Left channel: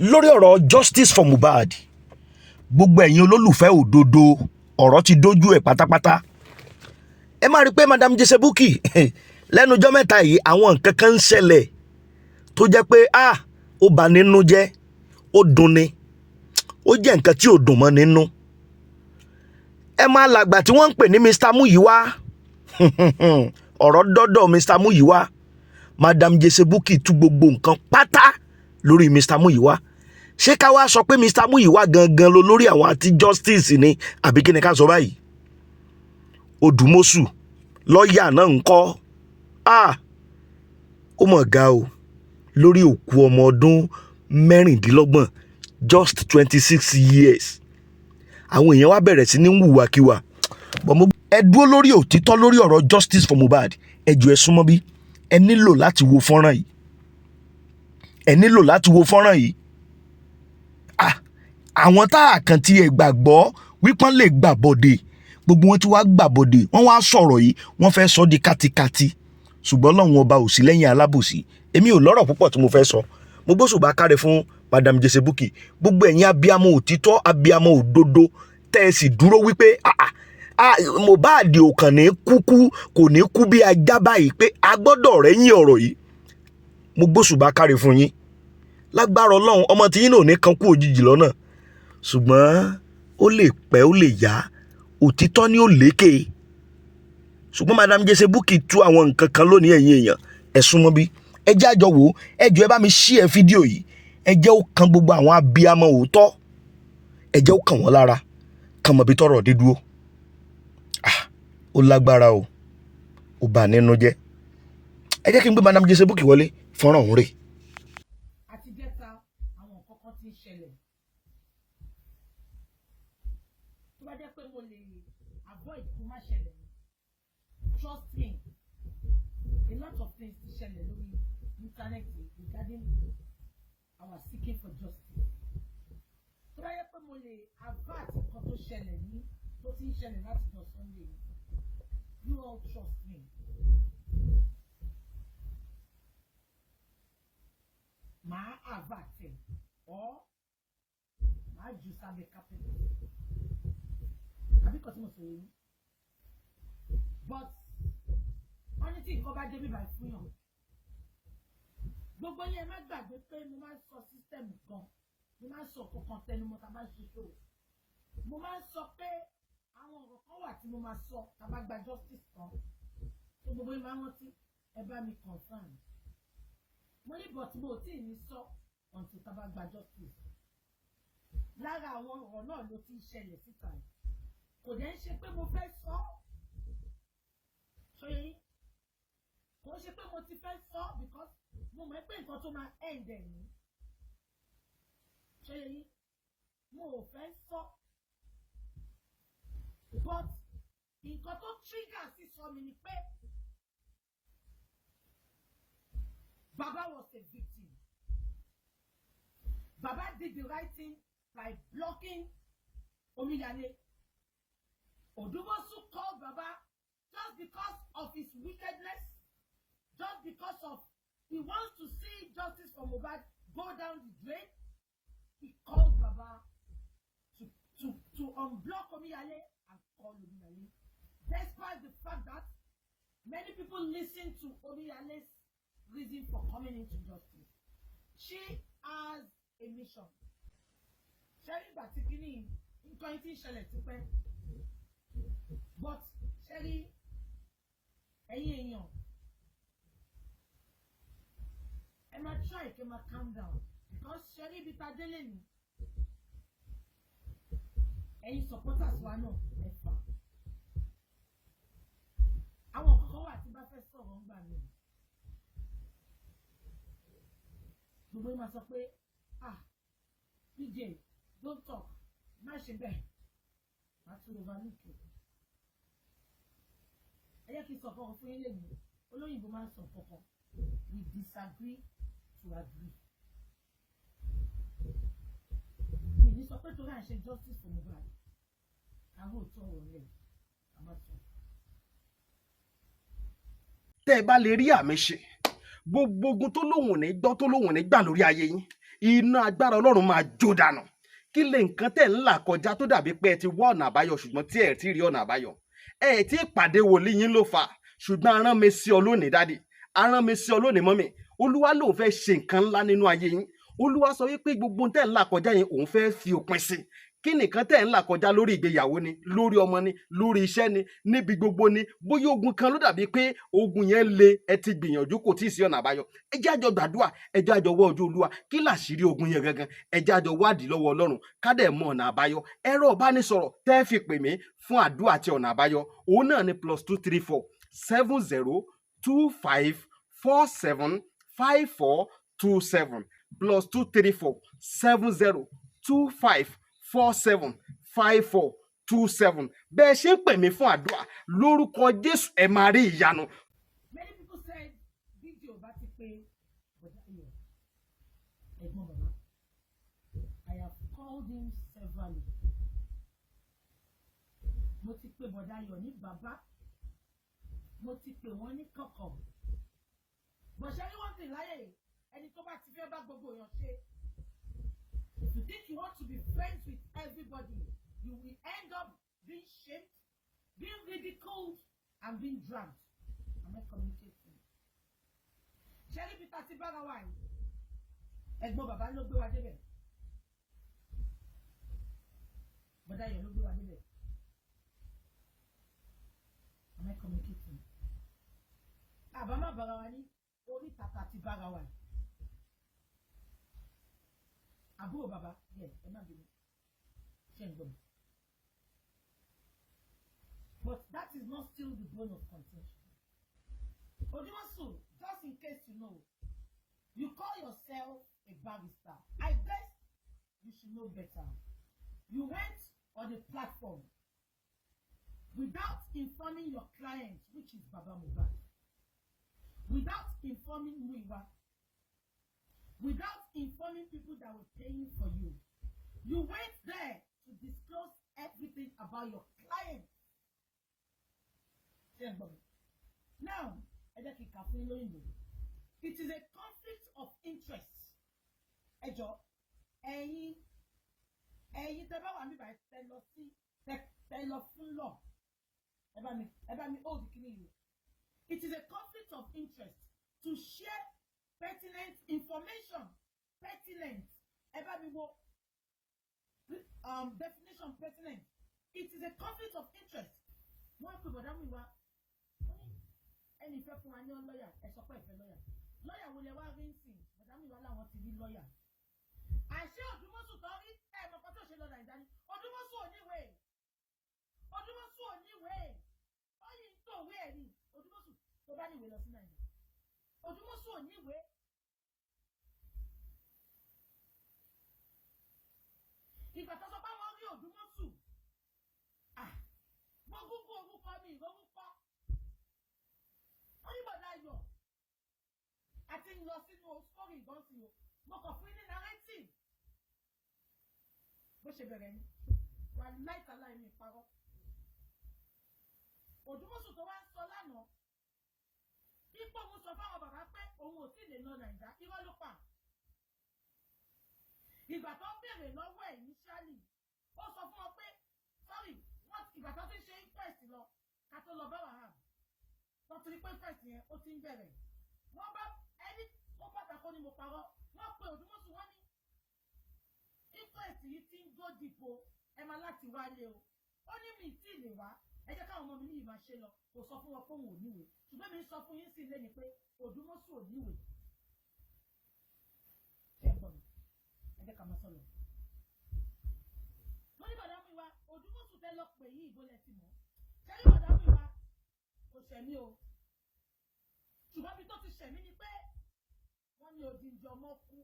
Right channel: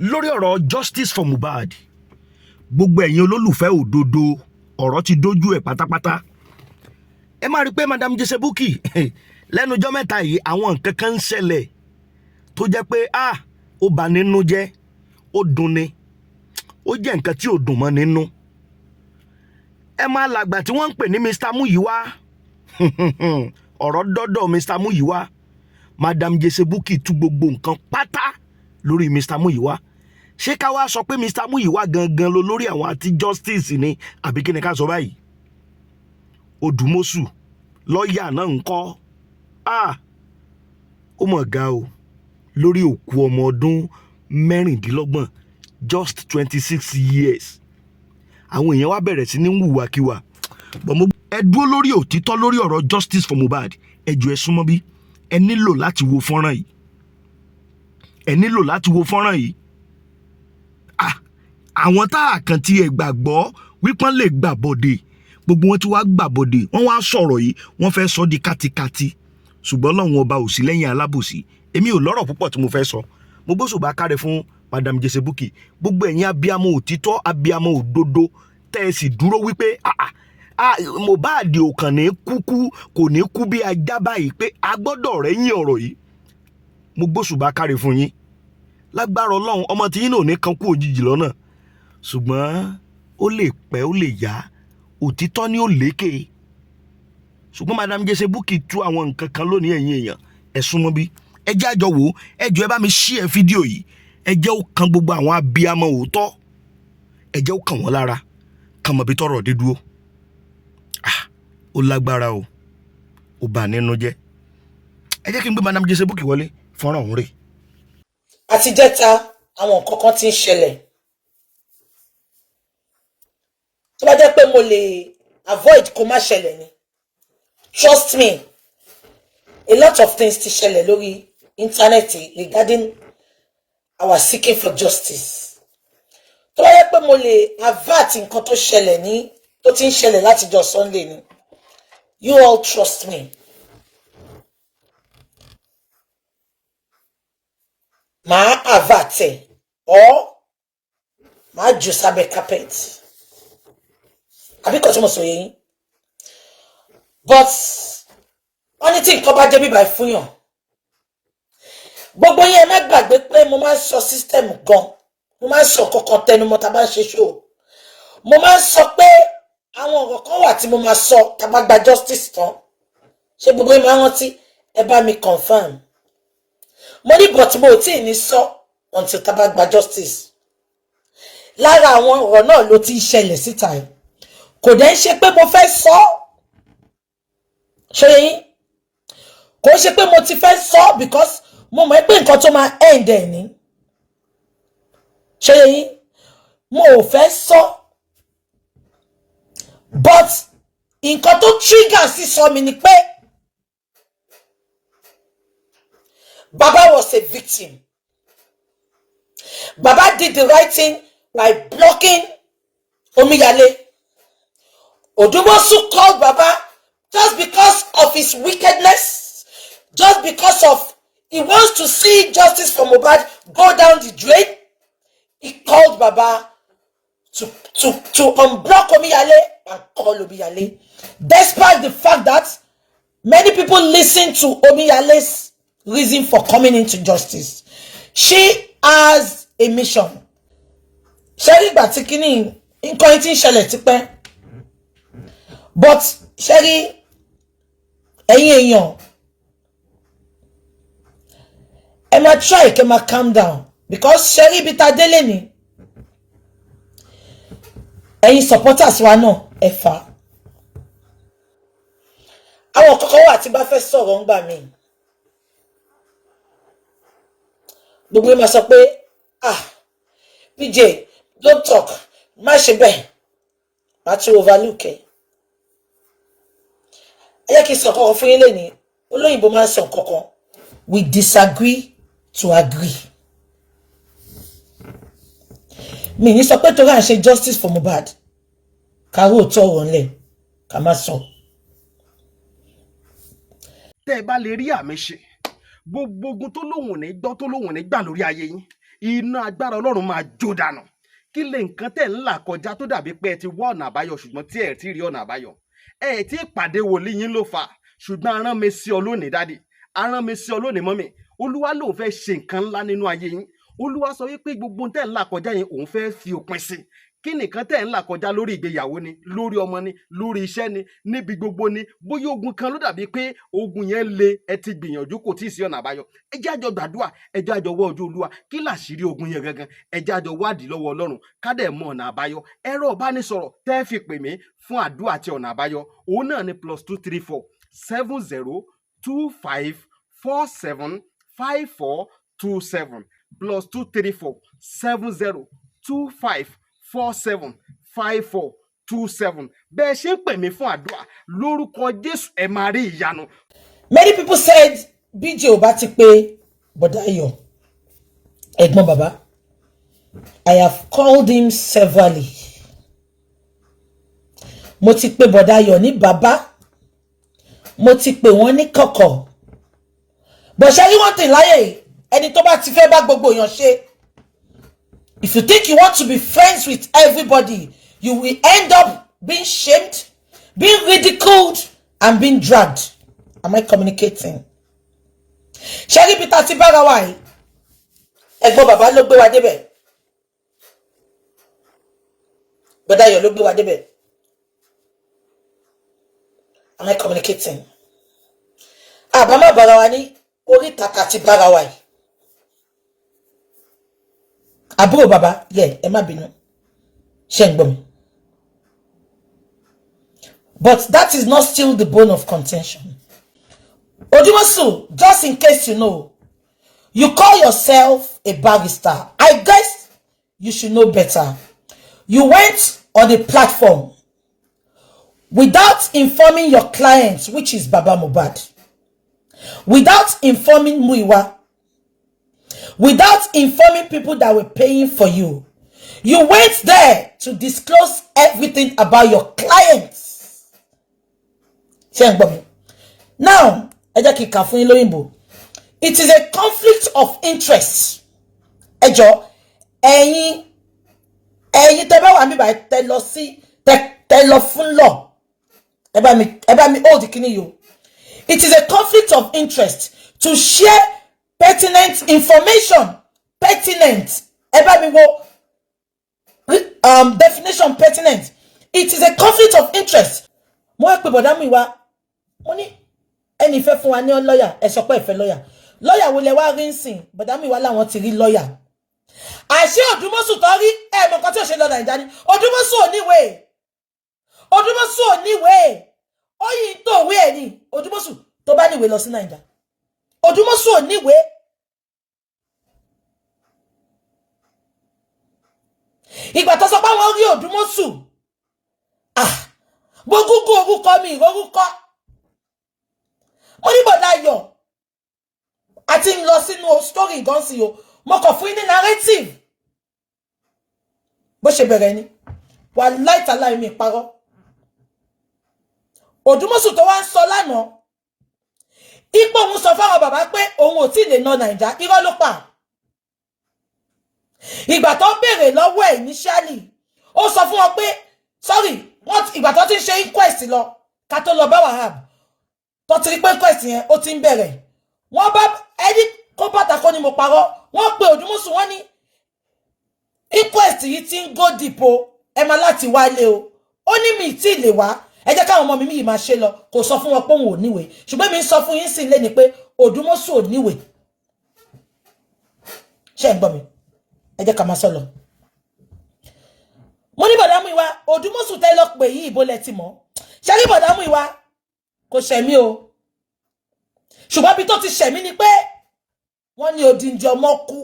lórí ọ̀rọ̀ justice for Mohbad gbogbo ẹ̀yin olólùfẹ́ òdodo ọ̀rọ̀ ti dójú ẹ̀ pátápátá ẹ máa rí pé madam Jesse Bukky lẹ́nu ọjọ́ mẹ́ta yìí àwọn nǹkan kan ń ṣẹlẹ̀ tó jẹ́ pé ó bà nínú jẹ́ ó dunni ó jẹ́ nǹkan tí ò dùn mọ́ nínú ẹ máa làgbà tí wọ́n ń pè ní Mr. Muyiwa ọ̀rọ̀ dọ́dọ̀ Mr. Muyiwa madam Jesse Bukky tú gbogbo nǹkan pátá lórí Mr. Muyiwa ṣé ká wá sọ pé Mr. Muyiwa gangan ló lórí àwọn àti justice ni àbí kí ni ká sọ báyìí Odumosun lọ́ọ̀yà náà ń kọ́ ó mọ̀ ga o lórí òkú ọmọ ọdún mẹ́rìndínlọ́gbọ̀n just 26 years àwọn èèyàn wá bẹ̀rẹ̀ sí ní wùwàkiwà ẹ dúró lórí òtítọ́ lórí ọ̀rọ̀ justice for Mohbad ẹ jọ̀ọ́ ẹ súnmọ́ bí ẹ nílò láti wo fọ́nrán yìí àwọn tá a kàn tí ẹ gbàgbọ́ wípọ́n lè gbàbọ̀dè gbogbo wọn tí wàá gbàbọ̀dè wọ́n wá sọ̀rọ̀ yìí wọ́n fẹ́ sọ di kátikati ṣùgbọ́n Ọlọ́run ọba ò sí lẹ́yìn alábòsí èmi ò lọ́rọ̀ púpọ̀ tí mo fẹ́ sọ mo gbóṣùbà káre fún madam Jesse Bukky gbogbo ẹ̀yin abiyamọ òtítọ́ abiyamọ òdodo tẹ́ ẹ sì dúró wípé Mohbad ò kàn ní kò ní kú bí ajá báyìí pé a gbọ́dọ̀ rẹ́yìn ọ̀rọ̀ yìí mo gbóṣùbà káre fún yín lágbára Ọlọ́run ọmọ tí yín náà ní kan kú òjijì lọ́nà ṣùgbọ́n ó lè pẹ́ ó lè yá òtítọ́ ni ó lékè ṣùgbọ́n madam Jesse Bukky tú àwọn nǹkan kan lónìí ẹ̀yin èèyàn ẹ súnmọ́ bí ẹ jẹ́ àjọ wò ẹ jọ̀ọ́ ẹ bá mi share fídíò yìí ẹ jẹ́ ó kan gbogbo àwọn abiyamọ òótọ́ ẹ jẹ́ ó kàn wọ́n lára kàn mọ̀ bí tọ́rọ̀ dé dúró ó lágbára o ó bà nínú jẹ́ ẹ jẹ́ kí n gbé madam Jesse Bukky wọlé fọ́nrán òun rè. àtijẹ́ta àwọn nǹkan kan ti ń ṣẹlẹ̀ tó bá jẹ́ pé mo lè avoid kó má ṣẹlẹ̀ ni trust me a lot of things ti ṣẹlẹ̀ lórí íńtánẹ́ẹ̀tì regarding our seeking for justice tó bá jẹ́ pé mo lè avert nǹkan tó ṣẹlẹ̀ ní tó ti ń ṣẹlẹ̀ látijọ́ Sunday ni you all trust me màá avert ẹ̀ or màá jù sábẹ́ carpet àbí kò tí mo sọ yẹn but wọ́n ní tí nǹkan bá débi báyìí fún yàn gbogbo yẹn má gbàgbé pé mo máa ń sọ system gan mo máa ń sọ kankan tẹnumọ́ tá a bá ń ṣe show mo máa ń sọ pé àwọn ọ̀rọ̀ kan wà tí mo máa sọ tá a bá gba justice tán ṣé gbogbo yẹn máa rántí ẹ bá mi confirm mo ní but mo ò tí ì ní sọ until tá a bá gba justice lára àwọn ọ̀rọ̀ náà ló ti ṣẹlẹ̀ síta yìí kò dẹ̀ ń ṣe pé mo fẹ́ sọ ṣe yín kò ṣe pé mo ti fẹ́ sọ because mo mọ̀ pé nǹkan tó máa end ẹ̀ ní ṣe yín mo ò fẹ́ sọ but nǹkan tó trigger sí sọ mi ni pé Baba was a victim. Baba did the right thing by blocking Omiyale. Odumosun called Baba just because of his wickedness, just because of he wants to see justice for Mohbad go down the drain. He called Baba to unblock Omiyale and call Omiyale. Despite the fact that many people listen to Omiyale's reason for coming into justice. She has a mission. Sherry Batikini in Cointing Shelletipe. But Sherry Emma try to calm down. Because Sherry Bitadeleni ẹ̀yin supporters wa náà ẹ̀fà. Àwọn kọ̀kọ́ wà tí bá fẹ́ sọ̀rọ̀ ńgbà mí. Gbogbo ma sọ pé PJ don't talk má ṣe bẹ́ẹ̀ má ti overlook ẹ. Ẹ jẹ́ kí n sọ kọ́kọ́ fún yín lẹ́ni olóyìnbó máa ń sọ kọ́kọ́ we disagree to agree. Mi ní sọ pé tó rà ń ṣe justice for Mohbad kàró tó ọ̀rọ̀ ńlẹ̀ ká má sọ. Tẹ́ ẹ bá lè rí àmì ṣe gbogbo ogun tó lóhùn ní gbọ́ tó lóhùn ní gbà lórí ayé yín iná agbára Ọlọ́run máa jó dànù. Kí lè nǹkan tẹ̀ ń là kọjá tó dàbí pé ẹ ti wá ọ̀nà àbáyọ ṣùgbọ́n tí ẹ ti rí ọ̀nà àbáyọ. Ẹ ti pàdé wòlíì yín ló fà, ṣùgbọ́n arán mi sí ọ lónìí dádì, arán mi sí ọ lónìí mọ́mì. Olúwa lòun fẹ́ ṣe nǹkan ńlá nínú ayé yín. Olúwa sọ wípé gbogbo tẹ̀ ń là kọjá yẹn òun fẹ́ fi òpin sí. Kí nìkan tẹ̀ ń là kọjá lórí ìgbéyàwó ni, lórí ọmọ ni, lórí iṣẹ́ ni, níbi gbogbo ni, bóyá ogun kan ló dàbí pé ogun yẹn le, ẹ ti gbìyànjú kò tí ì sí ọ̀nà àbáyọ. Ẹ jẹ́ àjọ gbàdúrà, ẹ jẹ́ àjọ wá ojú Olúwa. Kí làṣírí ogun yẹn gangan? Ẹ jẹ́ àjọ wádìí lọ́wọ́ Ọlọ́run ká dẹ̀ mọ ọ̀nà àbáyọ. Ẹ̀rọ ìbánisọ̀rọ̀ tẹ́ fi pè mí fún àdúrà àti ọ̀nà àbáyọ òun náà ni +234 7025 475427 +234 7025 475427. Bẹ́ẹ̀ ṣe ń pè mí fún àdúrà lórúkọ Jésù ẹ máa rí ìyanu. Many people said BJ ò bá ti pé Bọ̀dá Ayọ̀ ẹ̀gbọ́n bàbá. I have called him severally. Mo ti pè Bọ̀dá Ayọ̀ ní bàbá. Mo ti pè wọ́n ní kọ̀kọ̀. But ṣé rí wọ́n tì láyé ẹni tó bá ti fẹ́ bá gbogbo èèyàn ṣe. If you think you want to be friends with everybody, you will end up being shamed, being ridiculed, and being dragged. Am I communicating? Sherry Peter ti bára wa yìí. Ẹ̀gbọ́n bàbá ló gbé wa débẹ̀. Bọ̀dá Ayọ̀ ló gbé wa débẹ̀. Am I communicating? Àbámọ̀ bára wa ní orí tàkà ti bára wa yìí. Àbúrò bàbá, ẹ má bínú. Ṣé ń gbọ́ mi? But that is not still the bone of contention. Odumosun, just in case you know, you call yourself a barrister. I guess you should know better. You went on a platform without informing your clients, which is Baba Mohbad, without informing Muyiwa, without informing people that were paying for you. You went there to disclose everything about your clients. Now, it is a conflict of interest. Ejo, ẹ̀yin tẹ́ bá wà níbí báyìí tẹ́ lọ fún law. Ẹ bá mi hold the kini yo. It is a conflict of interest to share pertinent information. Pertinent. Ẹ bá mi wo definition pertinent. It is a conflict of interest. Mo wá pè bọ̀dá Muyiwa. Mo ní ẹni fẹ́ fún wa ní lawyer, ẹ sọ pé ẹ fẹ́ lawyer. Lawyer wo lẹ wá rí nsìn? Bọ̀dá Muyiwa láwọn ti rí lawyer. Àṣé Odumosun tó rí ẹ mọ̀ kan tí ó ṣe lọ Naija ni. Odumosun ò níwèé. Odumosun ò níwèé. Ó yìí tó wé ẹ̀ ni. Odumosun tó bá níwèé lọ sí Naija. Odumosun ò níwèé. Ìgbà tó sọ pé wọ́n rí Odumosun. Gbogbo orúkọ mi orúkọ. Mo ní Bọ̀dá Ayọ̀. Àti ń lọ sínú story gan sí o. Mo kàn fún ní narrative. Bó ṣe bẹ̀rẹ̀ ni. Wallahi ta'ala mi parọ́. Odumosun tó wá ń sọ lánàá. Ipò òun sọ fáwọn bàbá pé òun ò tí lè ná Naija. Irọ́ ló pa. Ìgbà tó béèrè lọ́wọ́ ẹ̀ initially. Ó sọ fún wọn pé sorry, ìgbà tó ti ń ṣe inquest lọ. Ká tó lọ bá Wahab. Tó ti rí pé inquest yẹn ó ti ń bẹ̀rẹ̀. Wọ́n bá ẹni kó bàtà kó ni mo parọ́. Wọ́n pe Odumosun wọ́n ní inquest yìí ti ń go deep o. Ẹ máa láti wálé o. Ó ní mi tí lè wá. Ẹ jẹ́ káwọn ọmọ mi yìí máa ṣe lọ. Kò sọ fún wọn pé òun ò níwèé. Ṣùgbọ́n mi ń sọ fún yín sí ilé ni pé Odumosun ò níwèé. Ṣé ń gbọ́ mi? Ẹ jẹ́ ká máa sọ lọ. Mo ní Bọ̀dá Muyiwa, Odumosun tẹ́ lọ pè yìí ibo lẹ ti mọ̀. Ṣé rí Bọ̀dá Muyiwa kò ṣẹ̀mí o. Ṣùgbọ́n bí tó ti ṣẹ̀mí ni pé wọ́n ní odindi ọmọ kú.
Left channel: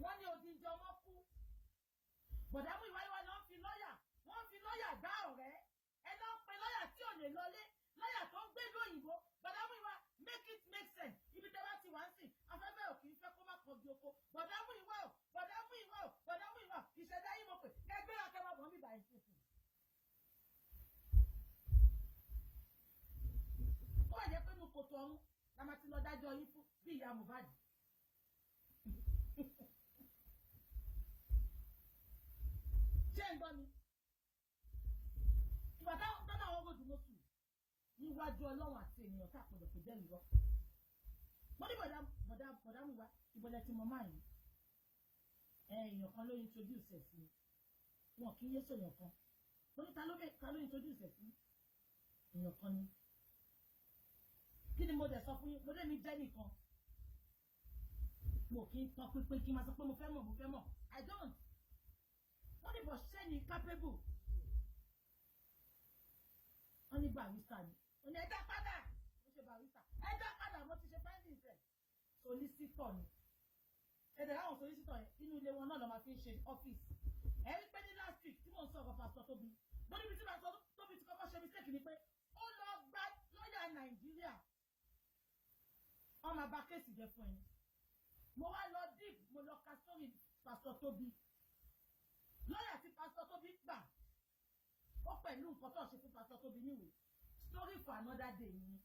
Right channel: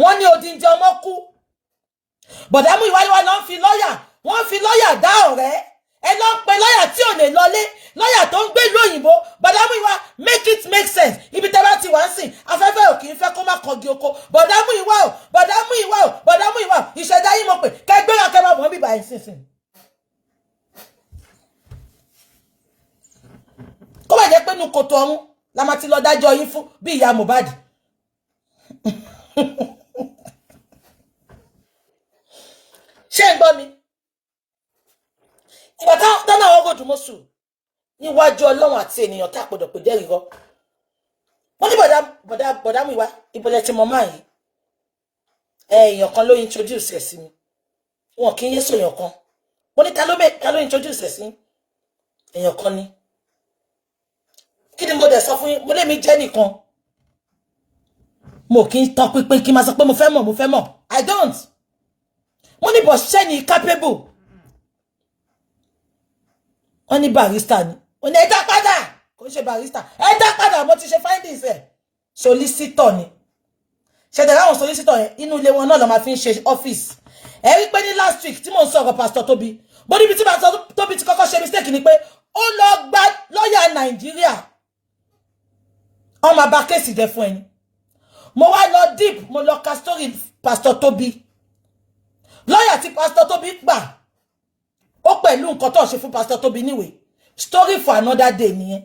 Wọ́n ní odindi ọmọ kú. Bọ̀dá Muyiwa ló ń fi lọ́yà. Wọ́n fi lọ́yà dá ọ̀rẹ́. Ẹ lọ ń pe lọ́yà tí ò lè lọlé. Lọ́yà tó ń gbé ìlú òyìnbó. Bọ̀dá Muyiwa, make it make sense. Ibi tẹ́ bá ti wá ń sìn. Afẹ́fẹ́ ò kì í fẹ́ kó má kọgi oko. Bọ̀dá Muyiwa o. Bọ̀dá Muyiwa o. Bọ̀dá Muyiwa o. Ìṣẹ̀dá yìí mo pè. Kẹgbẹ́ra kẹ máa bọ̀ bíbá ẹ̀ sínsìn. Kó má jẹ́ pé nu kòtò ọ̀hún la máa ti lọ dájọ́ yín fún bí ìyá Mohbad. ṣé ń gbọ́ mi ìgbà táwọn àwọn Odumosun níwájú Ọlọ́run àti ènìyàn tá àpọ̀dọ̀ pé jẹ́rìí rọ wọ́n ní bọ̀dá Muyiwa ìbọ̀lẹ̀ tí mo máa yìí èèyàn kan ló introduce ẹ̀ sí mi wọn kì í yé sòyàn kan mo ní ta ló introduce ẹ̀ sí èèyàn kan ni kí ni mo dẹ̀ sọ fún yín mo lè mi jẹ́ nìkan mo kì í tọ́ pínpín kí n máa sọ pé mo fẹ́ mọ̀ I don't mo ní bọ̀ ṣẹ́ ni capable wọ́n ní barrister ni ó ní ẹ̀dá padà kò ń ṣe barrister ẹ̀dá padà mo ti ṣe findings ẹ̀ solicitor ni ṣẹ̀dẹ̀ láwọn solicitor yẹn inú ilé wọn náà lọ máa fi ń ṣe office ẹ rí pé ní last week tí mò ń sọ̀rọ̀ pastor Tobi bó níbi tí pastor Tobi ti kọ́kọ́ ṣe mistake ni pé ó lọ gba lọ́ọ̀yà Nàìjíríà wọ́n máa bà kéèsì jẹ́ fún ẹni mo wá lọ deep mo lọ ka story pastor Tobi lọ́ọ̀yà tí pastor Tobi gbà ó pẹ̀lú nǹkan tó ṣe fún pastor Tobi níwèé story for another day nìyẹn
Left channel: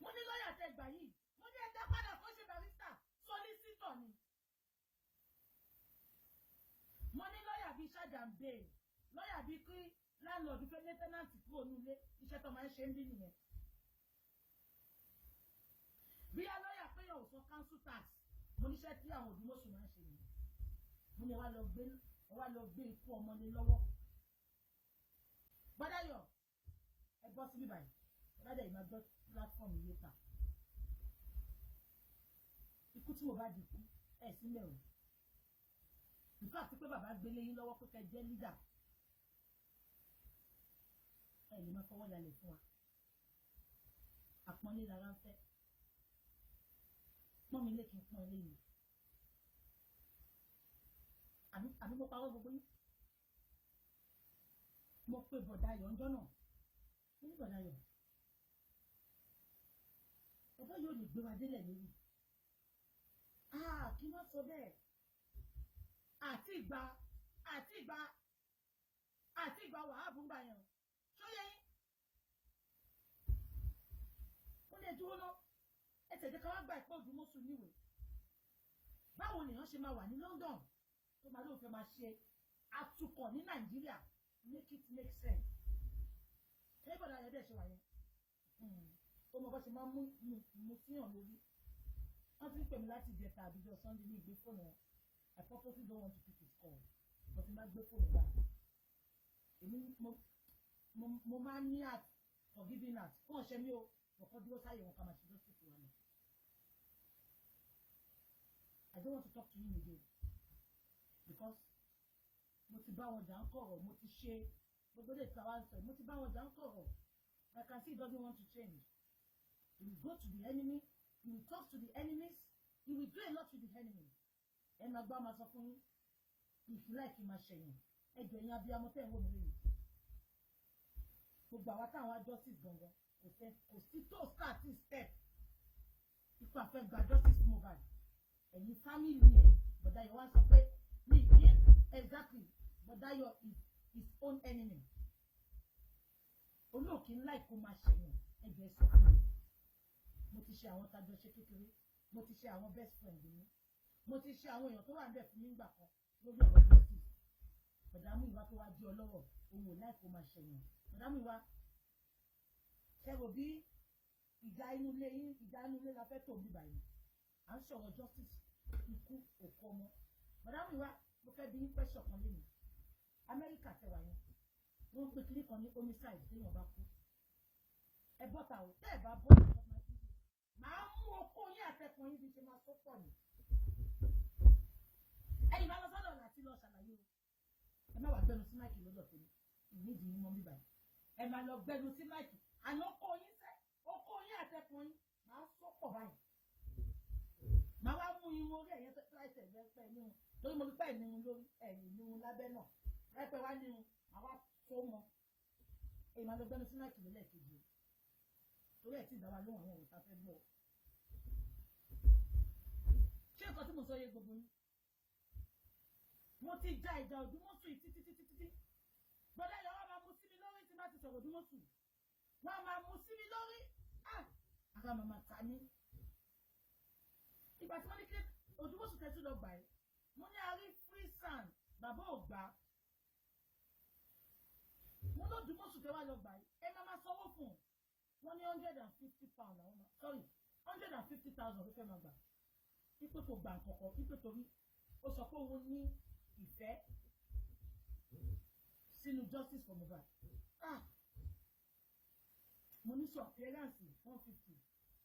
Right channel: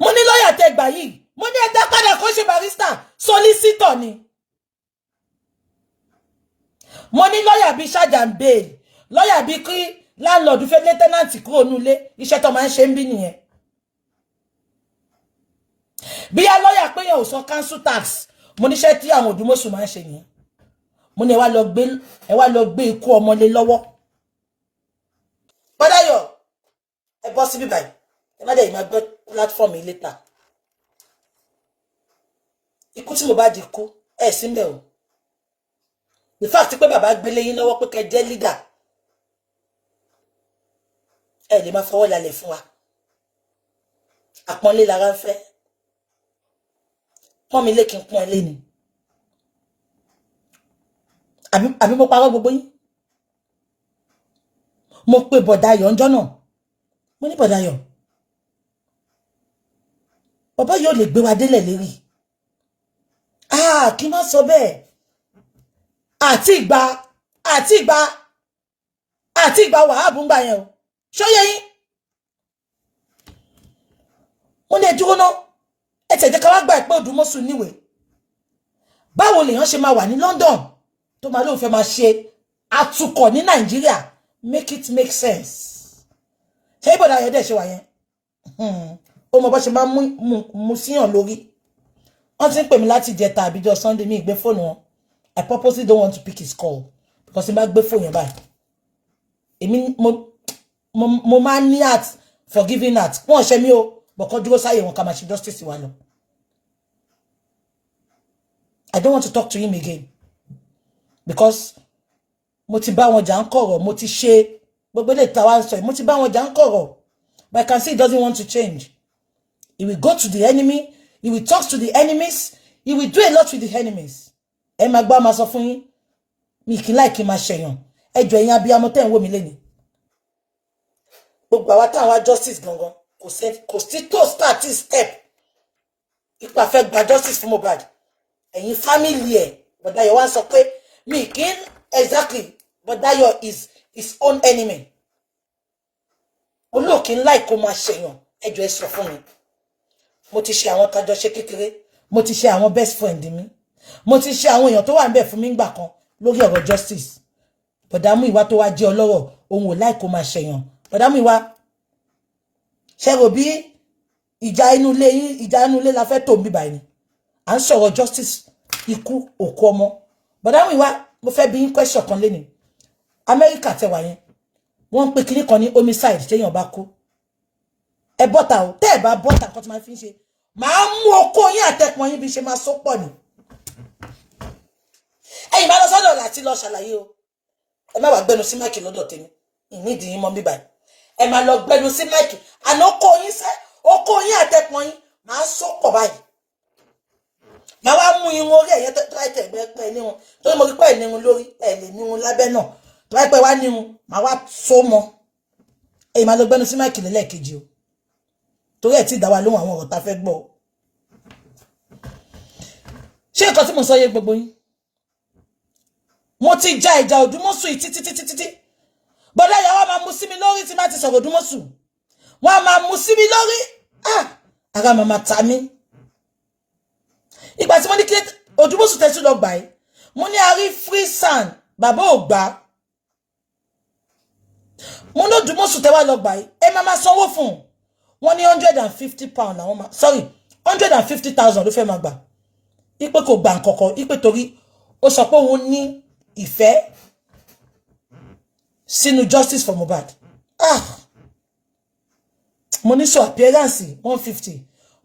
mo ní lọ́ọ̀yà tẹ́ gbà yìí mo ní ẹ̀dá padà kó ṣe barrister solicitor ni mo ní lọ́ọ̀yà bíi ṣájà ń bail lọ́ọ̀yà bíi kí landlord fẹ́ lé tenant kúrò nílé iṣẹ́ tó máa ń ṣe ń bí nìyẹn bí a lọ́ọ̀yà pé yẹn ò san council tax mo níṣẹ́ tí àwọn Odumosun máa ń ṣe nìyẹn mo ní ẹ wá lọ gbé ikú ọmọlé lọ́wọ́ Bọ́dáyọ̀ ẹ bọ́ síbí báyìí ẹ má dẹ̀ yìí máa gbé platform yìí later ikú tí Mohbad kú ẹ sí mbẹ o the fact pé bàbá gbélé yín lọ́wọ́ pé kẹ́ jẹ́ leader ẹ lè máa fọwọ́ lálẹ̀ fún wa àpọ́nlé lára ń fẹ́ pọ́n mi lé kí n pọ́n ẹ lé ni àbí mo parọ́ gbogbo yín mo pe Bọ̀dáyọ̀ ńjọ́ náà mo ní Bọ̀dáyọ̀ bàbá yóò lè gbé wa délẹ̀ lérí kí n má sọ bẹ́ẹ̀ àti ìgbà wàhábù ń gbà yẹn o ṣóyẹ yín wọ́n lè dúró náà ẹ tẹ̀jẹ́ ká wá gbà pé Odumosun níwèé báwo lèèyàn ṣe máa wà ní London tó máa lóun fẹ́ máa ṣe atukọ̀ ní Nàìjíríà make it make sense ṣé ìbọ̀dà ayọ̀dẹ̀ ṣe wà yẹn ó mọ bó ṣe máa mú síyàn lórí wọ́n ti ń pè mí láti jẹta àbíjọ Sunday mi ìgbé fóònù wọn I purposely don't want to pick his call because n bá gbé fóònù yẹn báyìí èmi mo máa ní heart forgiving heart wọ́n ṣe mí o bọ̀kọ́ dúró sáyé wọn ká máa ṣe justice wa lọ I don't want to talk to him again because mo ti bá wọn jà ń kọ̀rọ̀ mo ti ṣe gbogbo ilé ìta wa ń sọ mo ti bá wọn jà ń kọ̀rọ̀ but I can see he doesn't want to change. He will go to the enemy. He will talk to the enemies. He will do a lot with the enemies. Ẹ máa gbọ́ máa sọ fún yín. Mi kì í like máa ṣẹ̀yàn. Ẹ jọ̀ọ́ ẹ̀yin abiyamọ tẹ́ ń wò mí lẹ́ni. Gbogbo àwa tá wá justice gangan. Kò sí tó start step. Ipa fẹ́ gba justice fún Mohbad. Ẹ̀yin family ẹ̀. Bọ̀dáyọ̀ wá sọ pé mi kì í exactly. Bọ̀dáyọ̀ is his own enemy. Olóòkì ńlá ìkó máa ṣẹ̀yàn. Ẹ jọ̀ọ́ ẹ sọ fún mi. Mo ti ṣe àwọn tájọ ṣe kékeré, mo ti ṣe àwọn best friend mi, mo ti ṣe àwọn èèyàn tó wà ńbẹ̀ fún mi ńgbà kan lórí ọ̀rọ̀ justice. Bọ̀dá Muyiwa tó wá jẹ́ ọlọ́rọ̀ òun ò láì kó máa ṣẹ̀yàn. Bọ̀dá Muyiwa ṣe rò bí ìjà inú ilé la fẹ́ tó ń bí báyìí ni. À ń sọ̀rọ̀ justice ikú òkú ọmọ. Bọ̀dá Muyiwa mo fẹ́ bi yín question kan lénìí. Amẹ́ríkà tẹwà yẹn wọ́n ń pe kinní kan ní homicide téèyàn bá kú. Ẹ bọ́ta o tẹ́ ẹ bá bọ́ta nǹkan tí máa fi ń ṣe máa mú okó yín àtẹ̀pọ̀n yín bí ṣe máa só pọ̀ ni ẹ̀yin máa lọ sọ́dọ̀ láti lọ ṣàlàyé o ẹ má wàá gbẹnu sí máìkì lọ́dọ̀ tèmi ìnídìí yín mọ́ bíbá ẹ máa lọ gbẹnu sí máìkì àná okó yín àtẹ̀pọ̀n yín máa só pọ̀ báyìí máa wá mú irun orí ẹ̀yẹ tó láì tẹ̀gbẹ́ pẹ́ ní wọn torí mo rí pẹ́ ní irun lórí ẹ̀ lè ní irun lábẹ́ náà tó láì pẹ́ wá ní irun máa wá só mọ́ ẹ̀yin máa lọ gbẹnu sí máìkì lẹ́lẹ́kejì o torí ẹ̀ tí dá wa lóhùn àwọn ọ̀rọ̀ tá fẹ́ gbọ́ ṣé nǹkan tí mo sọ yé gbogbo yín mo ti ja ìjà Odumosun títí bọ́dá ìyàwó máa mú sí mi lórí tí má ti sọ̀rọ̀ Odumosun wọ́n máa mú sí mi lórí ara màmá ta mí ìgbà tí mo ní kí Odumosun tẹ́tí lọ gbà yìí mo ní a rí free sand bàbá ò gbà mo ní Odumosun tẹ́wà lọ gbà yìí ẹ máa sanwó fún wọn ní £150 làwọn máa sorry 150,000 ló fẹ́ máa gbà ipe kò gbà nǹkankan ipe torí ó sọ pé òun ní ìfẹ́ sínú justice for Mohbad mo ní so appearance 150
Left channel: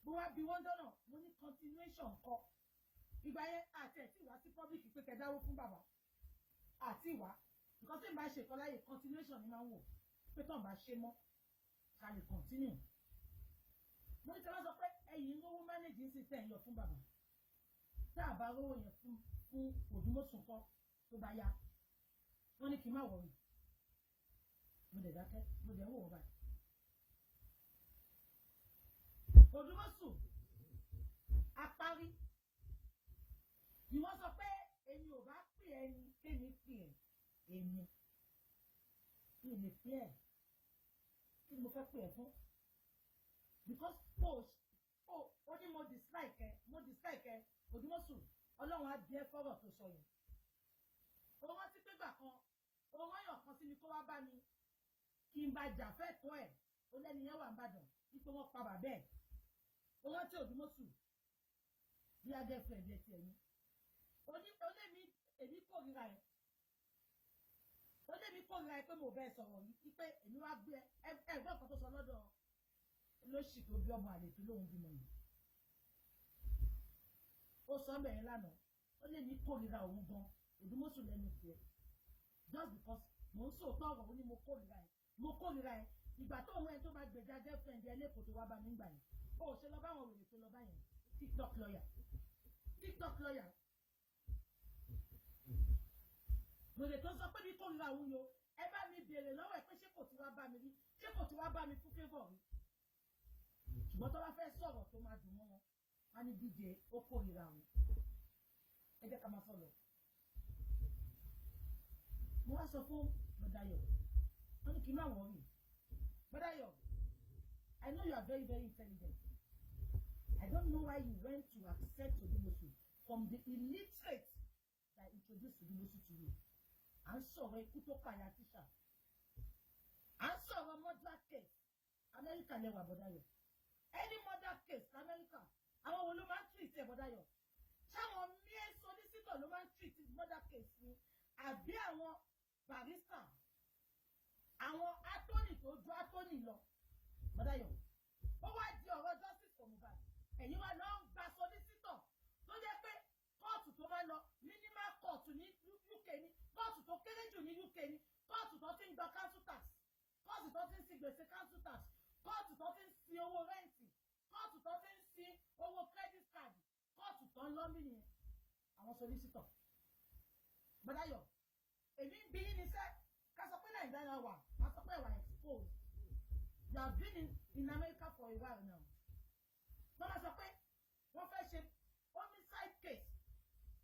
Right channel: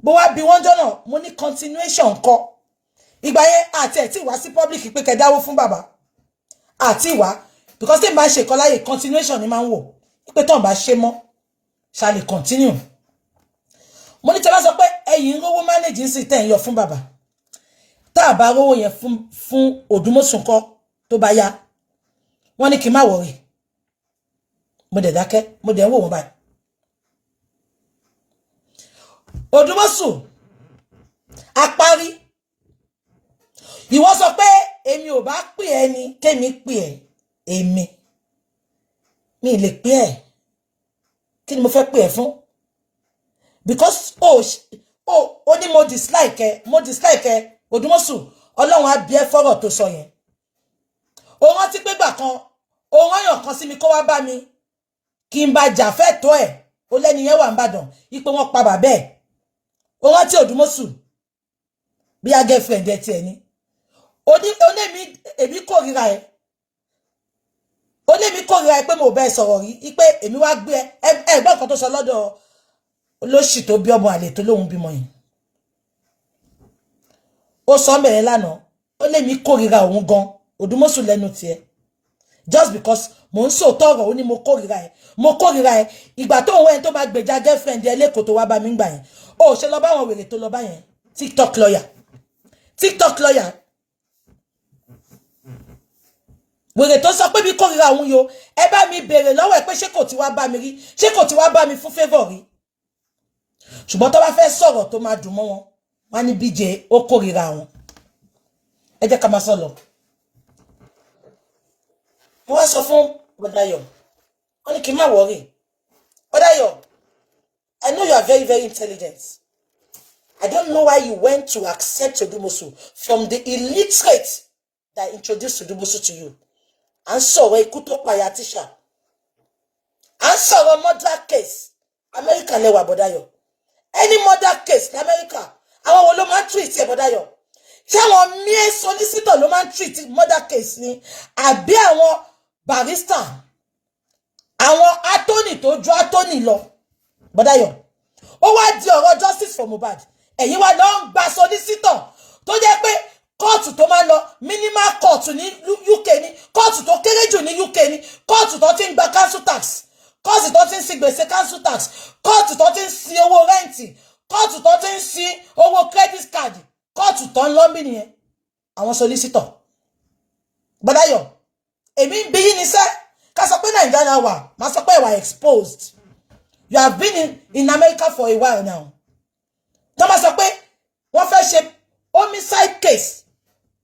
bó wá bí wọ́n jọ́nà mo ní continuation kọ́ ìgbà yẹn àti ẹ̀ tí wá sí public pé kẹ́ dáwó fún bàbá àti ìwá because tí n bá ṣe kọ́ láyè continuation ni máa ń wò pé tán bá ṣe mọ́ ṣá lè continue mo ní tí a bá sọ pé ẹ̀yin rówó manage sí tẹ̀ ń yọ fún bàbá tá a bá rówó yẹn fún Odumosun kọ́ tó bá yá wọ́n ní kí n má worry mo dẹ̀ dákẹ́ mo dẹ̀ ń wò wọ́n báyìí Odumosun apárí ìwọ sọ pé èmi ò bá pè ẹ́ ni kémi pè ẹ́ èmi mi lè pè ẹ́ kí ni mo fẹ́ pè ẹ́ fún because ó ní mo dislike ẹ Odumosun Ọlọ́run á bí ẹ fọ́rọ̀ tó sọ yẹn ó rántí pé gbà kan ó rányàn kan sí mi kó wá bá mi kí n bá jà fẹ́ tó ẹ̀ ó lẹ́ni yẹn wà ń bàdàn ipò wọn pa bàbá ẹ̀ ó rántí Odumosun bí a girlfriend ẹ tiẹ̀ ni ó lé mi èmi kórìíra ẹ ó lé mi kórìíra ẹ pé mo bẹ́ẹ̀ sọ̀rọ̀ rí pé èmi wá gbé ẹ gbọ́ nǹkan tó sọ lọ́dọ̀ olóṣì tó bí ọmọ àlè tó lóhun bímọ yìí ó sọ mẹ́rẹ̀ lánàá ó lé mi kórìíra òun gan Odumosun lẹ́nu tiẹ̀ just because mo ń sòótọ́ ọ̀rọ̀ ó ní mo kórìíra ẹ ìgbà tó òun ẹni tó máa gbèjà girlfriend ẹ lẹ́kọ̀ọ́ tó wá bá mi gbà yẹn ó ṣe lọ bá àwọn wèrè tó lọ bá yẹn TikTok lawyer wèrè tó sọ pé bí kórìíra òun yo ẹ bá mi béèrè lọ́wọ́ ẹ pé ṣé kò ti wá bá mi rí ṣé kò ti wá bá mi fún favour rí ṣùgbọ́n tó bá fẹ́ sọ̀rọ̀ tó máa dùn mọ́ wọn wọ́n ní BJ ó kórìíra wọn ẹ jẹ́ ká máa sọ lọ mo wá sọ fún Bọ́dáyọ̀ wọ́n ní kí n má worry Bọ́dáyọ̀ I know you are very very intelligent I don't know why you went to accept Odumosun from the illiterate that introduced Odumosun to you à ń sọ̀rọ̀ ikú tó pàyà tíṣà à ń sọ̀rọ̀ murder case America lẹ́wà Bọ́dáyọ̀ any murder case ní America àwọn wo ló máa ń treat ẹ̀ Bọ́dáyọ̀ ṣé àwọn mere solicitor ló máa ń treat murder case ni àbí àwọn barrister àwọn attorney tó ju attorney lọ Bọ́dáyọ̀ ó wá di ọ̀rọ̀ justice for Mohbad ẹ̀yin wá lọ ń gba solicitor tó jẹ́ pé kóòtù tó máa ń lọ minimal court ní UK ní kóòtù tó kéré jù ní UK ní kóòtù tó ti ń gba council tax kóòtù tó ti ń sin gbèsè council tax kóòtù tó ti ń sin owó rẹ́ǹtì kóòtù tó ti ń sin owó credit card kóòtù tó ń lọ́mbì nìyẹn àwọn solicitor Bọ́dáyọ̀ èmi ń bí yín ní sẹ́ ká sọ pé Nàìjíríà wà má sọ pé ìwà exposed you have been in America for a while now tó bá sọ pé wọ́n fẹ́ ṣe homicide case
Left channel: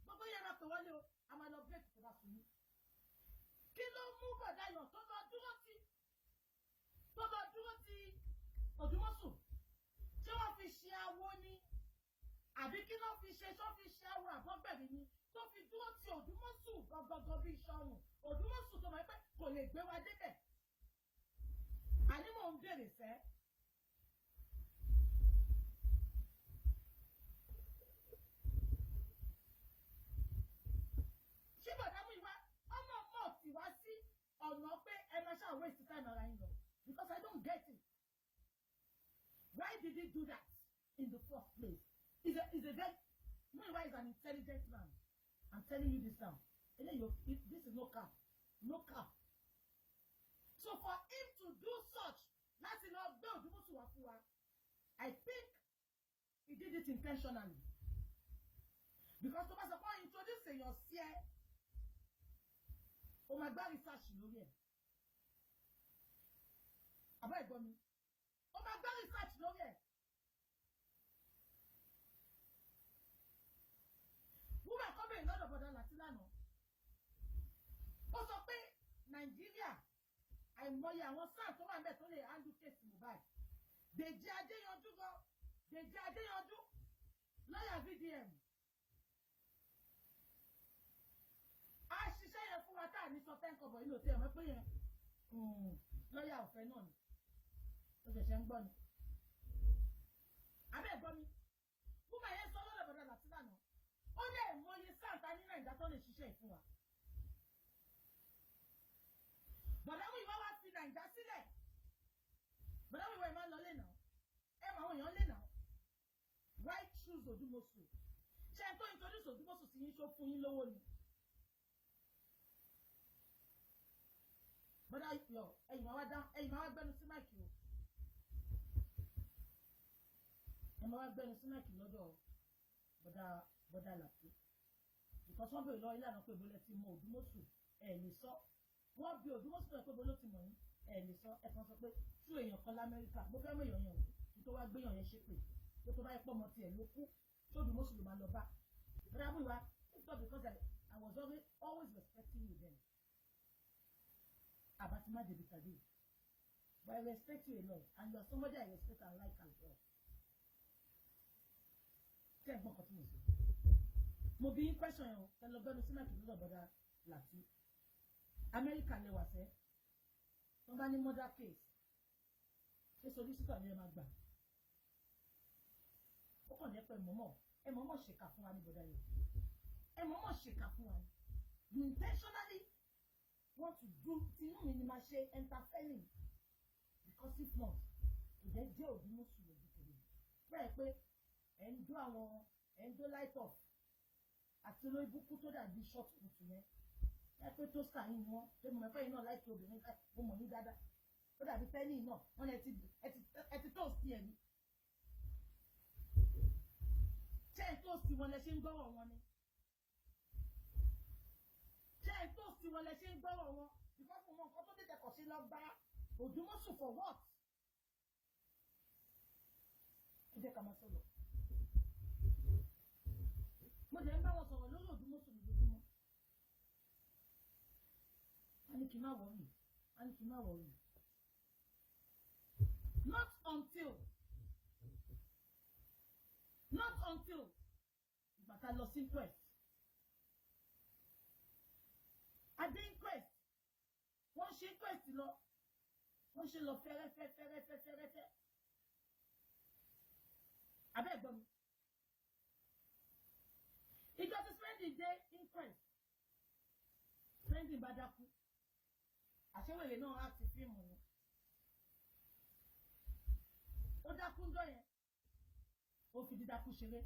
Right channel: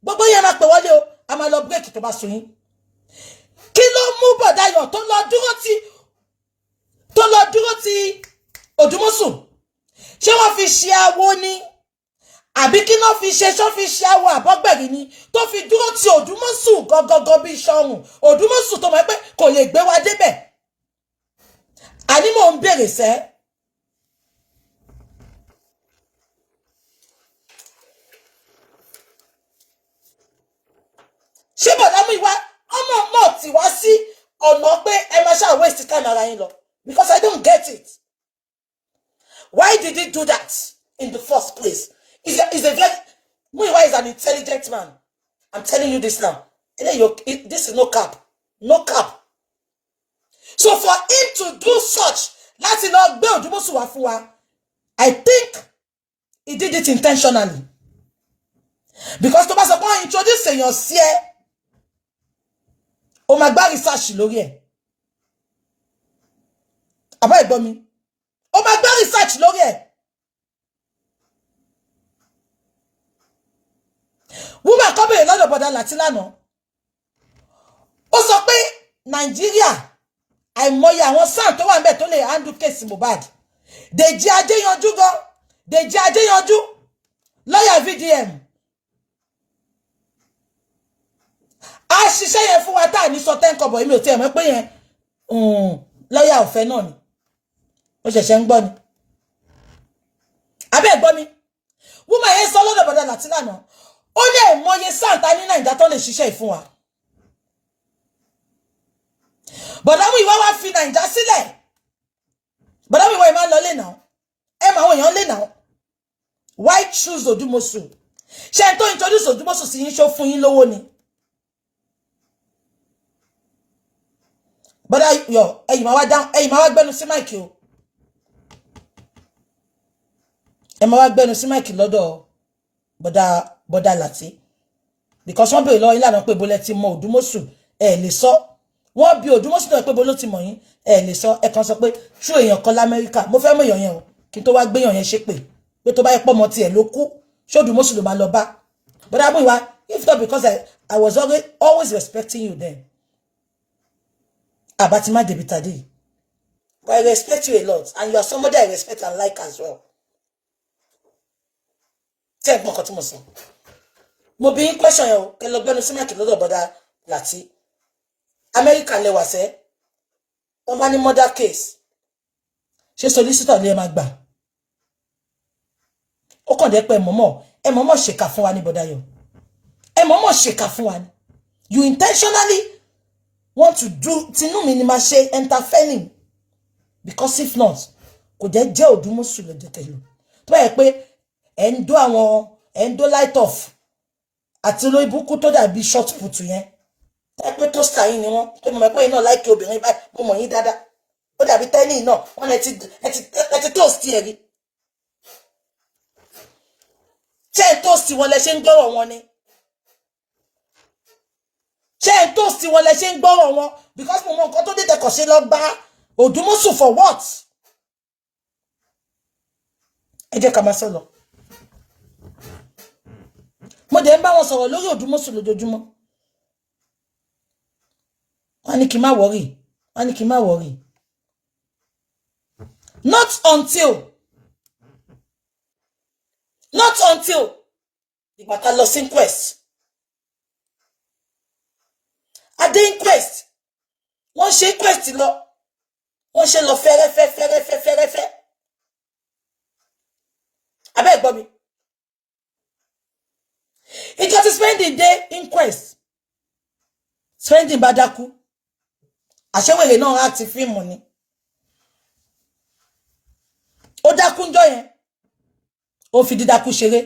gbogbo yẹn máa pè wọlé o a máa lọ break tó bá sùn yín kí ló mú Bọ́dáyọ̀ tó lọ dúró ti Odumosun ṣé wọ́n fi ṣe awo ni àbí kí náà fi ṣe ṣọ́ fi ṣe awo àbọ́gbẹ̀rì ni tó fi dúró ti Odumosun gọgọgọ bí ṣọrùn Odumosun tó mọ̀ pé kò lè gbé wa débẹ̀ àní mò ń bèrè sẹ́ ṣé bọ̀dá Muyiwa ọmọ mọ̀ tí wá sí ọ̀nà pé ẹ máa ṣáà waste time ara yín lọ because I don't get it. Why did he do that in the first place? He's a very Muyiwa is an intelligent man. I'm telling you this now. This is no cap. No cap. So for him to do such, láti lọ gbé Odumosun wá fún wa, I think he did it intentionally. Because tó bá sọ pé introduce èèyàn sí ẹ, ó máa gbá research lórí ẹ̀. Àbá ẹ̀gbọ́n mi. Ó máa gbá research lórí ẹ̀. Woman kan bèèrè lọ́dọ̀ bọ̀dá láti lánàá. Ó sọ pé Nàìjíríà àìmọye àwọn sáà tó wà ńbẹ̀ tó lè handle case Mohbad. Dèjì Adéyanjú gan. Dèjì Adéyanjú. Lọ́yà VDM. ṣiṣẹ́ yẹn fún wa tá ní sọ 10 kobo èmi ò tiẹ̀ mọ̀ pé yẹn lọ́yà ọ̀fẹ́ náà ni ó ṣẹ̀ṣẹ̀ ń gbọ́ ni abẹ́ gbọ́ mi woman yẹn sọ lọ́dọ̀ bọ̀dà láti lánàá ó lè mọye sáǹtà ní Nàìjíríà tó lè ṣiṣẹ́ ìfún wa bọ̀dà Muyiwa wá fi Nàìjíríà sílẹ̀ bọ̀dà Muyiwa ẹ̀ máa ń lọ lé náà ẹ̀ máa wọ̀nyàn lé náà why choose Odumosun ṣe n tó introduce Odumosun sí yín ṣó fún yín lówó ni bọ̀dà yọ ẹ̀yìn máa wá gbẹnu sí máìkì o ẹ máa wá gbẹnu sí máìkì lọ́dọ̀ bọ̀dà láti because wọ́n bèèrè lọ́wọ́ yín lánàá pé bólẹ̀ ti mọ Odumosun ẹ̀ lè sọ wọ́n bí Odumosun náà pé bó ló ti mọ̀ yín ẹ̀ lè sọ ẹ̀ kan sọ pé ṣú èèyàn kan l'Amẹ́ríkà mo fẹ́ mọ̀ èèyàn yẹn o kí n tó wá gbéyàn yẹn ṣépè pé tó bá yẹ pọ̀ mọ́ tiẹ̀ ló kú ṣé Odumosun ló máa lọ bá bọ̀dà Muyiwa if not because I was always respecting you then àbátí má débi tàdé but I respect you a lot and you are somebody I respect and like as well tẹ́ ẹ̀ gbọ́n kan tí mo sọ mo bí question yẹn o kẹ lọ gbẹnu sí máìkì lọ́dọ̀ bọ̀dà láti Amẹ́ríkà lẹ́wà sẹ́ wọ́n bá ní murder case ṣé solicitor lè máa gbà ó kàn dé pé ẹ mọ̀mọ́ ṣèkà fún wa ní bọ̀dà yọ ẹ mọ̀mọ́ ṣèkà fún wa ní you intentionally want to do tinú mi ni máa ṣe interfering because if not kò jẹ́ Odumosun lọ́jọ́ tẹ̀lé tó bá yẹ pé ẹ̀ ń dó light off àti olórí burúkú tó dàbí short put yẹn ẹ pé tó star yín ni wọ́n tó mọ̀ pé iná láìkí obìnrin báyìí mo mọ̀ yín dáadáa ó dàbí tẹ́lẹ̀ náà wọ́n ẹ ti toast ẹ̀ rí ṣé ẹ̀ toast wọn lẹ ṣe ń gbọ́rọ̀ wọn ni ṣé ẹ̀ toast wọn lẹ ṣe ń gbọ́rọ̀ wọn because mo mọ nǹkan tó dé tẹkọ̀ ṣe lọ gba Odumosun for what ẹ jẹ́ ká máa sọ lọ mo dẹ̀ ń bá wọn sọ̀rọ̀ lórí Odumosun lójoojúmọ́ wọ́n ní kí n má worry not until ìgbà tá lọ sí inquest adé inquest wọ́n ṣe inquest lọ wọ́n ṣe lọ fẹ́rẹ́fẹ́ abẹ́ gbọ́ mi ìjọ ti spending day inquest spending bá dákú àṣẹwèrè náà láti fíìmù ni ó dákú ńjọ́ yẹn ó fi dídákú ṣeré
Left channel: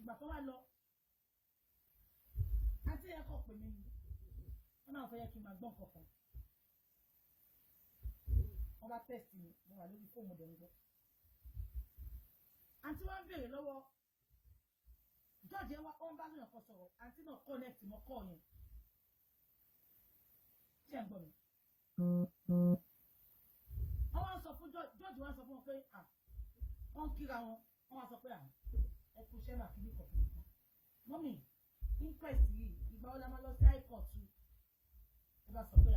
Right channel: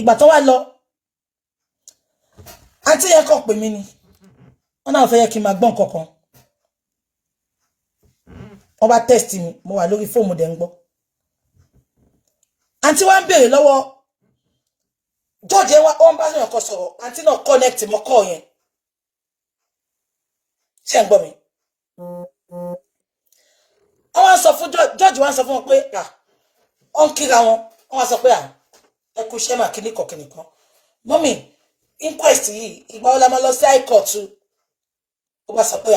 ìgbà tó wá lọ àǹtí yẹn kàn pè mí ni wọ́n náà fẹ́ yẹ kí n máa gbọ́n kankan wọ́n bá test mi mo wà lórí fóònù dẹ̀ ń gbọ́ àǹtí wa ń béèrè lọ́wọ́ George yẹn wọ́n bá yàn kan sọ̀rọ̀ àǹtí náà connect mọ́ call yẹn ṣé ń gbọ́ mi wọ́n sọ fún George wọ́n sọ fún wọn pé wọ́n kíra wọn wọ́n sọ pé ẹ kú iṣẹ́ mà kíní kan mọ́mì inquest yìí ìgbà wo la máa lọ sí high court ó bá sọ pé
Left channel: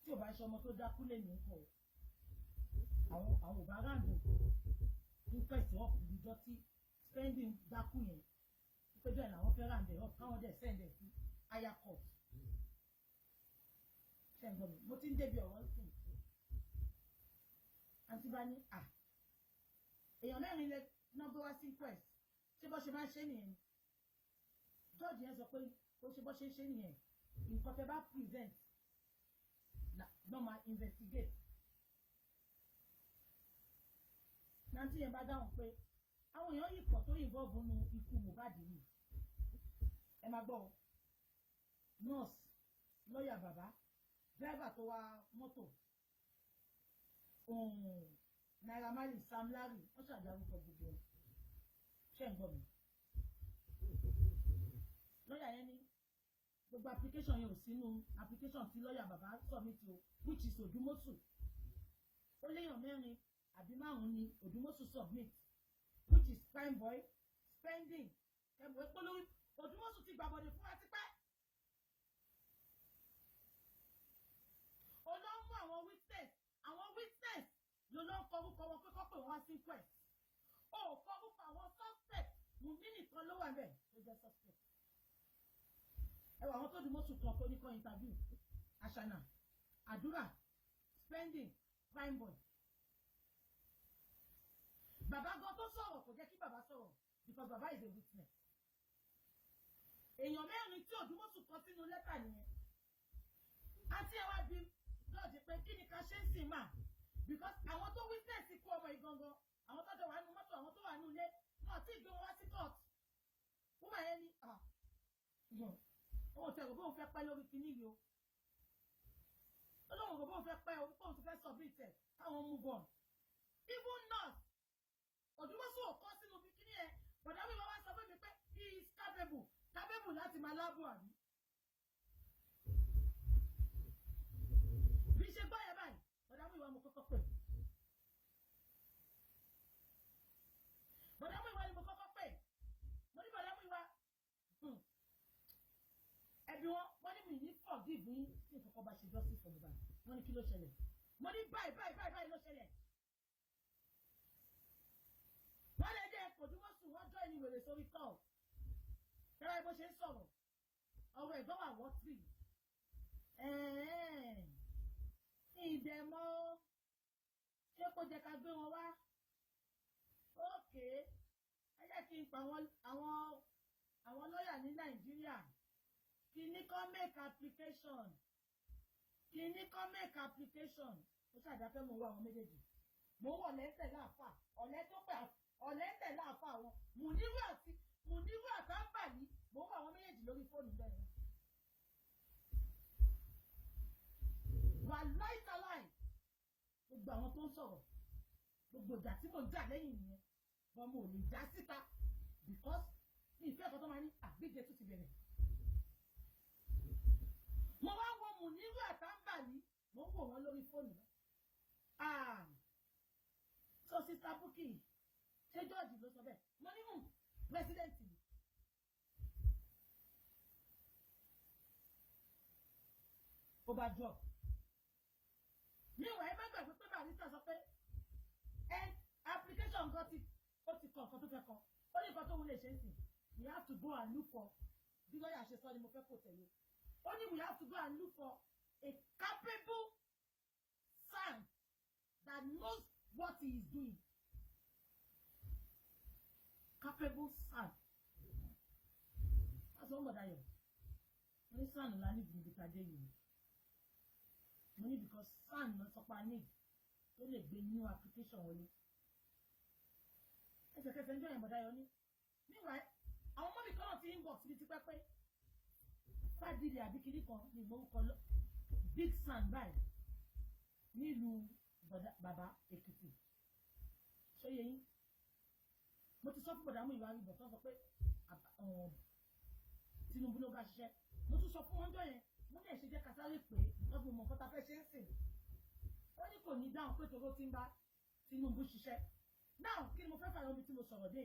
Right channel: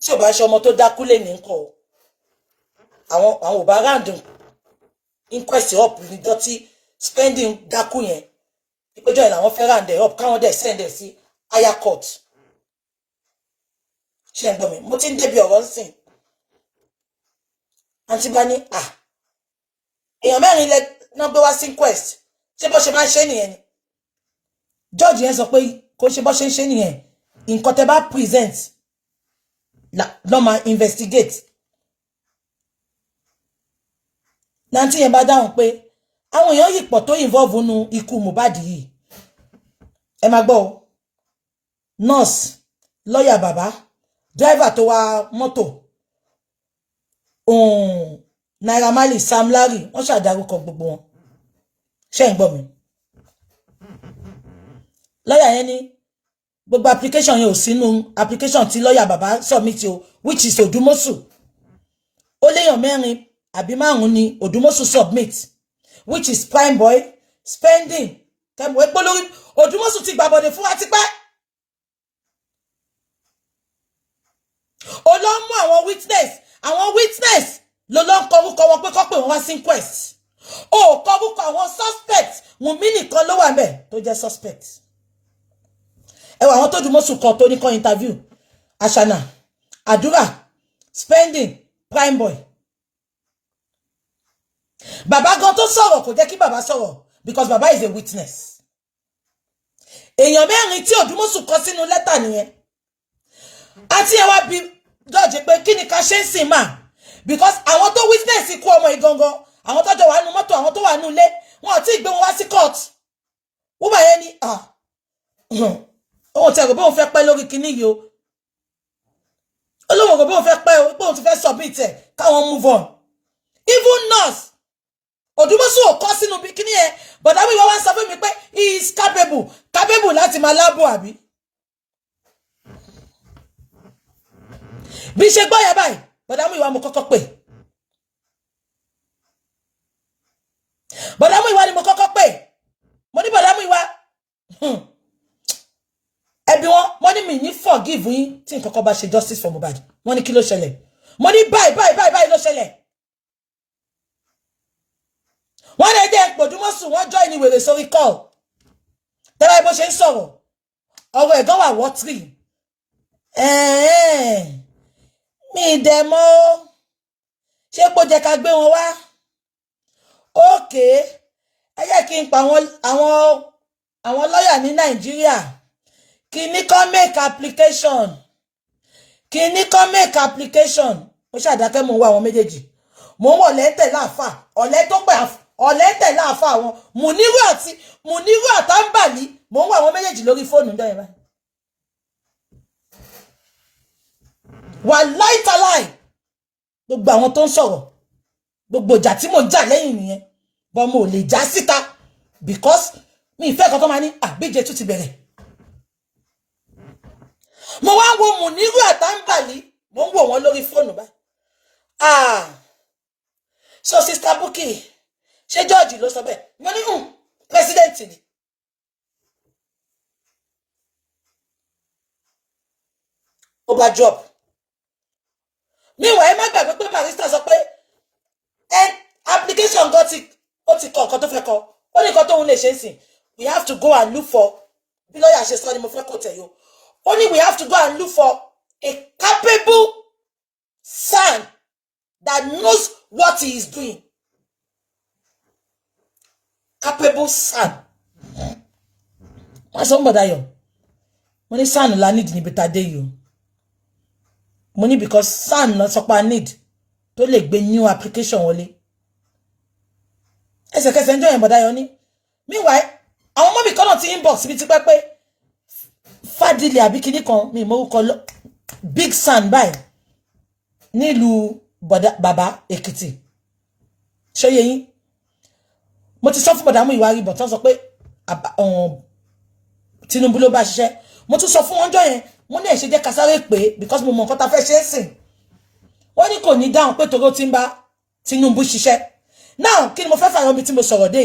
tí ò bá ṣe ọmọ tó dákú lè ní nǹkan o àwọn ò bá ráàdùn inquest up ní dọ́tí spending dákú yẹn ìpéjọ yẹn làwọn fẹ́ ráàdùn up káwọn dẹ̀ send ẹ̀ sí higher court ṣe ń gbọ́ mi mo ti ń débi ọ̀rọ̀ ńsìn àǹtí bá ní èèyàn mẹ́rin lẹ náà gbé wá sí inquest ṣé bó ṣe máa ń ṣe nìyẹn ni George yẹn sọ pé kò ṣe bó ṣe ń ṣe nìyẹn nǹkan tẹ́ bá present lọ́ máa investigate nanti yẹn bá dáhùn pé àwọn èèyàn yìí pọ̀ tó involve nínú ikú Mohbad yìí ẹ máa gbọ́ o nurse lawyer bàbá driver tó wa mọ́tò Naira Marley Sam Larry wọ́n ṣàdárúkọ gbogbo wọn ṣé ń gbọ́ mi lawyer yẹn ní gbogbo application yẹn ò sínú application tí lawyer bàbá submit o which is Odumosun ó léèyàn mẹ́rin àbí márùn ni Odumosun submit which is prime boy spending kẹmọ epo lórí Odumosun ti gbàbọdè fún wa tipẹ́ ó lọ mú àwọn witness ló lọ ń kọrúkọ wọn pé kọ́ pé wọ́n wá sí inquest ó kọrúkọ àwọn suspect Wùnmí nìkan ló wà ńbẹ̀ tó jẹ́ suspect ẹ wà àwọn tó Odumosun kan tó ní kan interview Ashana Àdúrà spending prime boy bàbá gan tó sọ̀rọ̀ kò jẹ́ kí bàbá sọ̀rọ̀ because bàbá is a witness èèyàn mẹ́rin tí Odumosun kọ sínú lẹ́tà nìyẹn àti ẹ wá bí judge pé kí ni ká ṣe ń sìn máa because àwọn tó witness ikú ọmọ ìgangan àwọn tó jọ wà nínú mọ́tò àwọn tó wà nínú ilé wọn ò tí ì gbé wọn wá sí court wọ́n bá yẹn ní ohun tí ẹ̀rọ bóun fẹ́ pẹ́ lórí kinní yìí o olóhùn ẹ̀rọ bóun fẹ́ pẹ́ o bóun ti fẹ́ submit ẹ̀ káwọn move on even nurse Odumosun ò kọ́ sínú kinní yẹn but àwọn ìwà wa ń sọ fún mi pé he is capable láti máa lábọ̀ àbí bí ṣe gbọ́ yẹn báyìí bọ̀dá Muyiwa mo kọ́kọ́ pè bọ̀dá Muyiwa ni mo kọ́kọ́ pè mo ní bọ̀dá Muyiwa ẹbí wọn mo ní mi ní forgive yín tí nǹkan kan bá ṣe justice for Mohbad wọ́n ní kí ló ṣẹlẹ̀ mo ní báyìí ló ṣẹlẹ̀ wọ́n lè dé Odumosun wọ́n join ní wèrè sórí call tẹ́lá bó ṣe ń sọ̀rọ̀ ọ̀rọ̀ ẹ̀gán wà wọ́tírì mi dẹ̀mọ́ ṣé kó jẹ́ ká gbé wọn wá ókè ẹ jẹ́ kí n pa àwọn lọ́yà ní Nàìjíríà kí ní kó make application mo ṣàdákẹ́ mo ń wá àwọn méjèèjì mo ń wọ̀ lẹ́tẹ̀ láàfà ọ̀lẹ́ tó pẹ̀ ọ̀lẹ́tẹ̀ láàfà àwọn Muniru àtàǹbàlì mo ń wá àwọn méjèèjì lórí fóònù ń dọ́yẹ̀ báyìí wà láìtàláì gbogbo àwọn tó ń sọ̀rọ̀ gbogbo ìjà tí mo jà lẹ́yìn nìyẹn bọ́ mo lè já síta because mi ìfẹ́ kan tó máa ní àbíjẹ tún ti bẹ̀rẹ̀ mo wá ń wo Muniru àtàǹbàlì mo ń wò wọ́n lórí fóònù báyìí so sister Bukky ṣé George ló sọ bẹ́ẹ̀ mo ní president ni ó bá job meanwhile ẹ má gbàgbé pé barrister sọ pé application gan ó ti kọ nǹkan tó fẹ́ kọ ó ní nǹkan tóun lè ṣe ń sìn we have to go and look for bí lọ́ọ̀yà ṣe sọ ni mo fẹ́ kó tẹ̀ yó ó ní we have to go and look for a capable son that knows what he is doing capable son wọ́n sọ ń bọ̀dá yọ mo ní son la need níbi tá a dé yìí o mo ní because son lọ sọ pé need tó lè gbé new application wọlé ẹsẹ̀kẹsẹ̀ ń jọ yẹn bọ̀dá yọ ní meanwhile àwọn ọmọ mi kan náà ti inbox bí ti pẹ́ pé fàdílé àbí kinní kan mi ìmọ̀rúkọ big son báyìí nílùú bàbá Èkìtì ṣóyè yín mo ti sọ fún bọ̀dá Muyiwa rí bọ̀ tán sọ pé Tinubu ló bá ṣiṣẹ́ mo tún sọ fún wọn jọ yẹn mo ní ẹ̀ṣẹ̀ jẹ́ ká sáré pé because mo mọ nǹkan tá fẹ́ ṣe é sìn wọ́n ní kò ní dáhùn pé toró ti ń bá Tinubu ṣiṣẹ́ now kí ni mo fẹ́ fàyàn bí tí mo sọ̀rọ̀ dé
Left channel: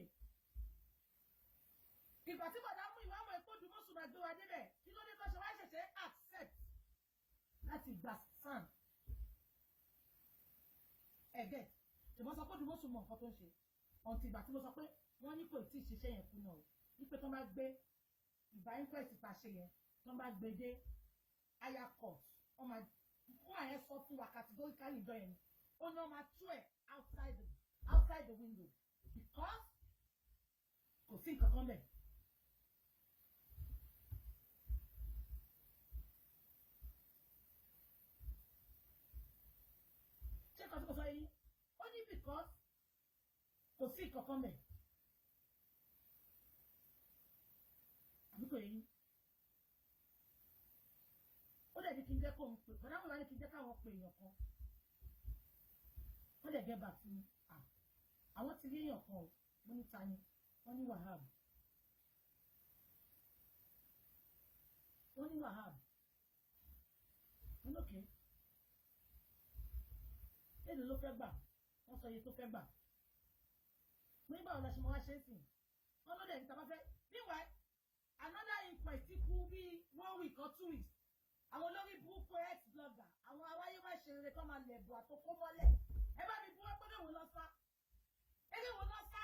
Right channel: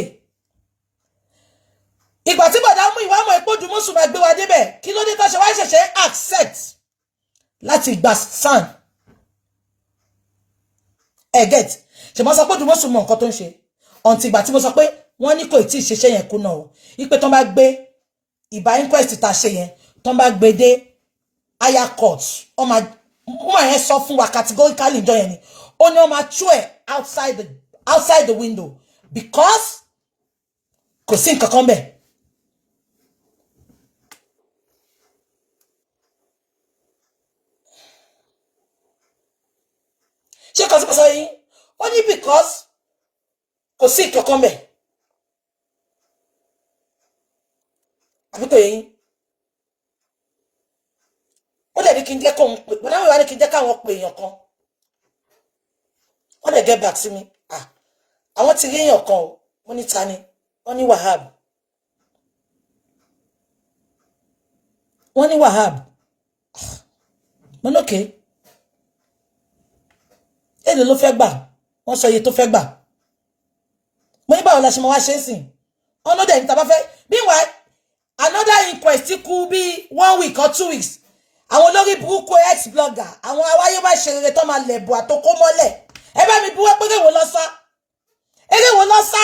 ìgbà tí bọ̀dá Muyiwa mọ̀ ipò Odumosun máa gbé wa débẹ̀ kí ló dé tó ṣe wá ṣẹ̀ṣẹ̀ accept láti gba san get ṣe mo sọ pé Odumosun mọ nǹkan tó ń ṣe ọ̀ǹtì ìgbà tí mo sọ pé wọ́n ní kò tí ì ṣiṣẹ́ yẹn kùnà o ipe tó bá gbé ìbá inquest ta ṣe yẹn tó bá gbé dé higher court ọmọ yẹn sọ fún wa categorically ìjọ yẹn ni ó ní ọmọ tú ẹ̀ outside the window because kò sí nǹkan kan bẹ́ẹ̀. ṣé kan sí pàṣẹ yín ó ní because kò sí nǹkan kan bẹ́ẹ̀ àbí kò yẹ yín ó dẹ̀ ní kí n jẹ́ kóun pè bọ́dá Muyiwa ní kí n jẹ́ káwọn pè èèyàn kan wọ́n dẹ̀ get back sí mi àwọn ti rí èèyàn kan o wọ́n ní ta ni wọ́n ní Wahab mo lókè èlò ló fẹ́ gbà wọ́n sọ iye tó fẹ́ gbà mo ní báwo la ṣe máa wá ṣe é sìn ọ̀nà dẹ̀ ní ta bá fẹ́ meanwhile another inquest kú bí 1 week or 2 weeks àwọn olórí burúkú ex-blogger àwọn awáyé bá ṣe rere tó máa lẹ̀bù àtòkó mọ́lẹ̀ ẹ bá mi buwọ́ pé èwo lọ sá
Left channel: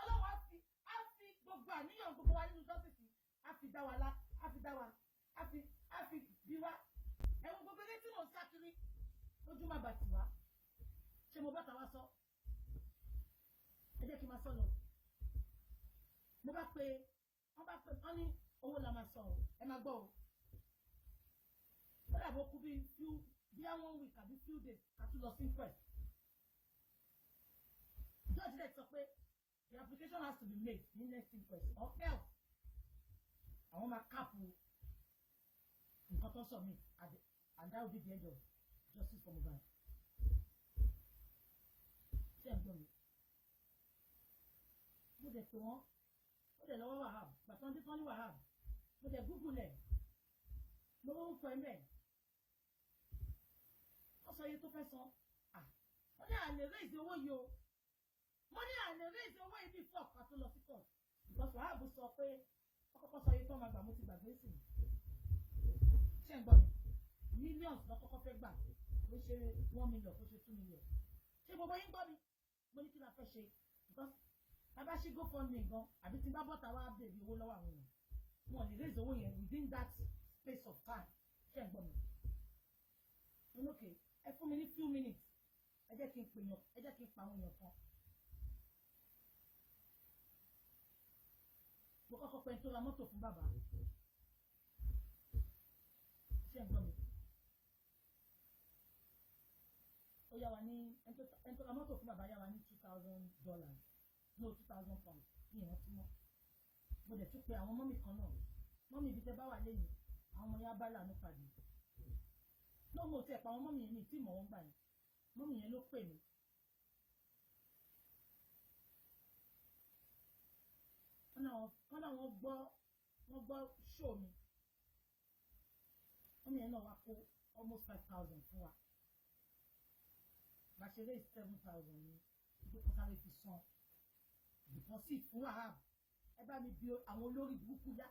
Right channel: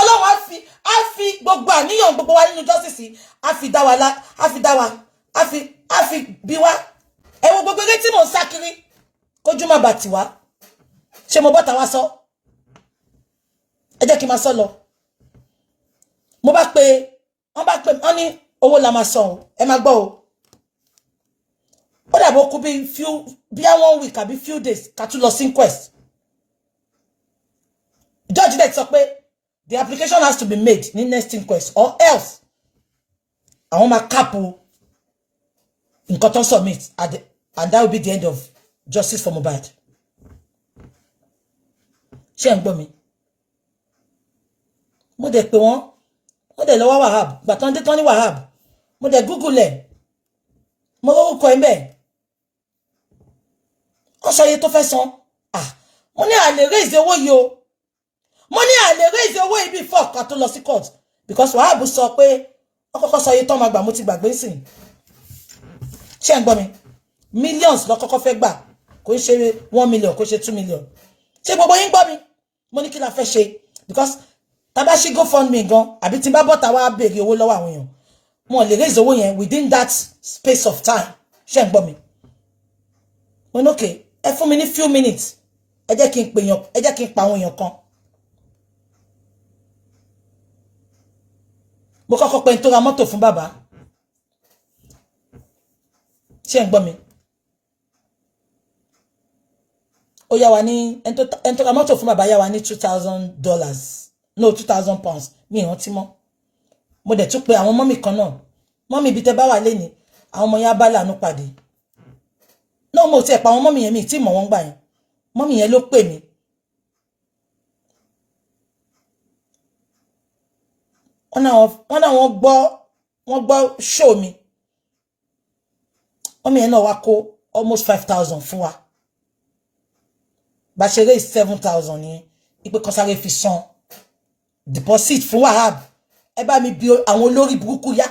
ọlọ́run á fi gbogbo àníyàn gbogbo wa nínú justice á fi dá wa á fi bí wa ẹ wo gbogbo eré tí mò ń sá kiri kójú má bà tiwa ṣé mo bọ́ta wá sọ ẹ jẹ́ kí n máa sọ lọ mo bá pe wọ́n ní owó la máa san ẹ máa gbọ́ o ó dàbọ̀ kú bí 1 week àbí few days ká tún lọ sí inquest judge dẹ̀ sọ pé the application has to be made ní next inquest or else àwọn máa kápò nǹkan tó submit and that will be the end of justice for Mohbad ṣé ń gbọ́ mi mo dẹ̀ pé wọ́n dẹ̀ lọ́wọ́ Wahab gbà tán dé tán ní Wahab mo dẹ̀ google ẹ̀ mo lórúkọ ẹ̀ bẹ́ẹ̀ wọ́n sọ iye tó fẹ́ san mo ní àlè raise owó yìí o mo ní àlè raise owó yìí before ká tó lọ sí court because Wahab sọ pé wọ́n kọ́kọ́ sọ iye tó máa gbà mo ti gbàgbé sìn ṣé ń gbọ́ mi millions lọ kọ́kọ́ fẹ́ gbà kò ń ṣe 1 million kò ń ṣe 2 million ṣé gbogbo yín gbọ́ mi mo ní kí la fẹ́ ṣe because tábà ṣí GoFundMe gan àbí tí n bá bọ́ta wá béèrè owó lọ́wọ́ àwọn èèyàn wọn lè raise owó yẹn within that space of time ṣé ń gbọ́ mi mo ní okay ẹ fún mi ní few minutes ẹ jẹ́ kí n pa àwọn èèyàn kan mo kọ́kọ́ pé n tó ra mọ́tò fún bàbá ṣé ń gbọ́ mi ó yá wa ní ẹn tó ra mọ́tò fún bàbá yá wa ní $2,000 no 2,000 pounds mi ìrántí mọ́ mo dẹ̀ tún pé àwọn mọ́mì kan náà mọ́mì ibi tẹ́ bá wà lé ní àwọn ọmọ yẹn bá lànà pàdé náà mo ti ẹ̀ pa àwọn mọ́mì yẹn mi tí mọ̀ wọ́n gbà yẹn mọ́mì yẹn ló pè mí wọ́n náà wọ́n gbọ́ show mi mọ́mì yẹn náà wá kó almost 5,000 fún wa bá ṣe raise 7,000 ní ipe kan sáré fi san deposit fún Wahab ẹ bá mi bi àwọn olórí burúkú yá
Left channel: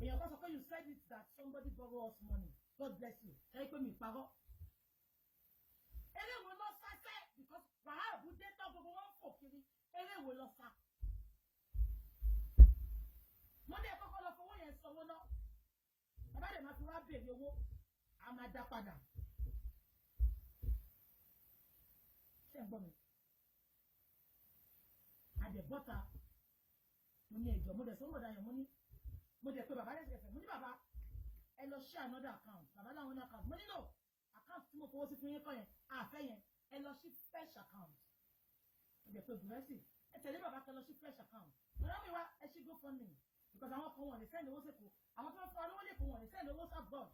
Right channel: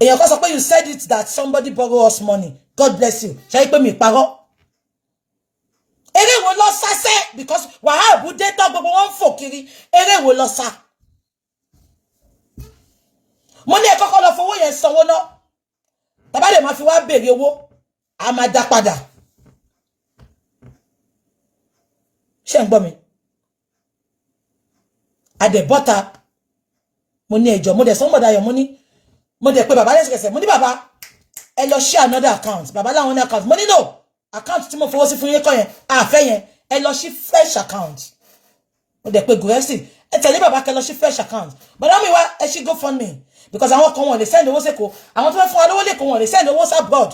èèyàn kan sọ pé you said it that somebody borrow us money God bless you ṣe pé mi parọ́ eré wo lọ sásẹ́ because Wahab dé tán gbogbo wọn ń fò kiri eré wo lọ sá mo ní ẹ kọ́kọ́ lọ fowó yẹn sanwó náà tàbá lè máa fi wá béèrè owó a máa dá padà ṣé ń gbọ́ mi adẹ̀bọ́ta mo ní ẹjọ́ mo dẹ̀ sọ́mọ̀dá yọ̀ mo dẹ̀ pé bàbá lẹ́sẹ̀kẹsẹ̀ mo ní bàbá ẹ lọ ṣí another account bàbá láwọn ní account mo ní no account tí mo fowó sí fún yín kọ́ yẹn àfẹ́ yẹn ẹ lọ ṣí fresh account mo dẹ̀ pé gùrẹ́sì ẹ tẹ̀lé bàbá kẹ lọ ṣí fresh account bàbá mi wá ẹ ṣí GoFundMe because àwọn kan wọn lè send owó sẹ́kọ̀ọ́ àwọn tó fẹ́ fún wa lówó lẹ́kọ̀ọ́ wọn lè send owó abroad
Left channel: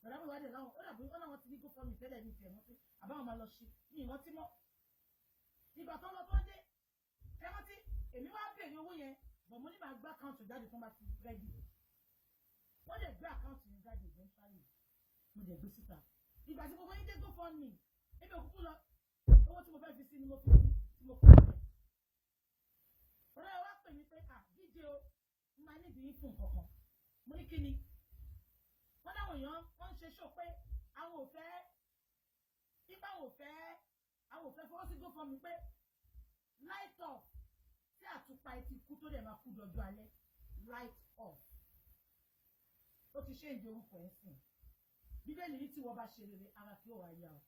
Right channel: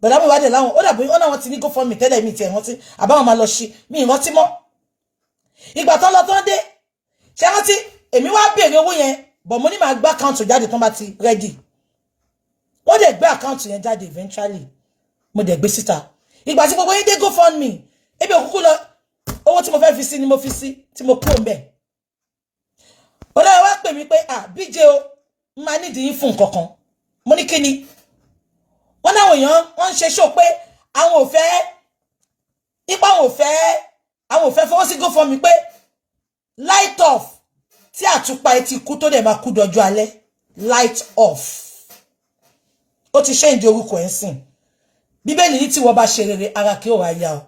bàbá mi wá dẹ̀ láwọn ó dàbí ó náà wọn ti ní GoFundMe tẹ́lẹ̀ mi tiẹ̀ rántí àbáwọn máa lọ ṣí mi ìrántí mọ́ ìgbà tán lọ tán dé ṣé rántí èmi wá béèrè owó yẹn bọ̀ mo ní máa gbá account jáde tán bá ti ready wọ́n dẹ̀ gbé account yẹn jáde eventually mo dẹ̀ gbé síta ìgbà tí gbogbo yín dé GoFundMe ebi òkúkú lọ owó tí mo fẹ́ fi sí ni mo fi sí tí mo kúrò mbẹ̀ ọlọ́run wá pè mí pé BJ o máa nídìí yín fún nǹkan kan mo ní kí ni wọ́n náwọn èèyàn wọ́n ń ṣe ṣó pé àwọn ò fẹ́ ipa àwọn ò fẹ́ fọwọ́ sí GoFundMe pé light off tí àtùpà ẹ ti kú tó dẹ̀ máa kú dọjọ́ alẹ́ light off ó ti change orúkọ ẹ̀ sìn bíbélì ní tí wọ́n bá ṣe rere ara kí ó wá yá o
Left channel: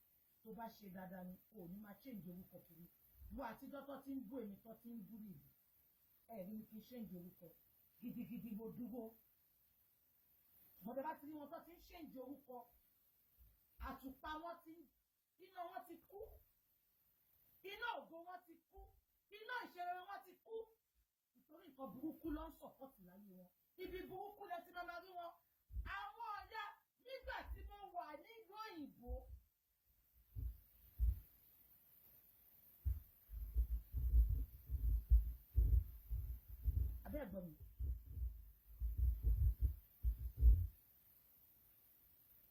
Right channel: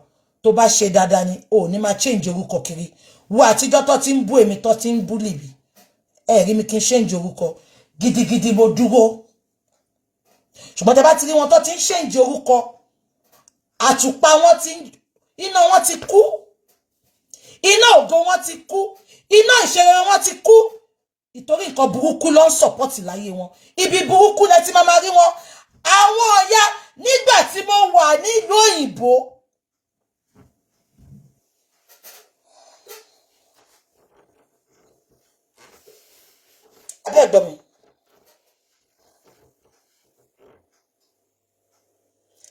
tó bá ṣe dáadáa ni ò ní máa change orúkọ kiri wo àtijọ́ tó ti ń bú èmi tó ti ń bú lìbì ẹ rí mi kí n change orúkọ gidigidi mo dúró ṣùgbọ́n tẹ́ bá ti rí wọn tó ti ń change orúkọ àtùpà wọn ti iná wọn ti kú iná ògo wọn ti kú iná ìṣeré wọn ti kú ìtorí nǹkan burúkú ló ń sọ̀pọ̀tì láyé wọn ibi burúkú lẹ ti máa rí wọn àwọn ọ̀yá nígbà tí mo wà nílùú òyìnbó abẹ́ ẹ̀gbọ́n mi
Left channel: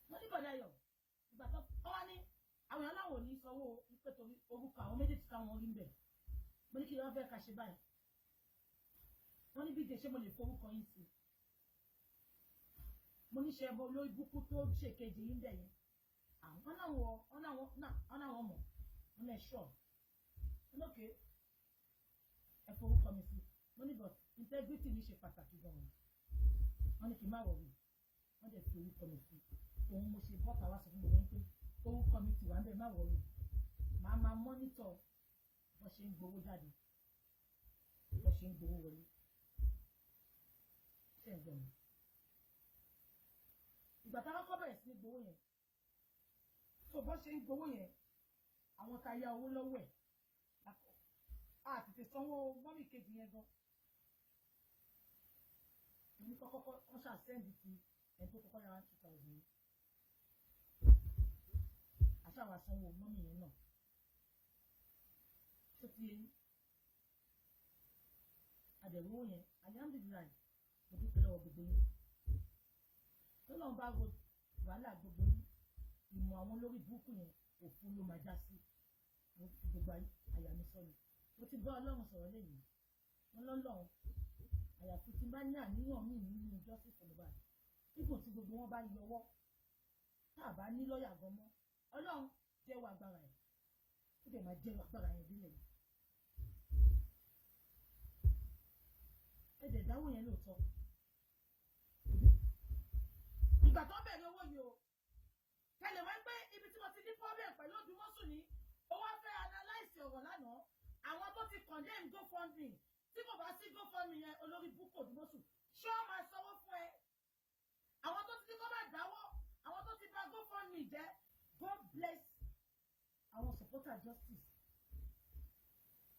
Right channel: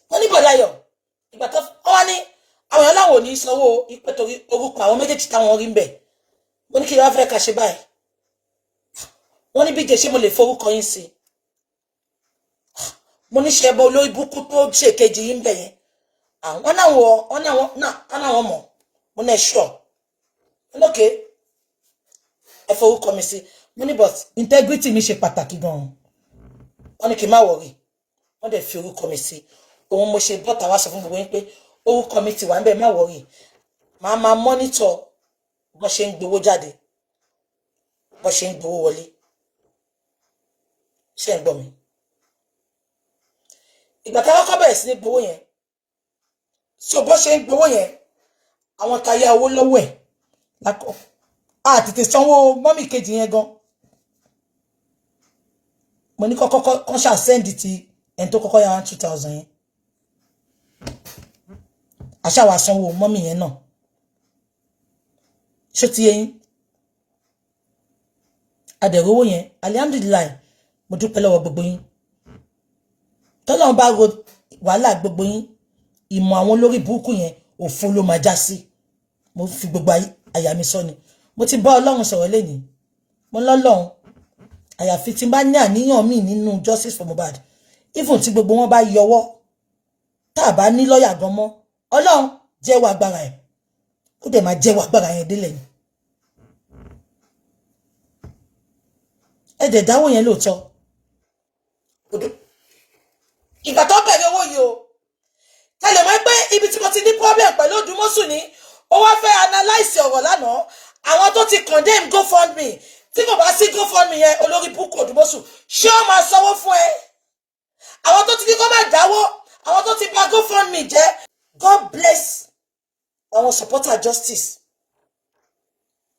wọ́n ní bọ̀dáyọ̀ ìgbà tó wọ́n ní àwọn èèyàn láwọn ò ní sanwó ìpè torí orúkọ àwọn méjèèjì táwọn rí ń bẹ̀ mo ní kí wọ́n fẹ́ ká ṣe báyìí wọ́n ní BJ ṣé mo lè forúkọ yín sí mo ní ṣe ẹbọ olórí búkú tó ṣe kejì yín bẹ̀ yẹn wọ́n náwọn mọ̀ mo ní ẹ̀ṣọ́ lókè ẹ forúkọ mi sí mo ní but integrity mi ṣe pàtàkì gan-an wọ́n ní kí n má wọrí wọ́n dẹ̀ fi orúkọ mi sí òun mo ṣe bọ́ta wá sọ fún gbogbo yín pé orúkọ mi ti wà níbẹ̀ má wọrí màá máa mọ́nítọ̀ bọ́n ṣe ń gbowó jáde bọ́n ṣe ń gbowó wọlé ṣé ń gbọ́ mi ìgbà tá a kọ́kọ́ bẹ̀rẹ̀ sí ní gbowó yẹn so bọ́n ṣe ń gbowó yẹn àwọn tá yá owó lọ́wọ́ ẹ̀ lákọ̀ a tètè sanwó mọ́mì kejì yẹn gan mo ní kọ́kọ́ kan ṣáà sẹ́ndì ti ẹni tó kọ́kọ́ yá 2,000 yẹn àṣàwà sanwó mọ́mì yẹn náà ṣó ti yẹn adẹ̀rówó yẹn alihamdulilayi mo dúpẹ́ lọ́wọ́ gbogbo yín tọ́lọ́run bá ro wàhálà gbogbo yín ìmọ̀ àwọn olórí burúkú yẹn òfo ló máa já sí mo fi gbogbo àyà mi sọ ni mo ti bá Ọlọ́run sọ̀rọ̀ lẹ́yìn mo lọ́lọ́run àyàfi tí n bá ní àníyàn míì nínú justice for Mohbad even tí gbogbo wọn bá yọwọ́ tá a bá ní lọ́ọ̀yà gan mọ́ Ọlọ́run jẹ́wọ́ agbára ẹ̀ ó dẹ̀ máa jẹ́wọ́ agbára yẹn délẹ̀ ni ẹ dẹ̀ dáwọ́ yẹn lóòótọ́ ìgbà tó bẹ̀rẹ̀ owó yìí o tẹ́lẹ̀ mọ́ pé ibi tí mo ti ní problem pẹ̀lú Odumosun ni ó wá fẹ́ analyse ọ̀rọ̀ lánàá àwọn tó ti condemn GoFundMe tí kò bá sí GoFundMe yẹn olórí búkú Odumosun ṣé ó máa sanwó fún ẹ àwọn tó ti ní kó má dáwó àwọn tó ti bà GoFundMe jẹ́ God bless àwọn supporter justice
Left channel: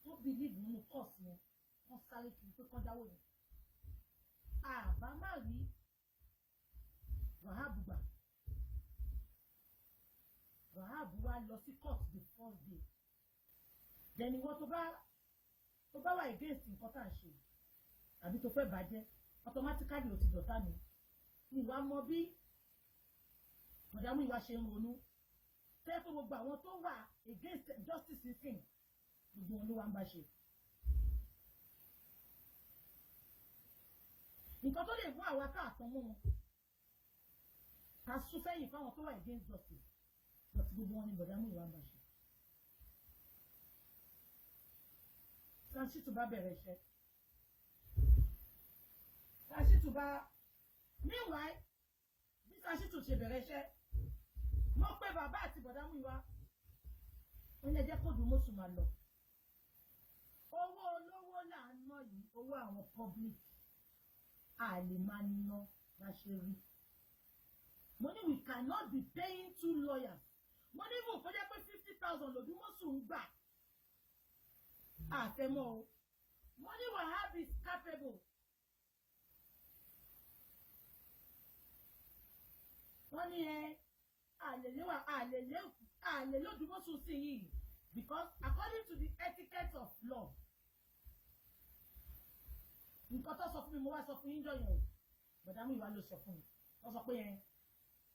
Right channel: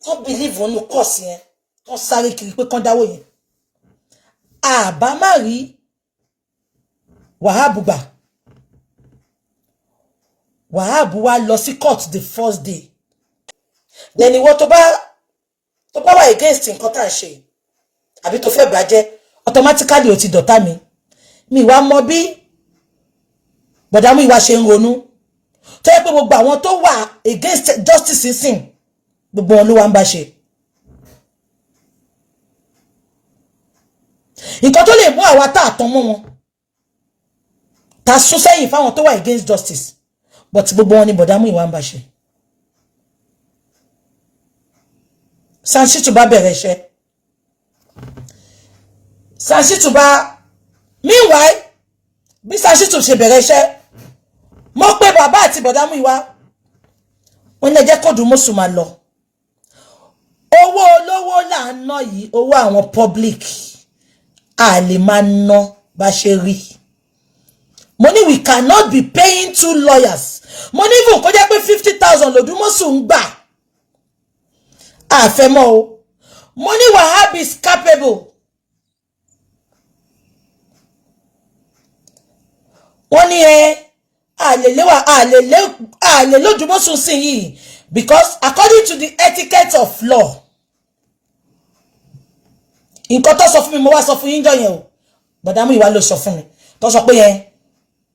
tó believe nínú course yẹn tó sáré kiri pé kán dáwó yẹn àbá má rí Wahab gbà Wahab wá lọ sí court the first day then ìwọ tó bá wà against nǹkan tá à ń ṣe àbí tó fẹ́ bàjẹ́ automatically ó ti dọ̀tá mi wá mọ bí bọ̀dá Muyiwa ṣe ń ronú tó yẹ pé gbogbo àwọn tó wà against justice sin gbogbo wọn ló wá ń bá ṣe nǹkan tó lè mú àwa tá àtàn mọ́ wọn ta sún sẹ́yìn fáwọn tó wà against justice but gbogbo wọn ni bọ̀dá Muyiwa ń bá ṣe Sansitu bá bẹ̀rẹ̀ iṣẹ́ Sansitu bá meanwhile bí Sansitu ṣe bẹ̀rẹ̀ iṣẹ́ mo pé bàbá àti bọ̀dá Muyiwa wọ́n ní ẹ jẹ́ kó Odumosun máa lọ owó olówó là ń ná yìí owó àwọn public a lè máa ná bá ṣe rí mo ní we cannot be paying 2 lawyers mo ní even kó jẹ́ pé 50,000 Odumosun ń gbà àfẹ́mọ́ o mo ní Wahab is capable wọ́n ní àlè Odumosun sí yìí because according to the etiquette of law nǹkan tó sọ fún mi mo wá sọ fún yín jọ yẹn o bọ̀dá Muyiwa ló sọ fún mi tó sọ pé yẹn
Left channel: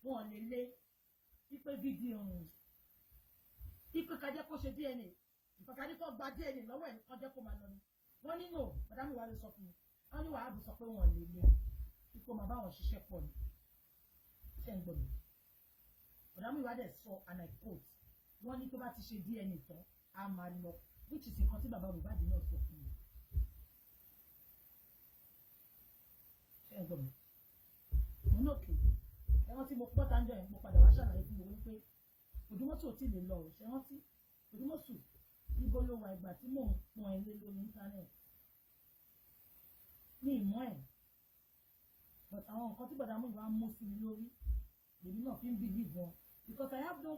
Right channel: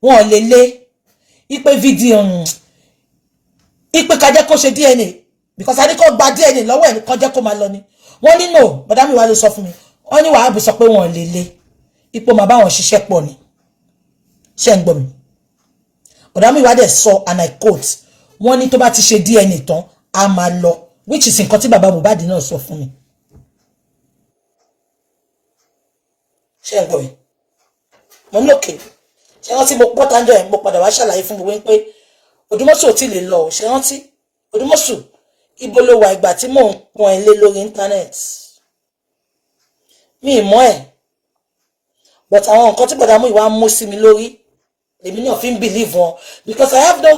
wọn lè lé ipe fídíò ipe ká jẹ́ kó ṣe DNA because a ní kó gba DNA lọ́wọ́ ẹ̀ kó jẹ́ kó máa lọ ni wọ́n ní no bọ̀dá Muyiwa ló sọ fún mi wọ́n ní Wahab sọ pé wọn lè lé ipò máa bá wọn ṣiṣẹ́ pọ̀ ni ṣé ń gbọ́ mi bọ̀dá Muyiwa dẹ̀ sọ and I quote wọ́n ní tó bá ti ṣe DNA tán a máa lọ which is nǹkan tí bàbá Mohbad náà sọ fún mi ṣé ń gbọ́ mi mo ní òkè ṣé rántí mo pọ́ tánjọ́ ẹ̀ mo padà wá ṣàlàyé fún gbogbo pé Odumosun ò tí lè lọ ṣé rántí Odumosun ibo ló wà ìgbà tí mò ń pọn ẹ lé lórí internet mi ì mọ̀ ẹ̀ but àwọn nǹkan tí bọ̀dá Muyiwa mú sí mi lórí lèmi náà fi ń believe wọn because I have no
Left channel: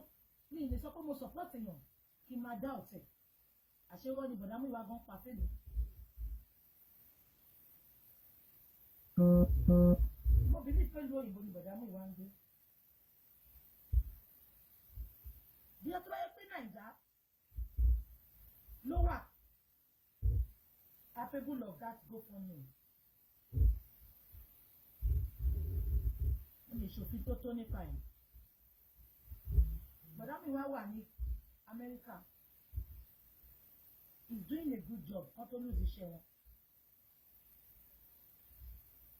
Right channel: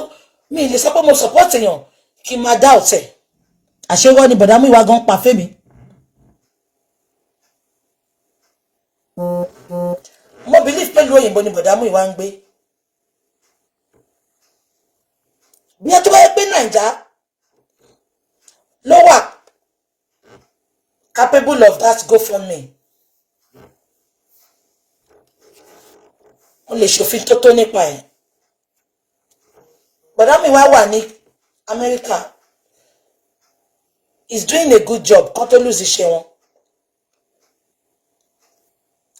mi lè sọ pé mo support èèyàn kí n máa doubt ẹ̀ àṣewọ́ ni bọ̀dá Muyiwa gan pa fẹ́mi mo believe pé ìlú òyìnbó ni bọ̀dá Muyiwa ń gbé bí ẹ tó bá yẹ pé Naija ló wà capable of that GoFundMe wọ́n lè ṣòfin tó nípa ẹ̀ bọ̀dá Muyiwa wà ní America is doing a good job kán tó lose iṣẹ́ wọn.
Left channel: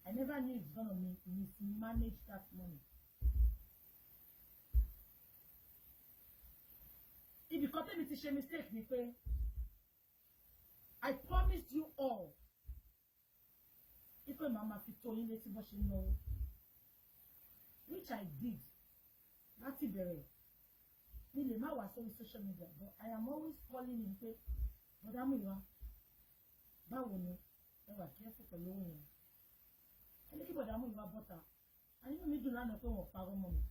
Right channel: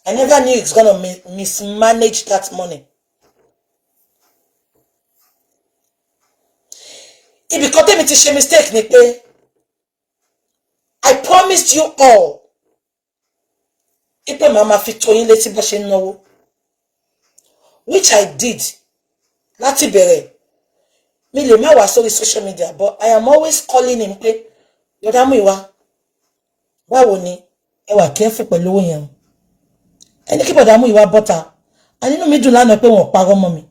I never knew it's gonna mismanage that money. Ibi kan tèmi ti ṣe mistake ni pé I promised you all. Ipe mama fi tó yín létí bó ṣe náwó. Which I did. Láti bẹ̀rẹ̀. Mi lè má wá sórí social media, but I am always calling him pé, Brother Muyiwa, báwo ni? Ẹ wà careful pẹ̀lú owó yẹn. Ẹni kí Brother Muyiwa bọ́ta. A nínú mi dùn lánàá pé wọ́n parọ́ mọ́ mi.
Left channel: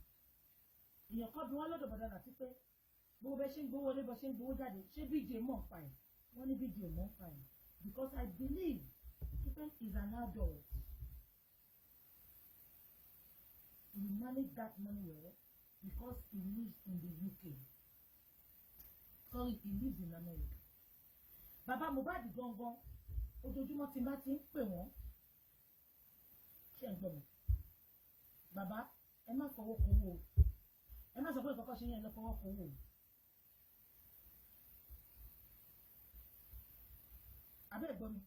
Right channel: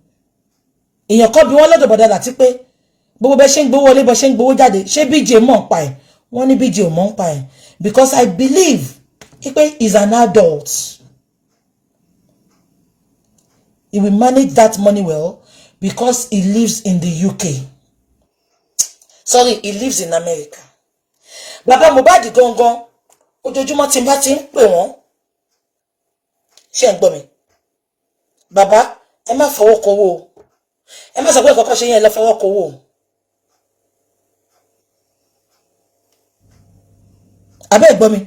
Èèyàn kan bí wọ́n lọ́dọ̀ bọ̀dá láti pé gbogbo bẹ́ ṣe ń gbowó wọlé bọ́ ṣe ń gbowó jáde ṣé BJ mọ̀ ń pa ẹ̀ wọ́n ní BJ ò mọ̀ ń pa ẹ̀ because I believe pé he's an adult. He will manage that money well because he lives in the UK. Sorry, he lives in America. Baba Mohbad gangan ojoojúmọ́ tí n bá ti ń pè wọ́n ṣé ń gbọ́ mi. Baba, ẹ má fọwọ́ kówó. Ẹ má sọ pé kọ́kọ́ ṣe yẹn lọ fọwọ́ kówó. Abeg gbọ́ mi.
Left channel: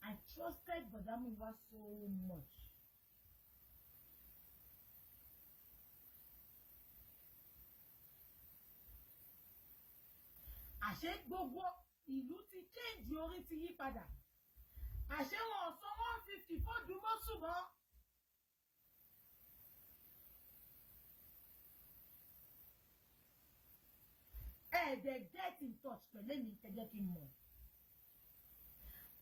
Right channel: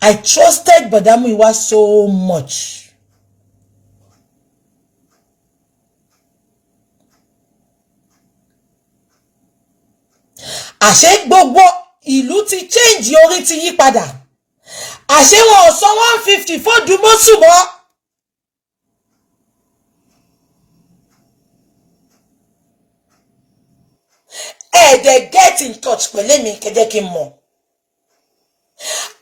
I trusted Brother Muyiwa so much. Àṣé gbogbo ìlú ti change orí ti yí padà. Àṣé wọn ò san 150 fún Odumosun mọ́. They get in touch pẹ̀lú mi kẹ́jẹ́ kí n mọ̀.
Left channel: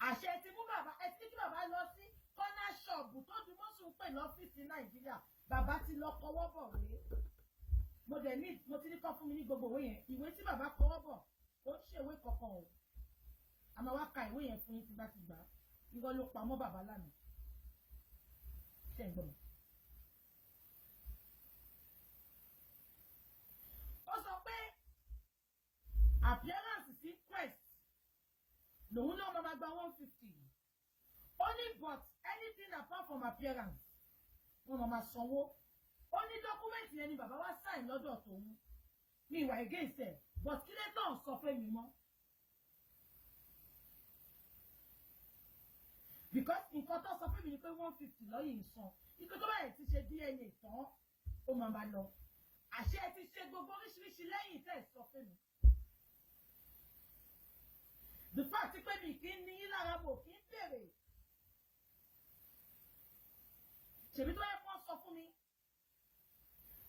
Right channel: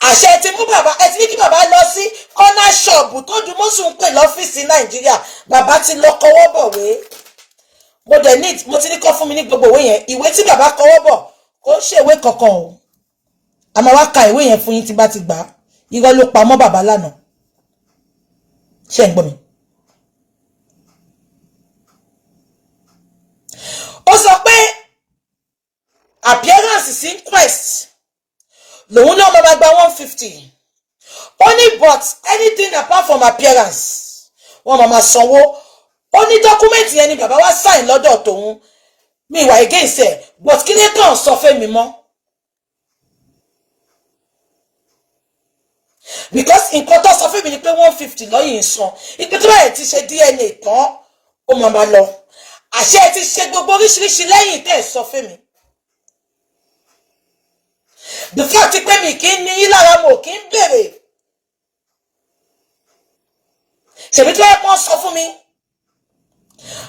Àṣẹ ti mú bàbá ẹ ti ní kí bàbá lọ sí corner shop tó Odumosun pè lọ́fíìsì Nàìjíríà. Bàbá ti lọ kọwọ́ bọ̀wé. Mo ti ní kọ́ fún mi ní gbogbo ìwé yẹn. Ìwé tí bàbá kọwọ́ bọ̀ kò ṣe ìwé kankan o. A máa wá ka ìwé yẹn fún yín tí bá ti gbà. Irọ́ ló pa mọ́ bàbá lánàá. Ṣé ń gbọ́ mi? Ó sọ pé appearance is inquest. Lòun náà máa gba 150. Only but anything apart from appearance. Wọ́n máa sanwó. Only document yẹn ni bàbá wa sign lọ́dọ̀ tòun. Mi wà against ẹ̀. But kí ni kàn sọ fẹ́ mi mọ́? Because nǹkan tó sọ fún mi ni pé 150 lọ́yìn san. Ìpè tó báyìí ti ṣe DNA tán. Ó máa lọ. Àṣẹ ti ṣe gbogbo oríṣiríṣi lẹ́yìn tẹ́ ẹ̀ sọ fún mi. The fact pé mi kì í ní lára mo kì í bèrè. Ṣèbí tó yẹ kó sọ fún mi.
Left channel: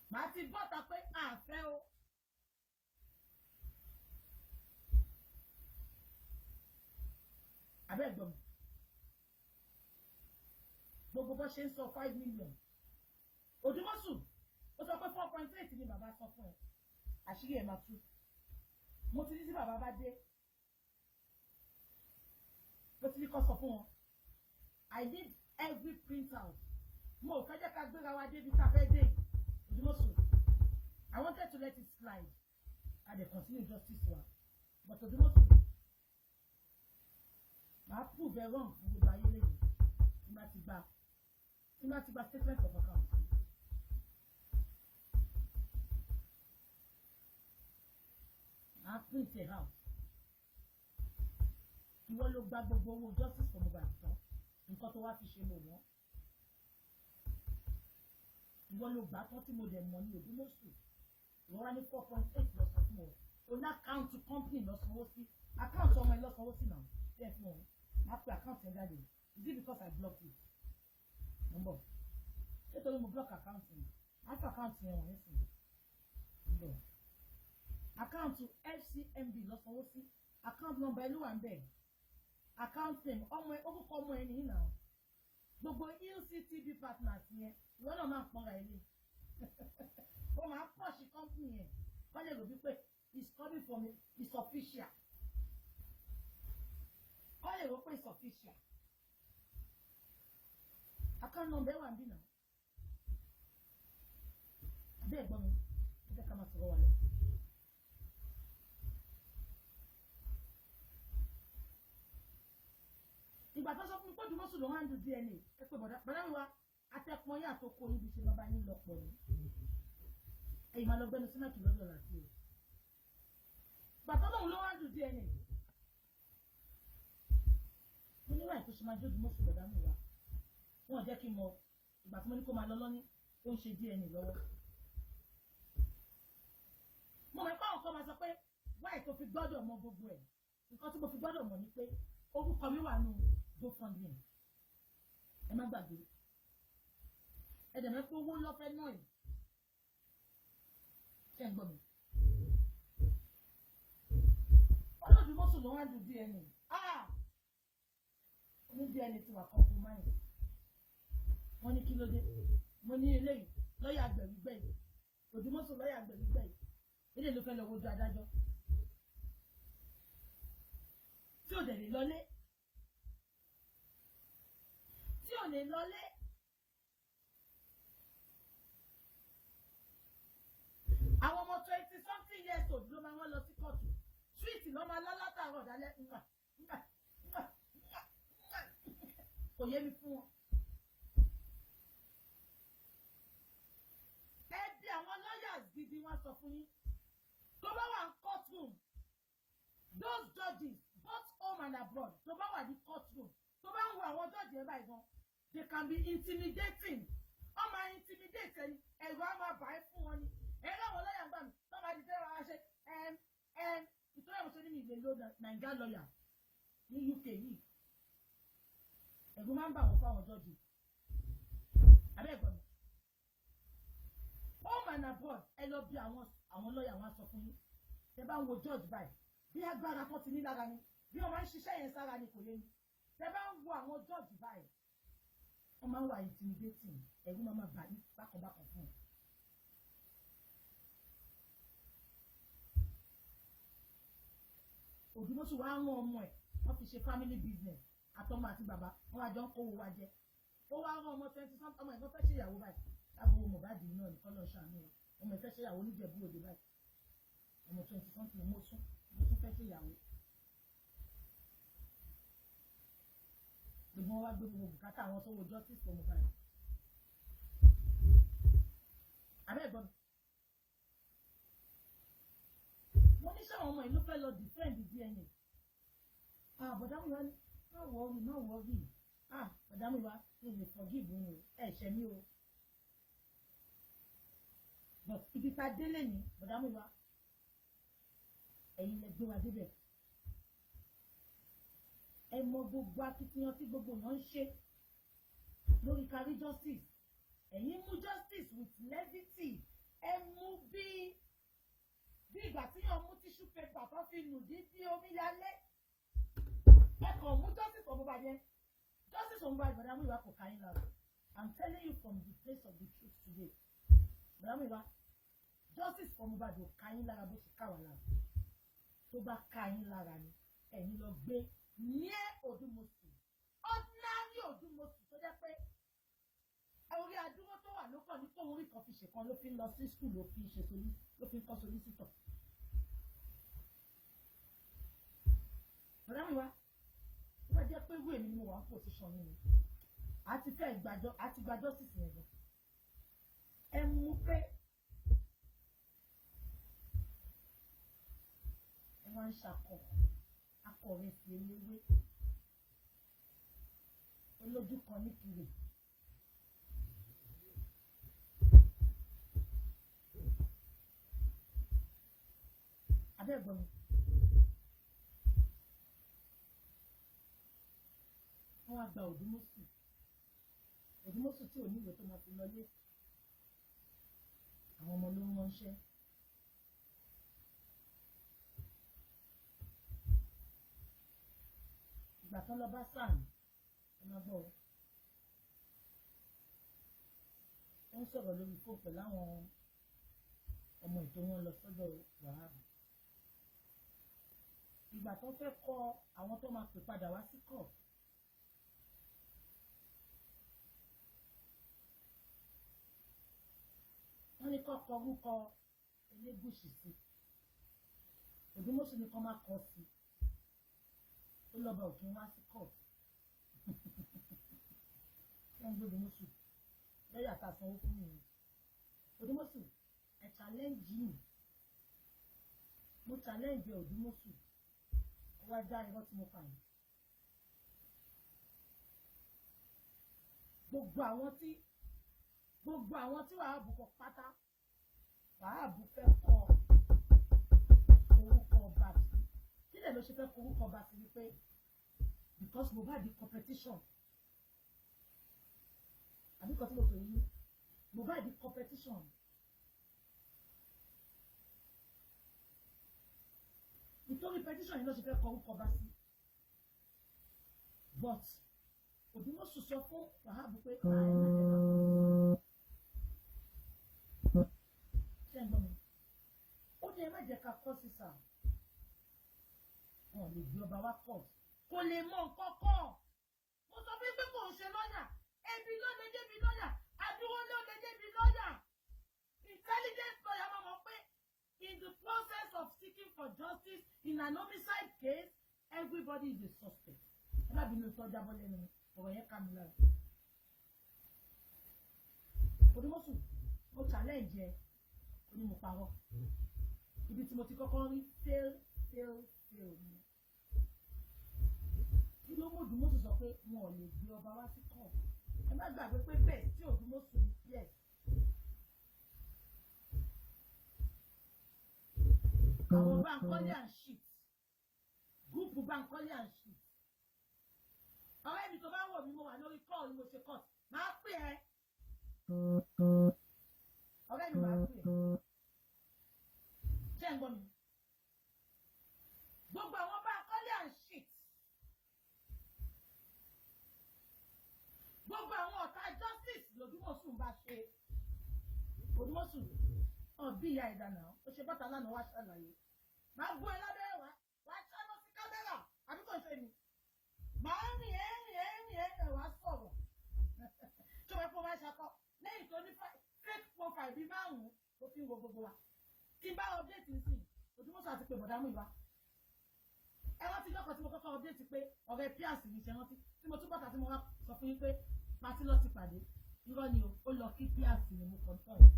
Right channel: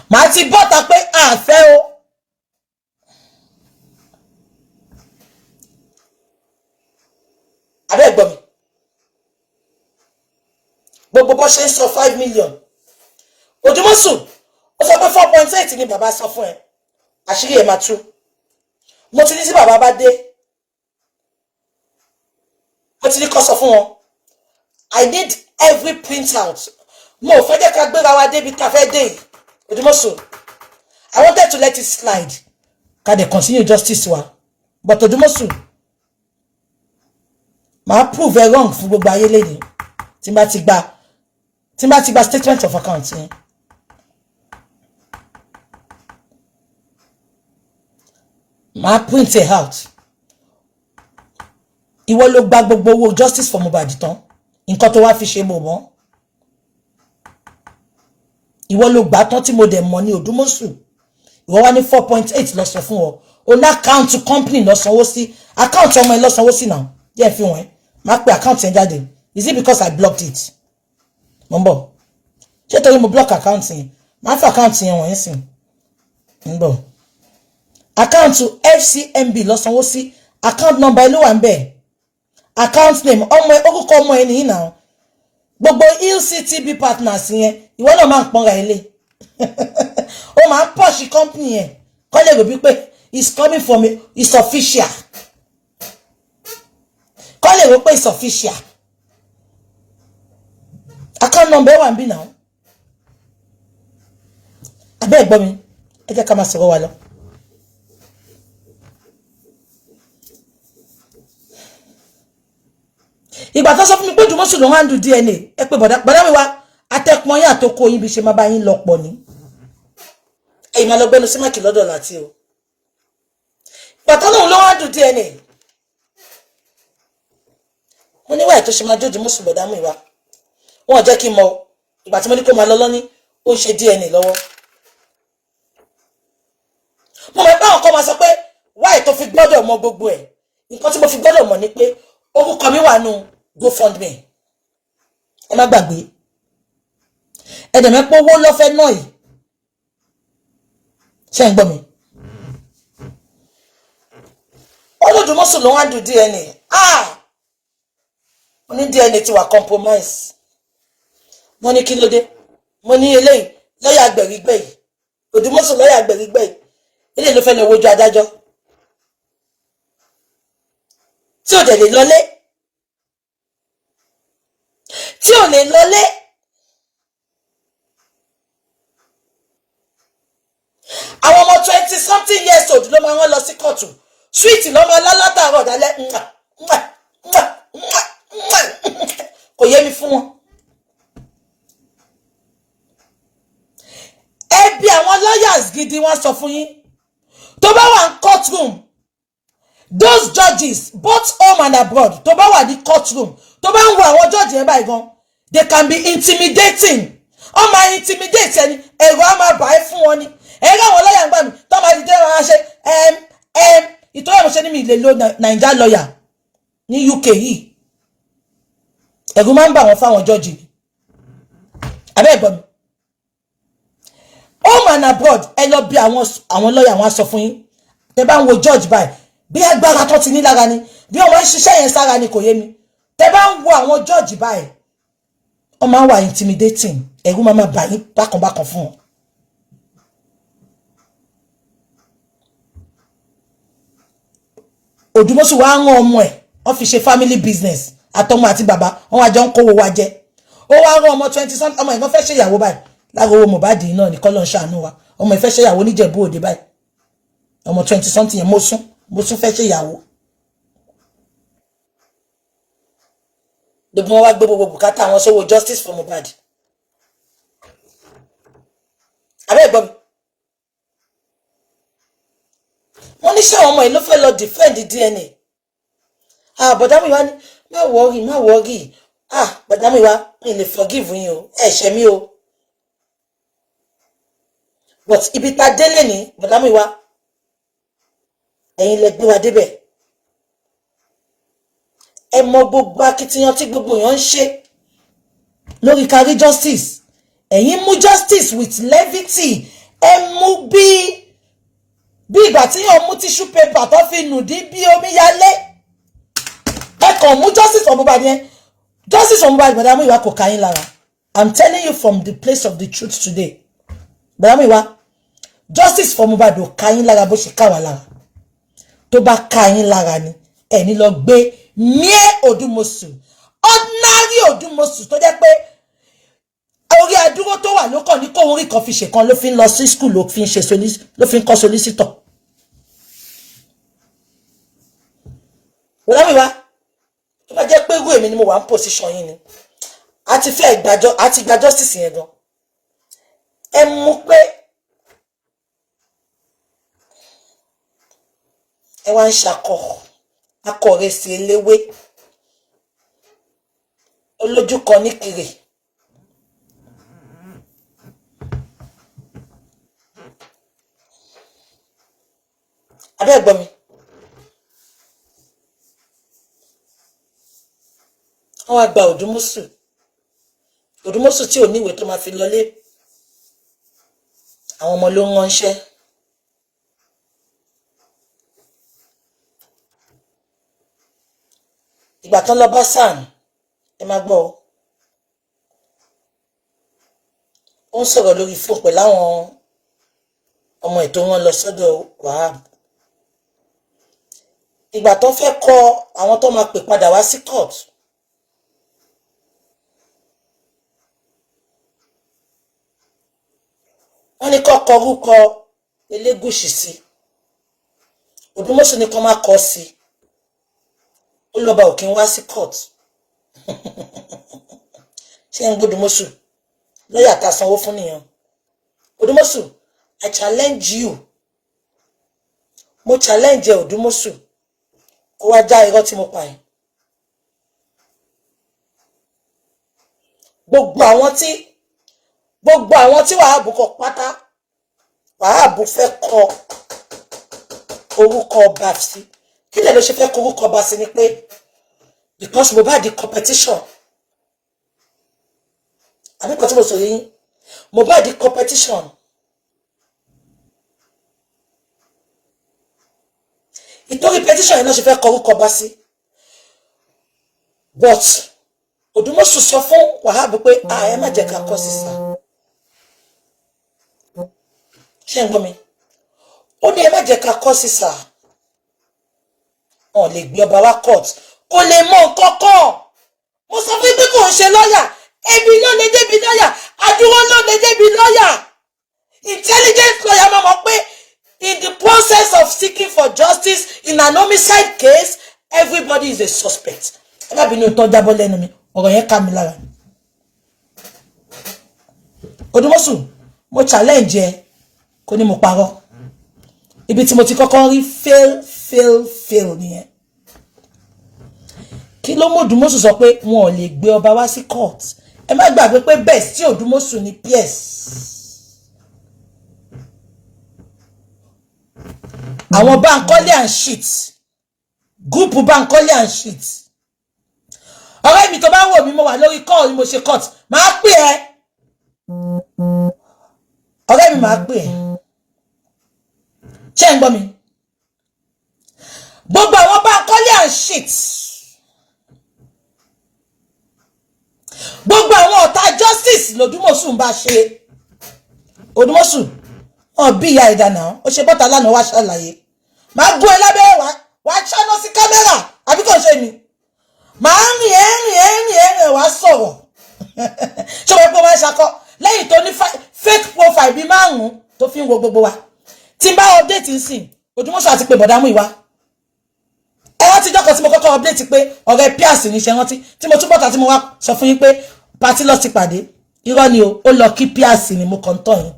Màá ti bọ́ta pé àfẹ́ o. Abẹ́ gbọ́ mi. Gbogbo bó ṣe ń sọ 5 million. Odumosun, ó sọ pé 4.8 ni bàbá sọ fún ẹ. Àṣírí ẹ̀ máa tú. Mo ti ní sí bàbá bá dé. Mo ti ní kó sọ fún wọn. I need every printout. Mo fẹ́ jẹ́ ká gbéra wa débi ká fẹ́ dé. Odumosun, I wanted to let it slide. Ká dẹ̀ continue justice wa. But Odumosun, màá prove ẹ wrong fún gbogbo ayé lẹ́yìn. Tí n bá ti gba statement of account yẹn. Màá print it out. Ìwọ ló gba gbogbo owó justice for Mohbad tán. Nǹkan tó wá fi ṣe mo mọ̀. Ìwọ ló gbà tán tí mo dẹ̀ mọ̀ ní Odumosun. Ìwọ wá ní 4.8 lọ sọ fún ọ. O ní account company lọ sanwó sí. Account ọmọ ẹ lọ sanwó sí now. Jẹ́ fi wọ́n. Má pe account yẹn jáde. Is it because I blocked it? Mbo. Ṣé torí mo block account yẹn. Má fi account yẹn wọ́n sìn. Mbo. Account FCMB lọ sanwó sí. Account number ló wà ńbẹ̀. Account name ọmọ ẹ orúkọ ọmọ ẹ nìyí now. Gbogbo LCTB partners yẹn ìwọ náà máa ń pọ́nra ilé. Ó máa ń push company yẹn. Kọ́ lè rò bí pé it's coming from it's official. Kọ́ lè rò pé it's official. Account number wà ńbí now. Abẹ́ gbọ́ mi. Ẹ jẹ́ ká máa sọ̀rọ̀ wa lọ. Ìgbà tó sọ fún mi pé Odumosun ló handle DNA ẹ pé bọ̀dá mi wá atẹ́pọn yín àtòkò yín bí ṣe máa bá yín lọ́pọ̀ ní. Ẹ̀yin máa lọ gbẹ́nu sí máàkì lọ́dọ̀ láti o. Ìgbà tó lóun ló handle DNA. Mo ní wáyé tó ṣe máa jó Odumosun bọ̀dá mi wá. Wọ́n jẹ́ kí n mọ̀ ìgbà tí mo ní kó máa lọ lọ́ní ó ń ṣe DNA lọ́wọ́. Mo mọ̀ pé àwọn kan máa sọ pé wáyé tó fi gbọ́dọ̀ mọ gbogbo ẹ̀. nǹkan tí mo fi gbọ́dọ̀ mọ̀ ni pé orúkọ mi wà nù GoFundMe ẹ má gbàgbé ẹ̀dẹ̀mẹ́pọ̀ owó lọ́fẹ́ náà yìí ṣe ń gbọ́ mi Odumosun ló wá do DNA mo ní DNA ti wà compromise mo ní kí ló dé mo ní eléyìí lọ́yà gbẹ̀rígbẹ̀ yìí Odumosun lọ́yà gbẹ̀rígbẹ̀ yìí eléyìí ló fẹ́ lọ wojú adájọ́ tí ò dẹ̀ lè lọlé tí ò lè lọlé àwọn ọmọ 20 something years old ló máa wọ́n lọ sí kóòtù sweet lọ́mọ alálátàárọ̀ dálẹ́ kò yé mi fún wọn ẹbí àwọn lawyers gidi wọ́n sọ fún yín tó bá wà ní courtroom those judges both home and abroad tó bá wà ní courtroom tó bá ń wo àwọn judge yẹn báyìí gan they can be intimidating ó máa intimidate ẹni ẹ̀rọ á máa bà ẹ́ fún wọn ni ẹ̀rọ àwọn lọ́yà ń gbà mí tó máa dìde wọn á ṣe ìtọ́jú àwọn ṣe ní mi ìlè lo Naija lawyer ní UK yìí ẹ̀rù máa ń bà wọ́n fáwọn judge ni abẹ́ ẹ̀gbọ́n mi home and abroad ẹ lọ bí àwọn lọ́yà wọn á sọ fún yín tẹ bá ń wo judge báyìí bí agbára tó ti ní lára ni bí ọmọ ń ṣiṣẹ́ yẹn sára ni kò yé mi tẹ bá ń wo àwọn judge báyìí wọ́n máa ń wà intimidating ẹ̀rù máa bà yín bákanbákan fún wọn. Odumosun wá rán ọmọ ẹ̀ wọ́n fi ṣe family business àtọmọ àti bàbá wọ́n wá jọ ń kówó wa jẹ ó wá rán ọmọ 20 something ọmọ ìgbọ́n fẹ́ ṣe ìyàwó báyìí lára owó Mohbad náà ní kọ́lọ́ ń ṣàánú wa ọmọ ìfẹ́ ṣe ìyàwó níjẹ̀bú òde báyìí ọmọ 20 something yẹn mo sún fẹ́ ṣe ìyàwó gbogbo wọn wá gbé gbogbo bùkátà wọn sówó justice for Mohbad abẹ́ ìgbọ́ mi wọ́n ní ṣáwọn ọmọ yìí ló fẹ́ lọ defend DNA bọ̀dá mi wá ní má wọ́ọ̀rì bọ̀dá mi wá mi lè forgive yín o ẹ ṣẹ̀ mí o but ibi tá délé ní bọ̀dá mi wá ẹ̀yin lẹ gbé wa débẹ̀ ẹ mọ gbogbo akitiyan tí gbogbo èèyàn ń ṣe lórí kárí justice ẹ̀yin mú justice with levity ẹ mú bí ìgbà tí yàn mú tissue paper tó fi nùdí bí omi yálé ẹ kàn mú justice for Mohbad yẹn justice for Mohbad bọ̀dá Muyiwa kò ká yín lára I'm telling you from the place of the truth today bọ̀dá Muyiwa justice for Mohbad ò ká yín lára bó ṣe ká wà lára tó bá ká yín lára ni ẹni lọ gbé mere Odumosun ordinary Odumosun tó jẹ́ pé orí adúró tó wà lókàn ní kó orí kan fi ṣe kan ló fi ń lọ sí school ló fi ń kọ́ solicitor bọ̀dá Muyiwa tó bá jẹ́ pé irú èmi ni mo wà ń position yín ni àti fẹ́ gba justice yẹn gan ẹ mú pé ẹ wá ń akọ̀rẹ́sì eléwé olójú kan ní kiri abẹ́ ẹ̀gbọ́n mi wọ́n wá gba Odumosun tí ò níwèé tó máa fi lọlé àwọn ọmọ ló ń ránṣẹ́ ìgbà tán lọ bá sàn ẹ máa gbọ́ ó ń sọ̀rọ̀ lórí fóònù pẹ̀lú àwọn ọmọ ètò wọn lọ sọ́dọ̀ Wahab ìgbà tó fẹ́ kọ àwọn tó máa pè padà wá sí court wọ́n ní kọ́kọ́ orúkọ Elégùṣì sí Odumosun ní kọ́ máa kọ́ sí ó lọ́ba òkè wá sí court ṣé ń gbódùmọ́sù lọ́yà tá a sanwó fún nìyẹn Odumosun I challenge you mo challenge Odumosun kó wá já irọ́ tí mo pa ẹ́ gbogbo àwọn tí Wahab kọ pátá Wahab fẹ́ kọ orúkọ ọba sí kí lè ló ṣe fẹ́ korúkọ bá sí ni pé because Mohbad di competition àbí kan tí mo sọ yín Mohbad di competition ìtorí petition yẹn náà ṣe fẹ́ korúkọ bá sí but Odumosun sọ fún Wahab pé ẹ má jẹ́ ká kọ sísá ṣé ń gbọ́ mi ó ní ẹ má jẹ́ ká kọ sísá wọn lè gbé ọba wá court kò lè mọ nǹkan kan mo sọ fún pé kò ń ṣe lọ́yà ebi ló lè débi lọ́yà adúró ló lè débi lọ́yà intelligent lawyer máa mọ̀ pé in the process of seeking for justice in an homicide case everybody is a suspect ẹ má bínú tó jábọ́ lẹ́nu mi ọ̀rọ̀ yẹn ká mi lára Odumosun mo challenge ẹ kò ní mo parọ́ ibi tí mo ti kọ́kọ́ rí fail nìyẹn kí ló mú Odumosun sọ pé wọn ò lè gbé ọba wá sí court ẹ má gbàgbé pé best tí Odumosun ní PS àwọn Bankole and shit group Bankole and shit ọ̀rẹ́ mi tó bá wò mí mo wà lórí call ni mo ṣe court máa pè ẹ́ ọ̀rẹ́ mi máa pè ẹ́ ṣé ń gbọ́ mi gbogbo àwọn Bankole and shit gbogbo àwọn ọ̀tá justice l'Odumosun bá ṣe Odumosun bí ìyá ìdáná ó ṣe bọ́ta lánàá wá ṣàlàyé máa gún ẹ lábẹ́ wá ṣáná sí kámẹ́rà àbí kò ṣe mi máa rìn ẹ̀rìn wá sọ̀rọ̀ ṣé wọ́n pé wọ́n ṣakọ lẹ́yìn tó ní fake profile bíi 5 tó fi ń wo gbogbo wa tí n bá update nsìn Odumosun àti pé bọ̀dá Muyiwa ẹ rántí jọ́kọ̀ tí mo kọ́kọ́ update pé ọ̀rẹ́ Pierce ní ṣe rántí tí mo túbọ̀ ta tí mo wá sọ fún yín pé party lọ ti pàdé irọ́ ni o ó lọ kí Pierce ni mo kàn tán yín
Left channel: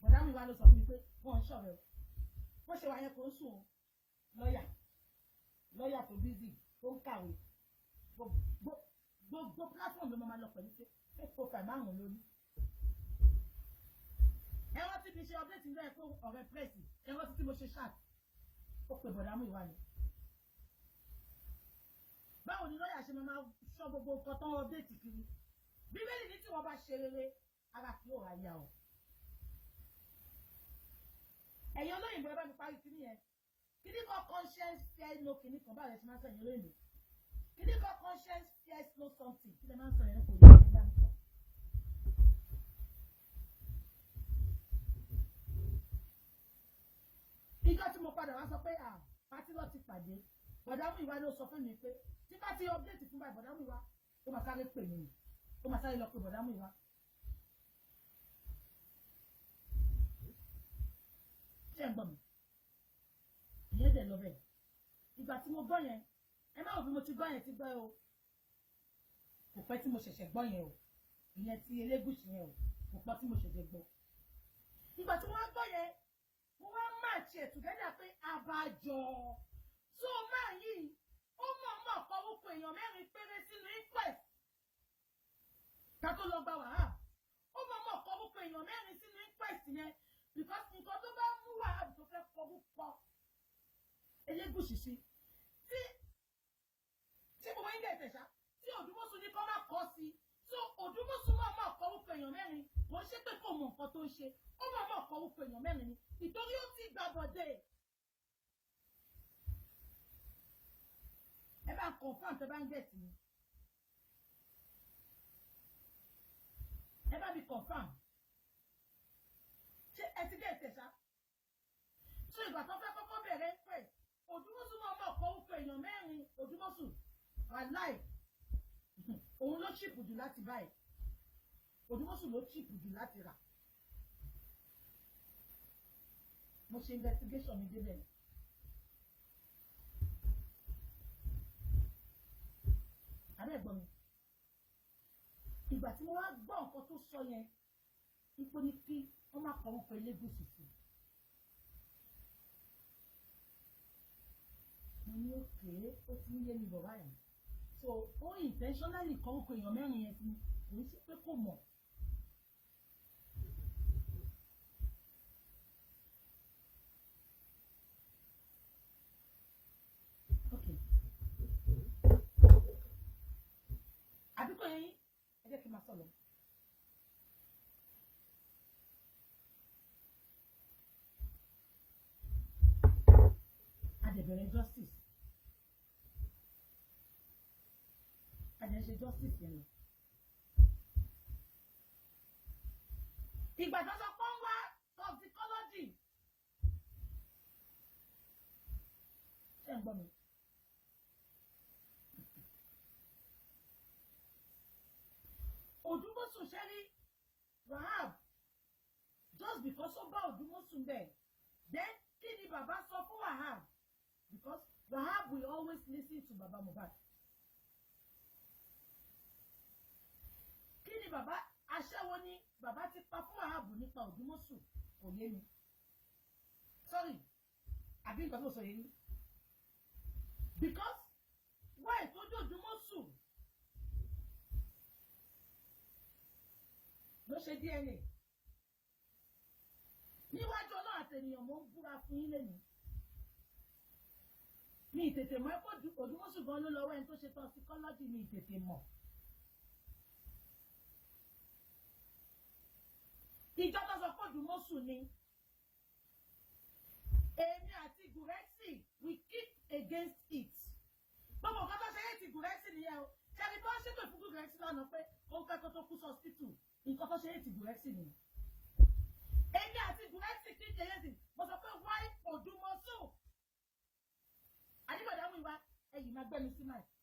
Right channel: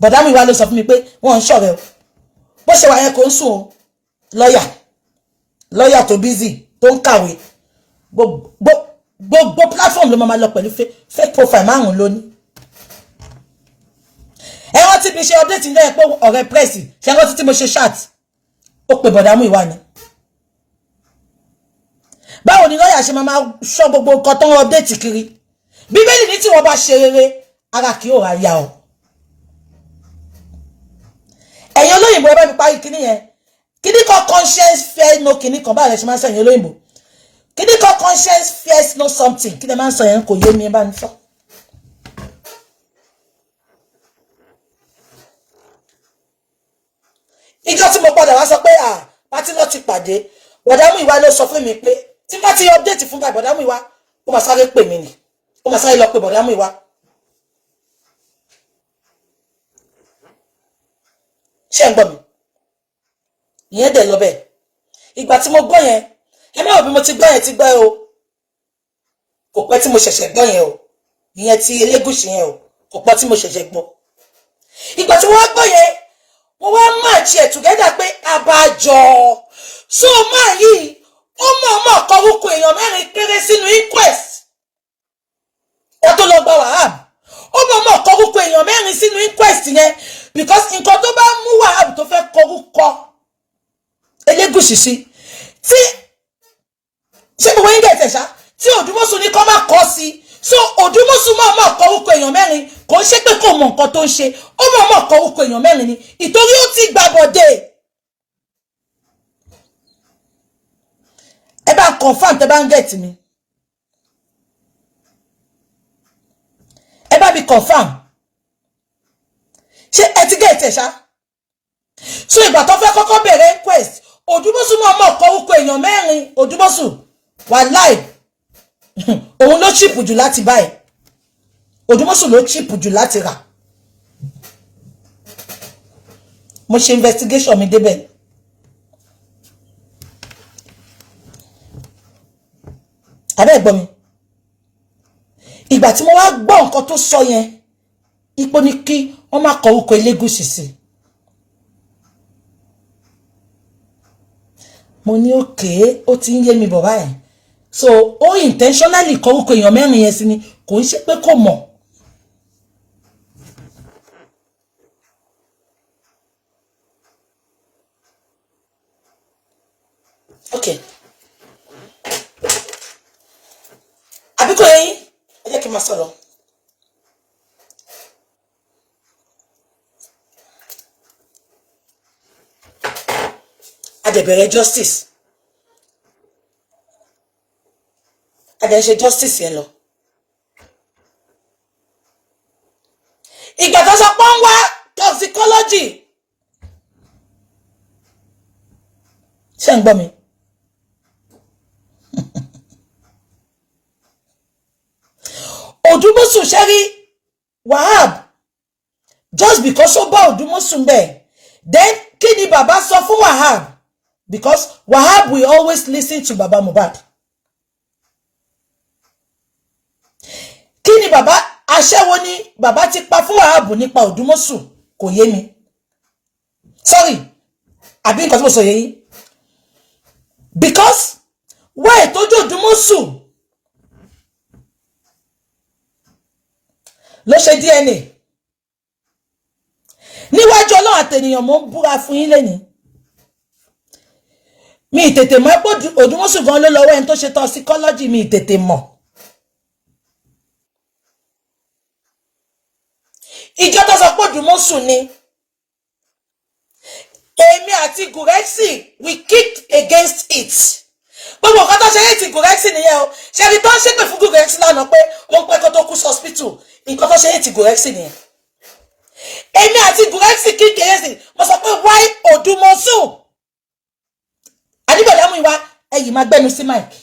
bọ̀dá Muyiwa ló sọ fún mi pé wọ́n ń ṣọ̀rẹ́ o bó ṣe wà yẹn kò ń sùn o lọ́yà tó busy tó ń kàwé gbogbo platform ló máa lọ pẹ̀lú fake profile 5 lónìí ẹ rántí bí ṣe update ní ẹ pé ọ̀rẹ́ press ṣe rántí tí mo ṣe chat ó pè bọ̀dá Muyiwa ni báwo ni lọ́yà ṣe máa ṣọ́ gbogbo nǹkan tó ń update kiri bíbélì ní tí wọ́n bá ṣe rere ara kì ó ra ya o ẹ̀yin olóyìnbó ẹ bá mi parí kíní yẹn kíní kan conscience fear no kíní kan báyìí ṣe máa ń sọ ẹ̀yin olóyìnbó kíní kan conscience fears no something kí lè máa ń sọ yẹn kò yé mi ẹ bá mi sọ. ìjọ tí mo padà wá sọ pé pátí lọ ti pàdé bọ̀dá Muyiwa ló sọ fún mi pé tí bá ti update fún bọ̀dá Muyiwa ó máa sáré pè mí ni ó máa sáré lọ pé bọ̀dá Muyiwa ṣé ń gbọ́ mi ìyẹn dẹ̀ lọ bẹ́ẹ̀ ìgbà tí mo gbọ́ yẹn ẹ má wò bí mo ti gbọ́ yẹn ti gbọ́ o kò pẹ́ tí mo ṣẹ̀ṣẹ̀ gbọ́ yẹn o ìyẹn ti Elégùṣì yẹn o kò pẹ́ tí mo ṣẹ̀ṣẹ̀ gbọ́ ìgbà tí wọ́n gbọ́ yẹn wọ́n wá match ẹ̀ together pé àbájọ so máa yìí ó mọ̀ kọrúkọ èèyàn 4 péré sínú inquest ó tó lọ gba Wahab ó mọ̀ kọrúkọ èèyàn 4 sínú inquest yẹn because nǹkan tó bá mú Wahab tó fẹ́ kọrúkọ Elégùṣì sí tí ṣé gbogbo yín gẹ̀ẹ́tẹ̀ ṣá tí Odumosun ní kọ́ máa kọ́ sí so Odumosun mọ̀ kọrúkọ èèyàn 4 kò ṣe pé kò mọ̀ nǹkan tó ń ṣe ó mọ̀ kọrúkọ èèyàn 4 ni ìtorí ó ti gbàbọ̀dé ẹ bá confirm tẹ bá ń get mi ẹ bá mi confirm ṣé ẹ ti get ẹ ṣá so ìgbà tó fẹ́ kọ́kọ́ bẹ̀rẹ̀ inquest Odumosun mọ̀ kọrúkọ èèyàn 4 Odumosun wà live òun ló cheap jù láti báyìí Odumosun ló cheap jù láti rà mo ṣe investigation mi débẹ̀ abẹ́ gbọ́ mi ìgbà tí mo wá gbọ́ nǹkan tó sọ yẹn ipò ní kí wọ́n má kọ orúkọ Elégùṣì sí mo ní òkè ó ti ń yé mi bọ̀ báyìí so ó intentionally kọ orúkọ èèyàn 4 yẹn sí ni kò ń ṣe pé kò mọ̀ Okay. Àbíkó yín, ẹ jẹ́ kí n máa sọ̀rọ̀. Adẹ̀bẹ̀rẹ̀ justice. Adẹ̀ ṣe justice yẹn lọ. Ìgbà tó sọ pé ń wá toxicology. Ṣé ń gbọ́ mi? Odumosun Sherry Wahab, just because ó bá Odumosun bẹ́ẹ̀, then kí ni bàbá sọ fún Wahab? Because Wahab will always listen to Baba Mohbad. Kí ni bàbá aṣẹ́wó ni bàbá ti pa fún Wahab nípa Odumosun kò yé mi. Sorry, àbí nǹkan tí mo sọ yé yín. Because why tójú Odumosun ló ṣe DNA níwájú Ọlọ́run àtènìyàn mo ń búra fún yín lẹ́ni mi tètè mọ̀ pé Odumosun gan ló lọ́wọ́ ẹni tó ṣe toxicology mi tètè mọ̀ ìjọ tó sọ pé Odumosun ni èmi àti Gurexi we kicked against it gbogbo nǹkan tó ṣe yé ti Gurexi nìyẹn o ṣe rí tó ń ṣépè fún Gurexi lánàá pé ó ń pẹ́ kó tó kú sí hospital nǹkan tó ṣe yé ti Gurexi nìyẹn èmi àti Gurexi kicked against it mo sọ pé why Odumosun Adébọ̀dá Muyiwa ẹ̀yìn máa gbẹ́nu sí mike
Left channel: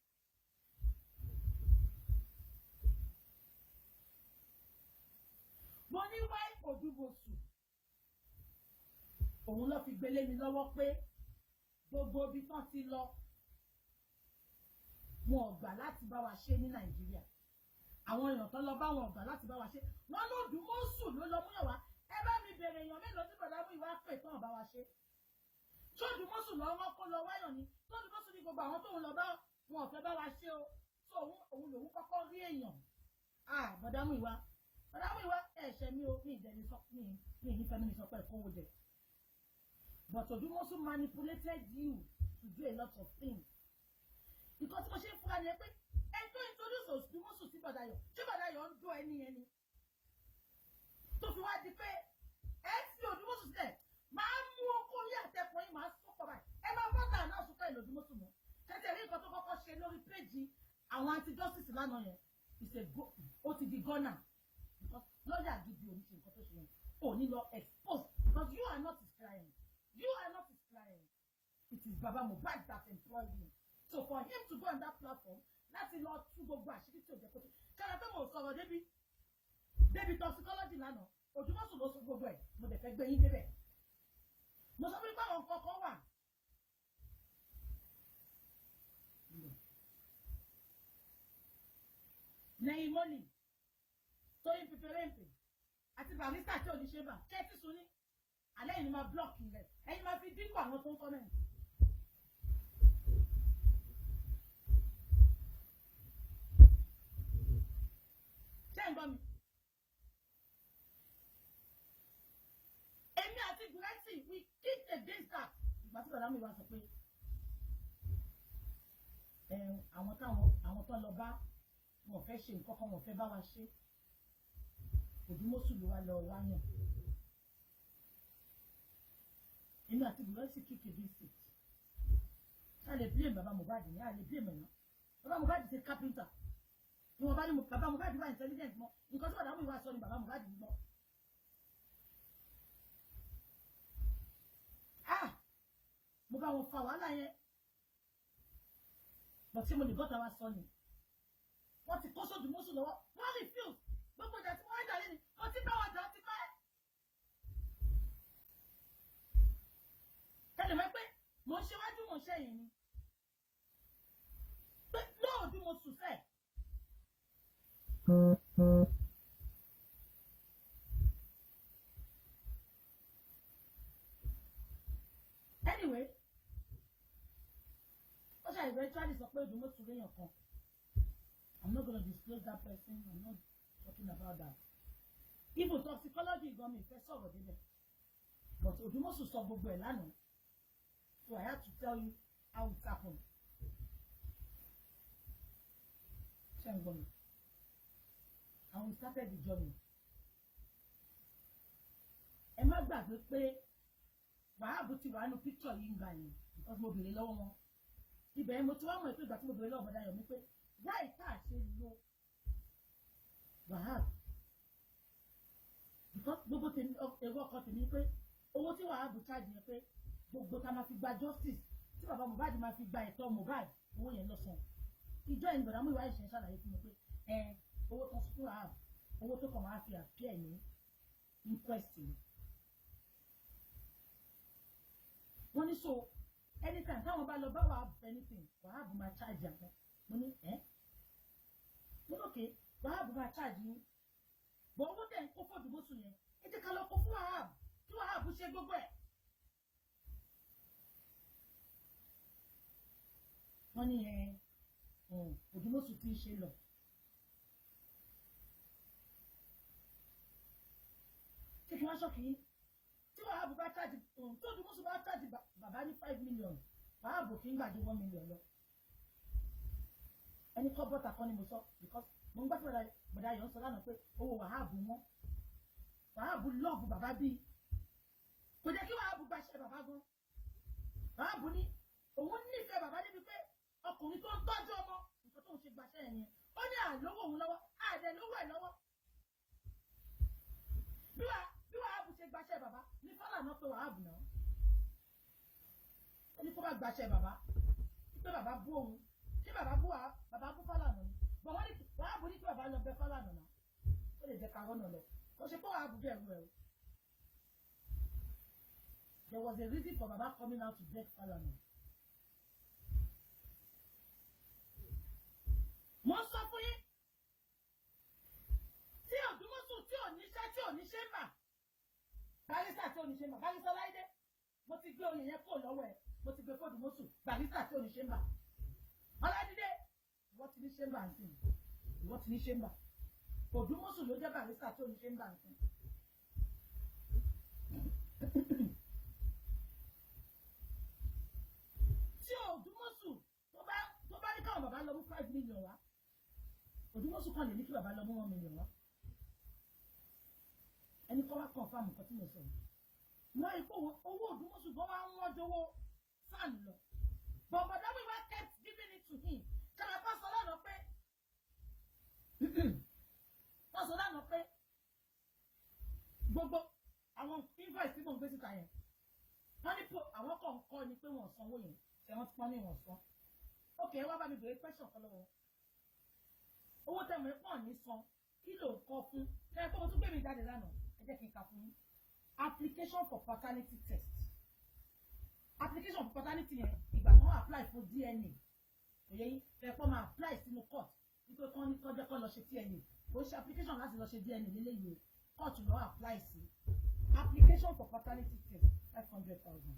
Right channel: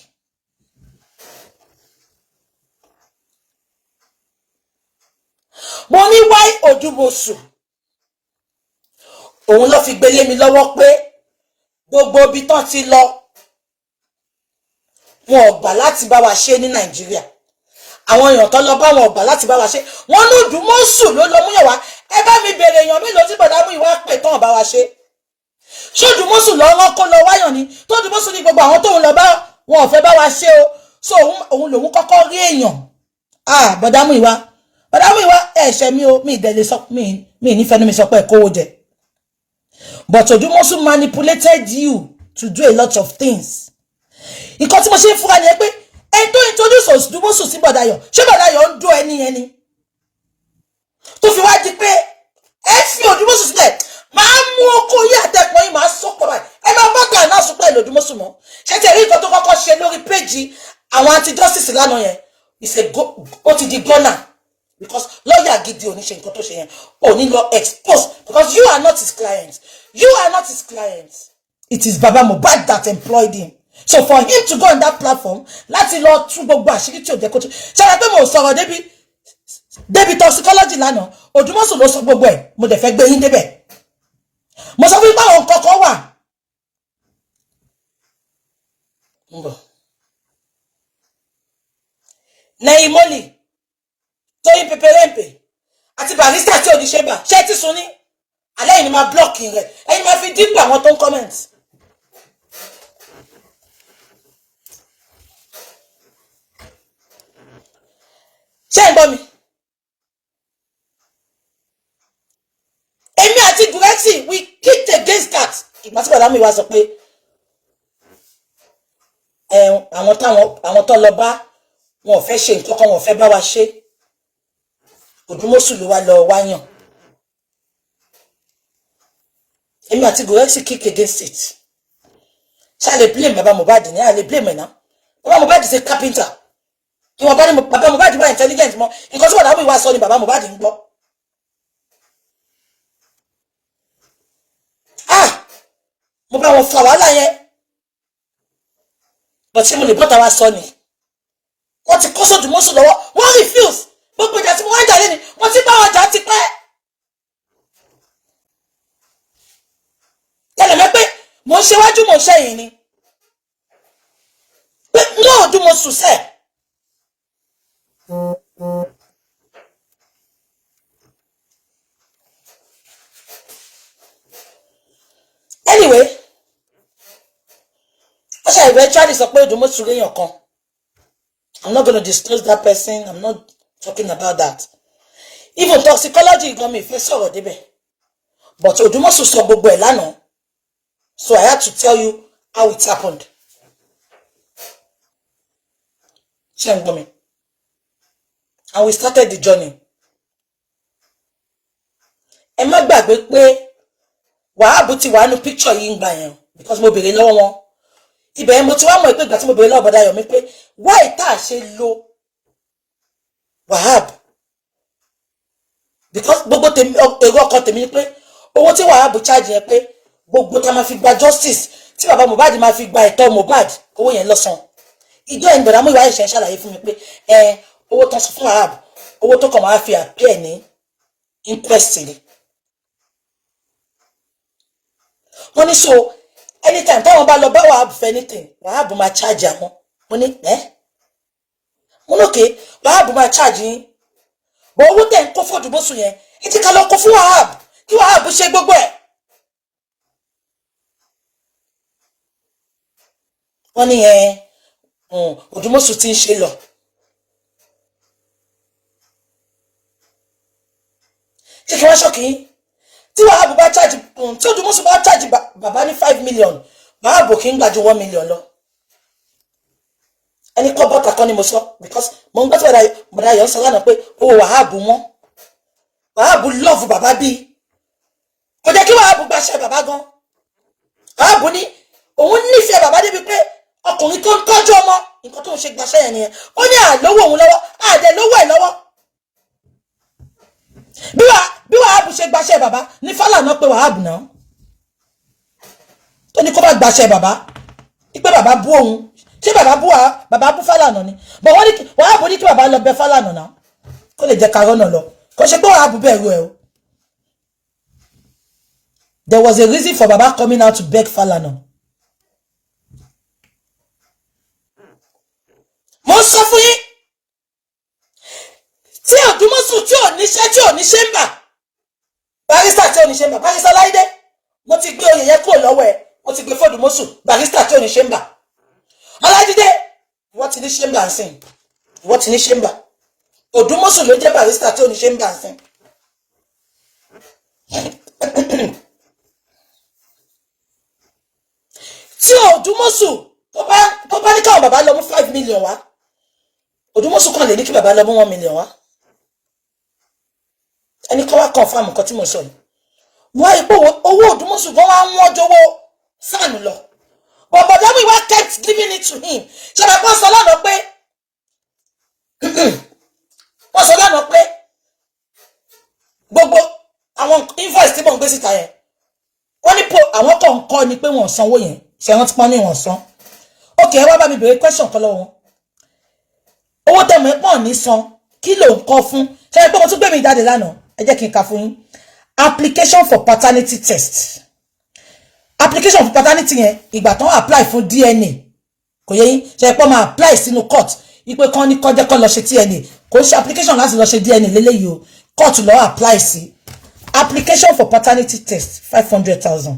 mo ní why Odumosun òun ló fi gbélé mi lọ́wọ́ pé gbogbo ibi tán ti lọ wọn ò gbà láti bá wa ṣe ní Nàìjíríà àwọn èèyàn tó lọ bá wọn ò gbà láti bá wa ṣe wọn ní Odumosun ló lọ múyàn wá ẹ bá mi bèrè èèyàn mélòó tí bọ̀dá Muyiwa pè tán bá wa ṣe ṣé Odumosun lọ rán kó lọ wáyàn ni tó Odumosun ní gbogbo àwọn tóun lọ bá wọn ò fẹ́ bá wa ṣe o so òun lòun kọ́kọ́ rí èèyàn bọ̀dá Muyiwa ẹ̀ṣẹ̀ mi o mi ìdẹ̀lẹ̀ sọ mi nífẹ̀ẹ́ mi sọ pé kówó jẹ. But Odumosun manipulated you to do a lot of things. Nǹkan tí mo ṣe fúnra ni pé ẹni tó introduce Odumosun sí Bọ̀dáyọ̀ ṣé Bọ̀dáyọ̀ ń dó ẹni tó fi wá di pé ẹ fi Odumosun sílẹ̀ máa mú okó yí àtẹ̀pọ̀ yìí máa sọ́pọ̀ báyìí ẹ máa bá gbà náà sọ pé Odumosun mọ́ ṣé tí èrí nǹkan tó kọ́kọ́ ṣe lórí péjì àwọn anti-justice lánàá yẹn ó ti di gọ́nà because lawyer gidi ò ní ṣe nǹkan tó ṣe yẹn ò ní lọ expose because you are not his client. You are not his client. It is Baba Mohbad that employed him. So for him to go on that platform, láti lọ tú gbogbo àṣírí tí ò jẹ́ kó tú. Ṣé pé mo sọ̀rọ̀ débi toxicology lánàá, Odumosun ló sọ gbogbo ẹ̀, mo dẹ̀ fẹ́ gbé yín débẹ̀. Mo sọ fún báwọn kọ̀ọ̀kan wà. Lẹ́yìn mọ́lì, Tóyìn Pẹpẹrẹ́ǹpẹ̀, àti Barrister tí ò ní ṣe bà, ṣé ti sùn ní? Alẹ́ yìí ni máa blọ́ọ̀kì rẹ̀ ẹ̀yin máa fi dípò àwọn tó ń comment. Ṣé ẹ gbọ́ mi? Èmi àti Gurexi we kicked against that. Ìgbà tí bàbá mi wá sọ pé àwọn tó lọ bá wọn ò fẹ́ ṣe nǹkan kan wọn ò fẹ́ bá wa ṣe. Odumosun ló wá lọ wáyàn. Èmi àti Gurexi kick against it. Ṣá lè blame Baba Mohbad ni, a lè blame ẹ̀ náà. Baba Mohbad is a carpenter. Ìwọ̀n bá ní Baba Mohbad wá intelligent mọ́. Nǹkan tí Bọ̀dá Muyiwa sọ ni Baba Mohbad ń gbọ́. Mo bá wọn fa wàhálà yẹn. But ṣé mo lè bọ́ta wá sọ ni? Wọ́n ti kó Odumosun lọ́wọ́. Wọ́n refuse. Gbogbo ìjà tí mo wá ń jà lé ni wọ́n ti bá wọn jà ti pẹ́. Tẹ́lẹ̀ pé mo ṣe wájú mo ṣe yìí ni pé náà Odumosun sẹ́ anyway ó ṣe eventually sọ pé Odumosun léèyàn kan I'm not going to disclose that person. I'm not talking about that. Even toxicology gan mi fẹ́ sọ̀rọ̀ débẹ̀ but Odumosun sọ gbogbo ẹ̀ lánàá. So I had to tell you how it happened. Chengbomi. And we started the journey. Ẹ má gbàgbé pé Wahab ti wà nínú picture yìí ńgbà yẹn because mo béèrè lọ́wọ́ wọn. Ibẹ̀ yẹn mo ti wá mọ̀ pé ìgbà tí mo béèrè lọ́wọ́ bọ̀dá Yomi pé why tá ṣe lo Wahab? Because gbogbo tèmi èrò ọkàn tèmi ni pé owó tí Wahab charge yẹn pé gbogbo tá máa fi gba justice tí bàbá Mohbad máa fi gba ẹ̀tọ́ Mohbad owó yẹn lọ́sàn. Ìjọ ẹni bọ̀dá Muyiwa ṣe ń ṣàlàyé fún mi pé owó tán sọ fún Wahab owó tó kàn máa fi appear ní inquest ni. Wọ́n ní so anytime táwọn bá lọ bá Wahab for anything Wahab máa charge àwọn. Mo ní mo ní okay Wahab máa charge yín bọ̀ owó tẹ̀ ń kó fún Odumosun yẹn ẹ ti ká lọ kó fún Wahab kí Wahab ṣe gbogbo ẹ̀. Wọ́n ní Odumosun ti ń ṣe lọ. Ṣé kí wọ́n ṣọ́kì tí Wahab bá charge tí Odumosun bá charge bàbá ní 5 million Wahab kì í gbà ju 1 million lọ. Ẹni kọ́ bọ́ta kan ni mo sọ because mo ń gbọ́ tí bọ̀dá yọ̀ ń sọ lánàá pé owó Wahab wọn Wahab love bàbá bí kò jẹ́ kí Wahab gbàṣẹ bàbá gan. Wahab ní òun nífẹ̀ẹ́ bàbá débi pé ọkùnrin tó ń tọ́jú ọmọ nǹkan tó ń ṣe gbàṣẹ yẹn nìyẹn. Ó ní àlówó òun lọ́wọ́ àdẹ lówó ẹ̀ lọ́wọ́. Bí Wahab ṣe gbàṣẹ bàbá ní Fálànà pé Wahab náà tó ní kó bá gbàṣẹ bàbá ìpé bàbá bú òun ṣé bàbá bú Fálànà ni bọ̀ wọ́n ní Wahab ní kí bàbá lọ bẹ Fálànà náà kó lè jẹ́ karọ́nà lọ kò ṣe pé Wahab bẹ̀rù ẹ̀ o. There was a reason for baba coming out to beg Fálànà. Mo sọ fún yín tí Odumosun tí ò níṣẹ́ ń bà barrister tí ò níṣẹ́ ń bà barrister Láìdé mo ti gbé oyè yẹn kúrò lọ́wọ́ ẹ̀ mo ti gbé fún Odumosun barrister tí ò níṣẹ́ ń bà Ọlájídé ìwọ ti níṣẹ́ ń bà nsìn ìwọ ti níṣẹ́ ń bà Odumosun ló jẹ́ barrister tí ò níṣẹ́ ń bà nsìn. Tí Odumosun tó bá ní káwọn bàbá lọ mú 5 million wá Odumosun kan lè ní kí bàbá lọ mú 1 million wá. Ẹni kọ́ wá confirm nǹkan tí mo sọ yìí. Wọ́n ipò owó Odumosun gan wá wọ́n jọ̀wọ́ sànù lọ. But bọ̀dá Muyiwa kept giving it to him. Ṣé bàbá sọ lánàá pé wọ́n sọ lánàá pé gbogbo àwọn invoice tí mò ń gbé síta yẹn wọ́n ní àwọn kan kọ́ ni pé wọ́n sanwó yẹn ṣe wọ́n ti pọ́n ní wọ́n san. Okay, ẹ wá bá mi béèrè question kan lọ́wọ́ wọn. Owó tẹ̀mọ̀ ẹ̀ pọ̀ ní san kí ló ń kọ́ fún ṣe pé mo tún gbé mi jáde lánàá ẹ jẹ́ kí n ka fún yín. Application for paternity test. Application for paternity yẹn ìgbà tán apply fún DNA kò yẹ yín ṣe pé máa apply sínú court ipe kan ní kọjá kan lọ ṣe DNA kò ṣe application láti lọ ṣe DNA lélẹ́yìí o court lọ apply sí. Application for paternity test 500,000.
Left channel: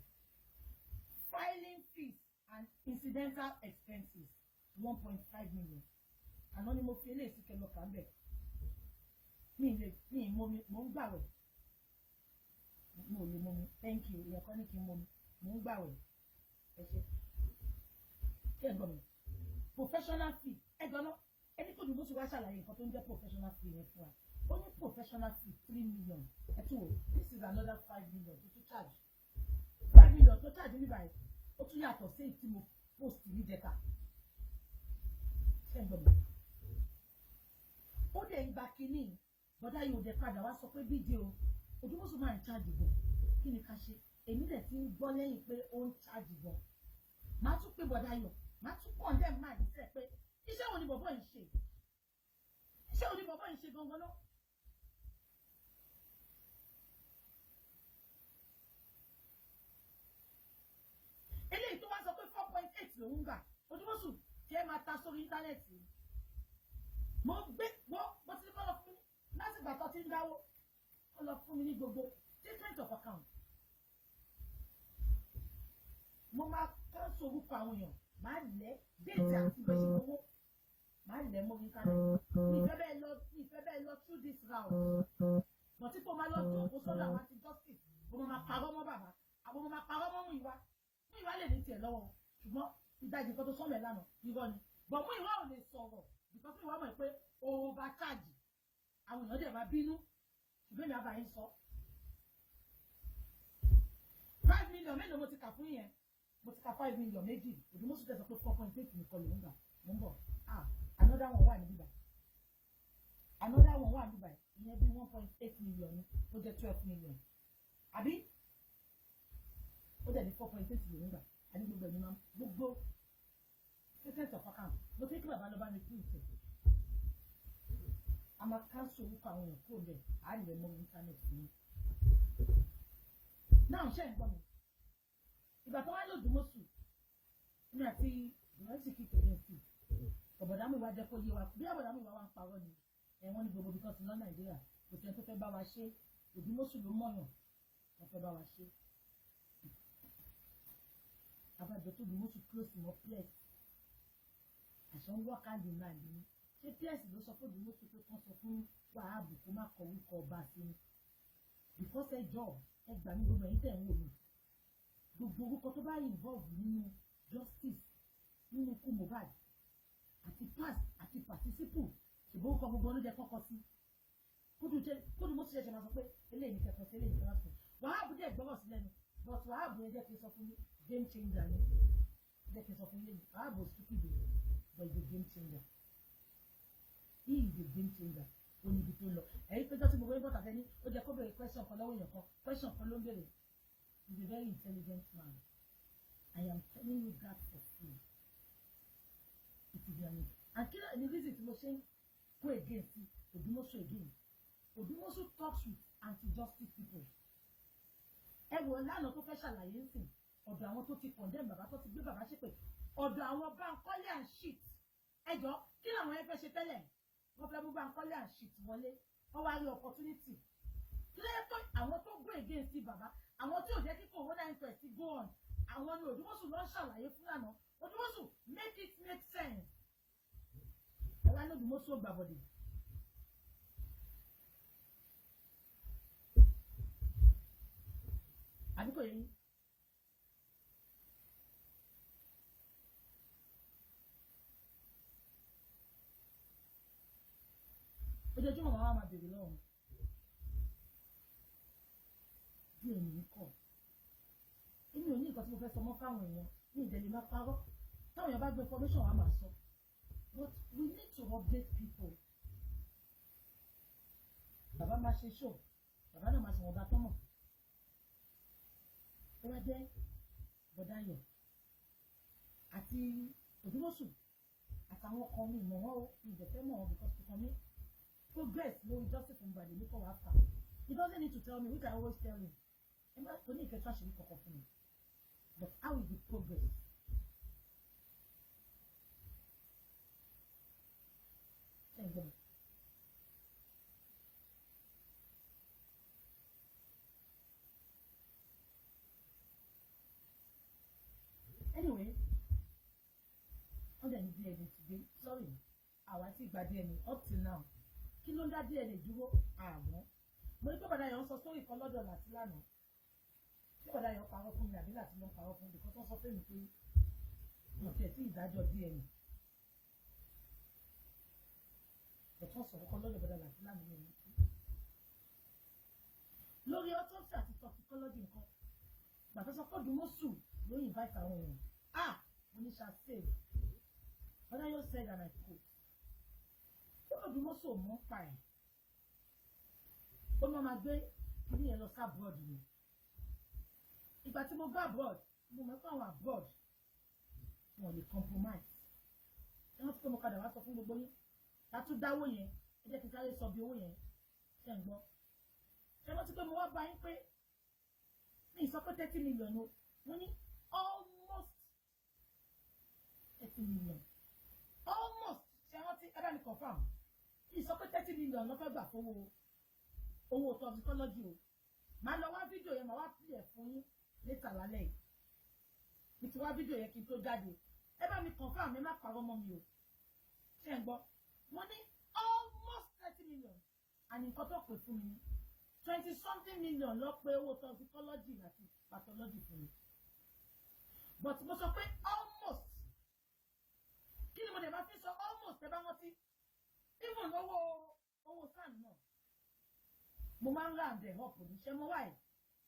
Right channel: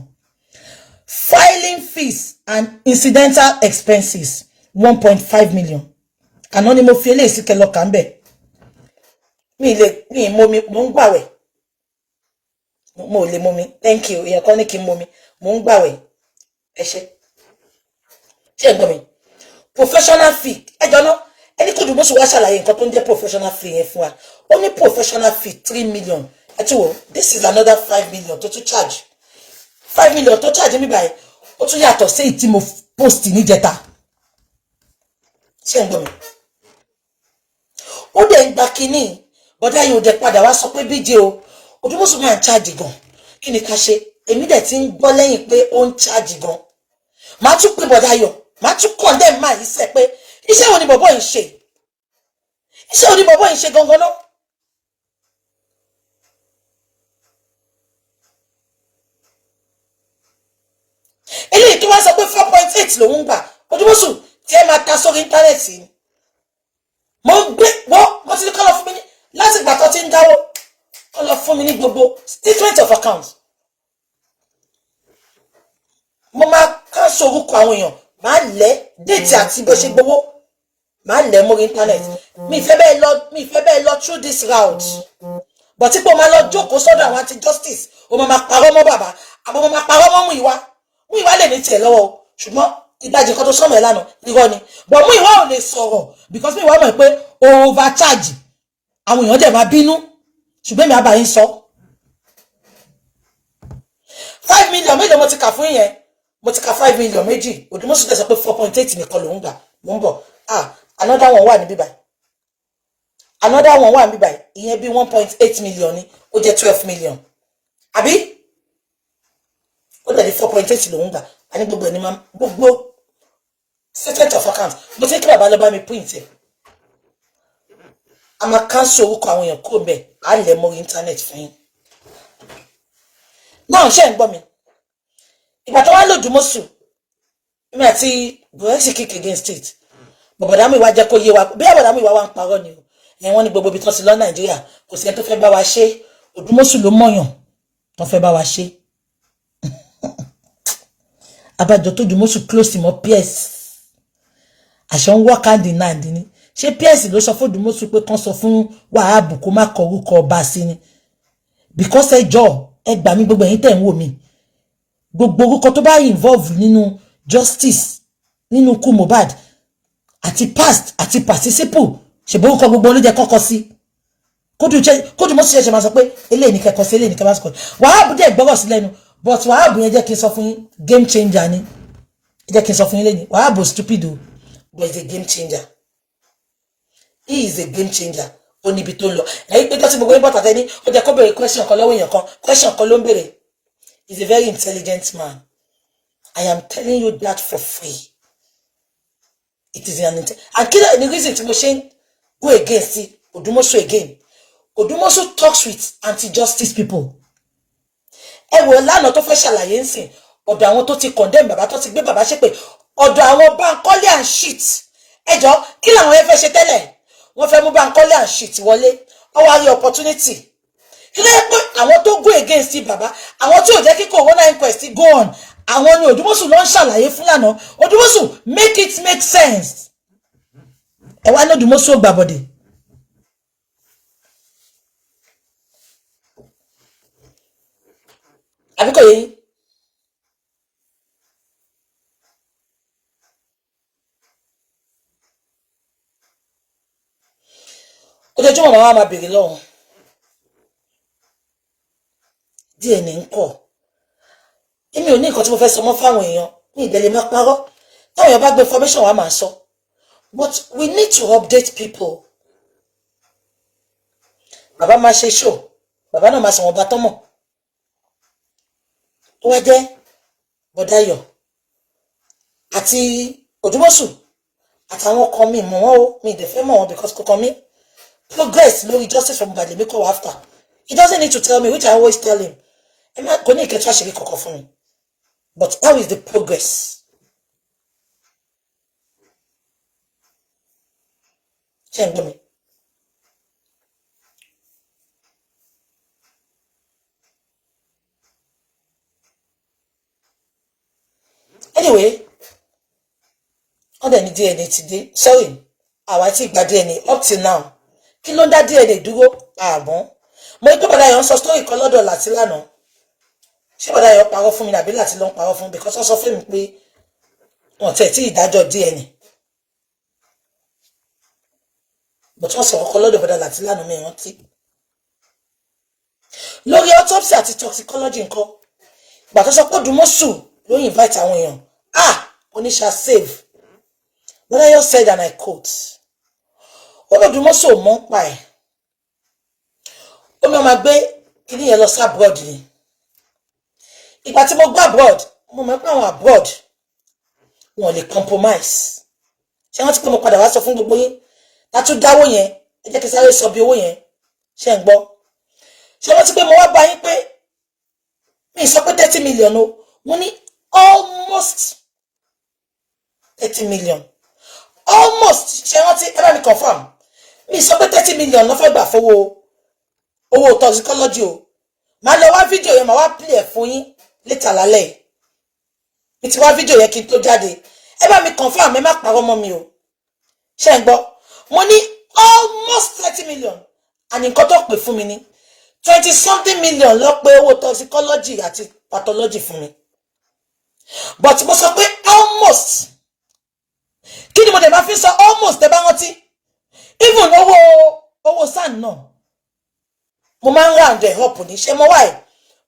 Filing fees and incidental expenses 1.5 million. Anonymous fele si kelo kanbe. Mi mo ń gbàwẹ̀. Mo lè momi. Thank you. Èyàn kan ní kí momi. Mo ń gbàwẹ̀. Ẹ ṣé. Ṣé gbọ́ mi. Professional fee. Ẹ jọ̀ọ́ ná. Ẹni kò dùn bó ṣe wá ṣàlàyé nǹkan tó ń jẹ́ professional fee yẹn fún wa. Ó ní professional fee 3 million. Ẹ tún wò. This is another 5 million to charge. 5 million to charge mi báyìí. Ó tún yàtọ̀ sí tí mo post ní jẹta. Ṣé ń gbọ́ mi. Ó dẹ̀ ń gba kíní. Bọ̀dá yìí ò dẹ̀ padà wá sọ pé BJ o. Odumosun máa ń charge gan. Kí ni ká ṣe? Èmi dẹ̀ ti ń gbọ́ lẹ́yìn pé ó ń charge gan. Màá tún pè bọ̀dá yọ. Màá tún condemn máa yìí sẹ́ pé iṣẹ́ wo ni bọ̀bọ́ yìí ṣe? Iṣẹ́ wo ni bọ̀bọ́ yìí ṣe gangan náà? Eléyìí tó wá sọ pé 4.8 lòun gbà. Odumosun tí ẹ máa ta sórí íńtánẹ́ẹ̀tì ni. Mo gbé wọ́n ti ní kọ́ lọ fún mi ní láti ìgbà tó ti ń dáwó. Kọ́ lọ fún mi ní gbogbo statement of account. Mo máa ká sorúkọ àwọn èèyàn. Màá lẹ̀ déètì àti bó ṣe gbowó. Màá lẹ̀ mórí íńtánẹ́ẹ̀tì. Mi ìfẹ́ bẹ́ẹ̀ lọ through this route. But tí kò máa lọ jókòó sọ́dọ̀ àwọn anti justice. O máa parọ́ mọ́ bàbá. Àbọ̀ mo máa parọ́ mọ́ Muyiwa. Muyiwa lè ní tiẹ̀ lọ́wọ́ o. Ṣùgbọ́n ìdajì kan tó sọmọ ẹ lánàá irọ́ ni but Muyiwa ò lè sọ̀rọ̀ because Muyiwa mọ̀ pé overcharge àwọn èèyàn dẹ̀ máa bínú ṣùgbọ́n mi àbá yín sọ 5 million méjì mo ti kà fún yẹn mo ti kà 5 million méjì Odumosun tẹ̀ sọ pé 4.8 nìkan lòún gbà mo ń bọ̀ another one wà níbí báyìí another one wà níbí báyìí ìyẹn bí 1.8 million ni ó jẹ́ 12 million àbí ó dẹ̀ di 4.8 lòún gbà a ní gbogbo ẹni máa gbogbo statement of account mo ti kí bàbá lọ bá mi print ẹ̀ a máa cancel orúkọ àwọn èèyàn kúrò bẹ́ẹ̀ á lẹ̀ mọ́ internet fún yín náà ṣe ń gbọ́ mi ìgbà tó wá l'Odumosun mi àti Buhari kick against it bọ̀bọ̀dá Muyiwa jẹ́ kó yé wa bí àbọ̀dá Muyiwa wá ń parọ́ ni o wọ́n ní gbogbo ibi tó ti lọ Nàìjíríà kò sí ẹni tó fẹ́ bá wa ṣe Odumosun ló mọ̀yàn tó fẹ́ bá wa ṣe abájọ tó Odumosun close mọ́ PS àṣọ ń work hand in hand ni ṣé PS ló sọ fún Odumosun pé kán sọ fún Wahab kó má kọ orúkọ ọba sí ni because ẹjọ́ ẹ gbà mí gbogbo ẹ̀yin tẹ̀ ń wò mí gbogbo orúkọ tó bá involve nínú justice nínú ikú Mohbad àti past àti participle ṣèbó orúkọ gbogbo ló jẹ́ kọ́kọ́ sí kódù Odumosun ṣe máa sọ pé eléyìí ní kẹ́kọ̀ọ́ sí eléyìí ní kẹ́kọ̀ọ́ sí Wahab dẹ̀ gbọ́rọ̀ sí lẹ́nu but Wahab yẹn jẹ́ kí n sọ fún yín game changer ni jẹ́ kí n sọ fún yín lẹ́yìn Wahab stupid o but he's a game changer he is a game changer ó níbi tó lọ ẹ̀yin pé tọ́sí gbogbo yín bọ́tà tẹ́ni ó jẹ́ kó béèrè question kan lọ́wọ́ èèyàn kan question kan ló ń béèrè he's a very intelligent man I am telling you that for free it is an and kí ni reason tí mo ṣe ń go against Odumosun again Odumosun talks with anti-justice people ẹ wò lánàá tó fẹ́ ṣàlàyé ń sìn ọ̀dọ̀ àwọn tó ti condemn bàbá tó ti gbé bàbá ṣépè ọ̀dọ̀ àwọn Bankole and shit ẹjọ́ kí làwọn ẹ fẹ́ ṣe tẹ́lẹ̀ wọ́n fẹ́ mú Bankole and shit wọlé wọ́n wá rí opportunity kí ló yẹ pé àwọn tó go against bàbá àwọn tí ò jẹ́ kí corona inquest go on àwọn ni Odumosun ló ń ṣàlàyé fún lánàá Odumosun make it make sense ẹ wá ní Odumosun gbàbọ̀dẹ̀ àbíkọ̀ yẹn ojoojúmọ́ màmá máa bèrè lọ́hùn DNA ń kọ̀ èmi ò ní nǹkan tí mo fẹ́ sọ mọ́ fáwọn èèyàn ní ìdẹ́lẹ̀ máa parọ́ táwọn èèyàn bá gbé information wa máa sọ but we need to update people bàbá máa ṣe show bàbá náà máa sọ wọn bá tọ́mọ̀ tó wá jẹ́ Bọ̀dáyọ̀ àti Odumosun àtàwọn kan mi mọ̀ wọ́n o mi ìdẹ̀fẹ́ mọ̀ wọn because kò kàn mí progress lórí justice from Mohbad lèmi kọ́ after he doesn't need to tell me which I always tell him ẹ má kò ní ìkẹtù àṣírí kọ̀ọ̀kan fún mi but how is the progress ṣé ń gbọ́ mi anyway wọ́n dẹ̀ ní DNA ti dé sorry àwa tí ìgbà DNA up till now kí ló ń dá DNA dúró àmọ́ mo ní pé Bọ̀dáyọ̀ ń sọ story kan lọ́dọ̀ láti lánàá ṣé Bọ̀dáyọ̀ parọ́ fún mi nàbí láti ló ń parọ́ fún mi because wọ́n sọ fún mi pé wọ́n tẹ̀ tí ìdájọ́ DNA but wọ́n sọ kọ́kọ́ lọ́dọ̀ Bọ̀dáyọ̀ láti lánàá mi rántí lórí autopsy àti toxicology nǹkan ìgbà tó sọ pé Odumosun ló invite àwọn èèyàn oníṣà save Bọ̀dáyọ̀ said and I quote Odumosun mọ́ pa ẹ̀ ó ní ọmọ gbé kíní yẹn lọ sí abroad ni ìgbà tí mo gbọ́ abroad mo mọ̀ pé àwọn abroad wọn lè compromise ṣé wọ́n ti pé mo padà wá sọ fún gbogbo yín látú dáwó yẹn ẹ jẹ́ kí sáré sọ bí owó yẹn ṣe ń gbọ́ ṣé wọ́n ti pé mo wá bá yín pé mi sọ pé 30 million o mo ní almost 30 million almost ṣé wọ́n ti ẹ bá mi confirm mi sọ pé 30 million ló fẹ́ gbà fowó owó toxicology o máa lọ wá fídíò yẹn máa wá play ẹ̀ fún yín létà lálẹ́ mi ti wá fídíò yẹn kí n tó jáde ẹ bá mi confirm ẹ má parọ́ mọ́ mi o ṣé ń gbọ́ mo ní almost 30 million àní nǹkan tó pè fún mi ní 20 something million ló pé owó toxicology àti pathology fún mi but mo sọ pé almost kí ni mo dẹ̀ máa fi sọ almost ẹ bá rántí even owó SAN náà mo máa ń round ẹ̀ up ní ṣe mo why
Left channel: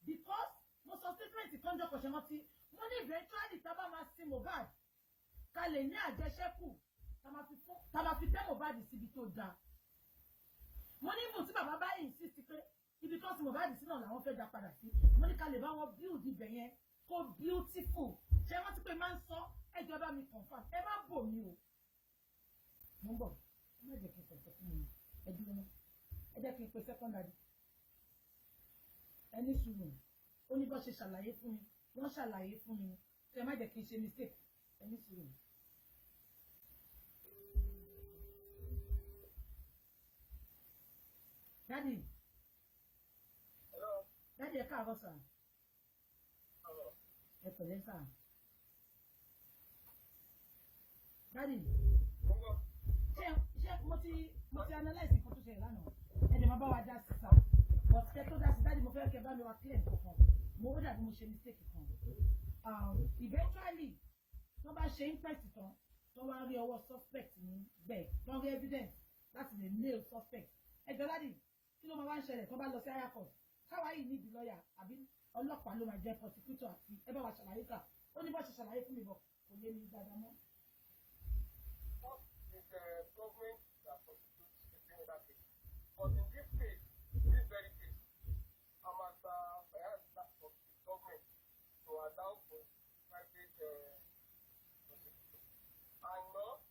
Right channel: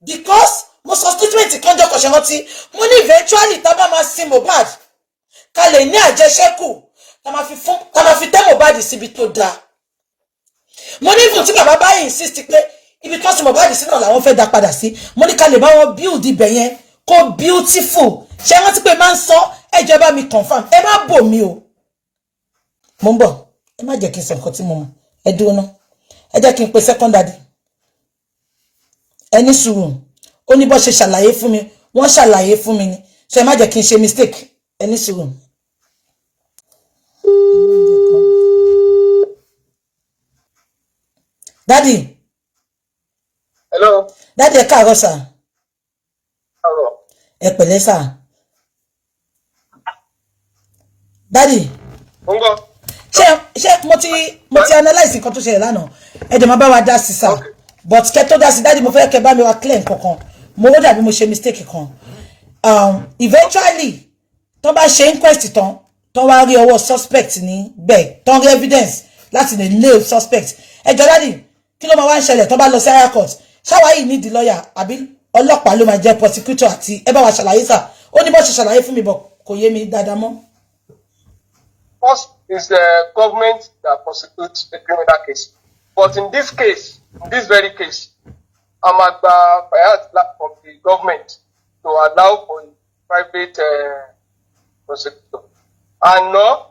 because mo sọ statement kan jọ kò ṣe rántí mo ní eventually tá bá máa sin Mohbad ká lè ní àjẹṣẹ́kù tá máa fi tẹ́ Mohbad síbi tó dáa mo ní fún tí bàbá bá insist pé ibi tó sin Mohbad sí náà làwọn fẹ́ dá padà sí mo ní ká lè bá wọn build ibẹ̀ yẹn kó beautiful ṣé rántí pé máa ń sọ ẹjọ́ bá mi confirm ẹ má bò mí o mo ń bọ̀ ẹ má jẹ́ kí n sọ nǹkan tí mo mọ̀ ẹ dúró ná ẹ jẹ́ kí n pe second daddy ẹni sùúrù ó ní bó ṣe ṣàlàyé fún mi wọ́n ṣàlàyé fún mi ni so ẹ má jẹ́ kí n ṣe mistake ẹni sùúrù. Daddy. Hello. Daddy, ẹ káàárọ̀ sà. Káàárọ̀. Ẹ pẹ̀lẹ́ sà. Daddy. Ngo. Ṣé mo ti analyze nǹkan tó ṣẹlẹ̀ lánàá. Ẹ dẹ̀ máa bá wa dá sí sà. But kẹ́ tó dá sí Daddy mo fẹ́ kẹ́ bá mi wá clear nǹkan kan. Mo wò dàbí mo ṣe mistake kan. Eventually tó bá ṣe inquest tán tó wá rí ọwọ́ suspect ní bẹ́ẹ̀ tó rí evidence láti lè nail suspect. Ẹ jọ̀ọ́ Daddy kí ló máa wá ń ṣẹlẹ̀ tó bá lọ sí higher court ṣáwa yìí nídìí lọ́ọ̀yà àbí ọlọ́pàá ló máa jẹ́ prosecutor àti ẹ bá wa ṣàlàyé sà ó ní bó ṣe ṣàlàyé fún mi bọ̀ kò yé mi dáadáa mọ́. First is the government that prosecutes a criminal case, but in this case, in this very case, I'm at the from the government to allow for a private prosecutor. And no,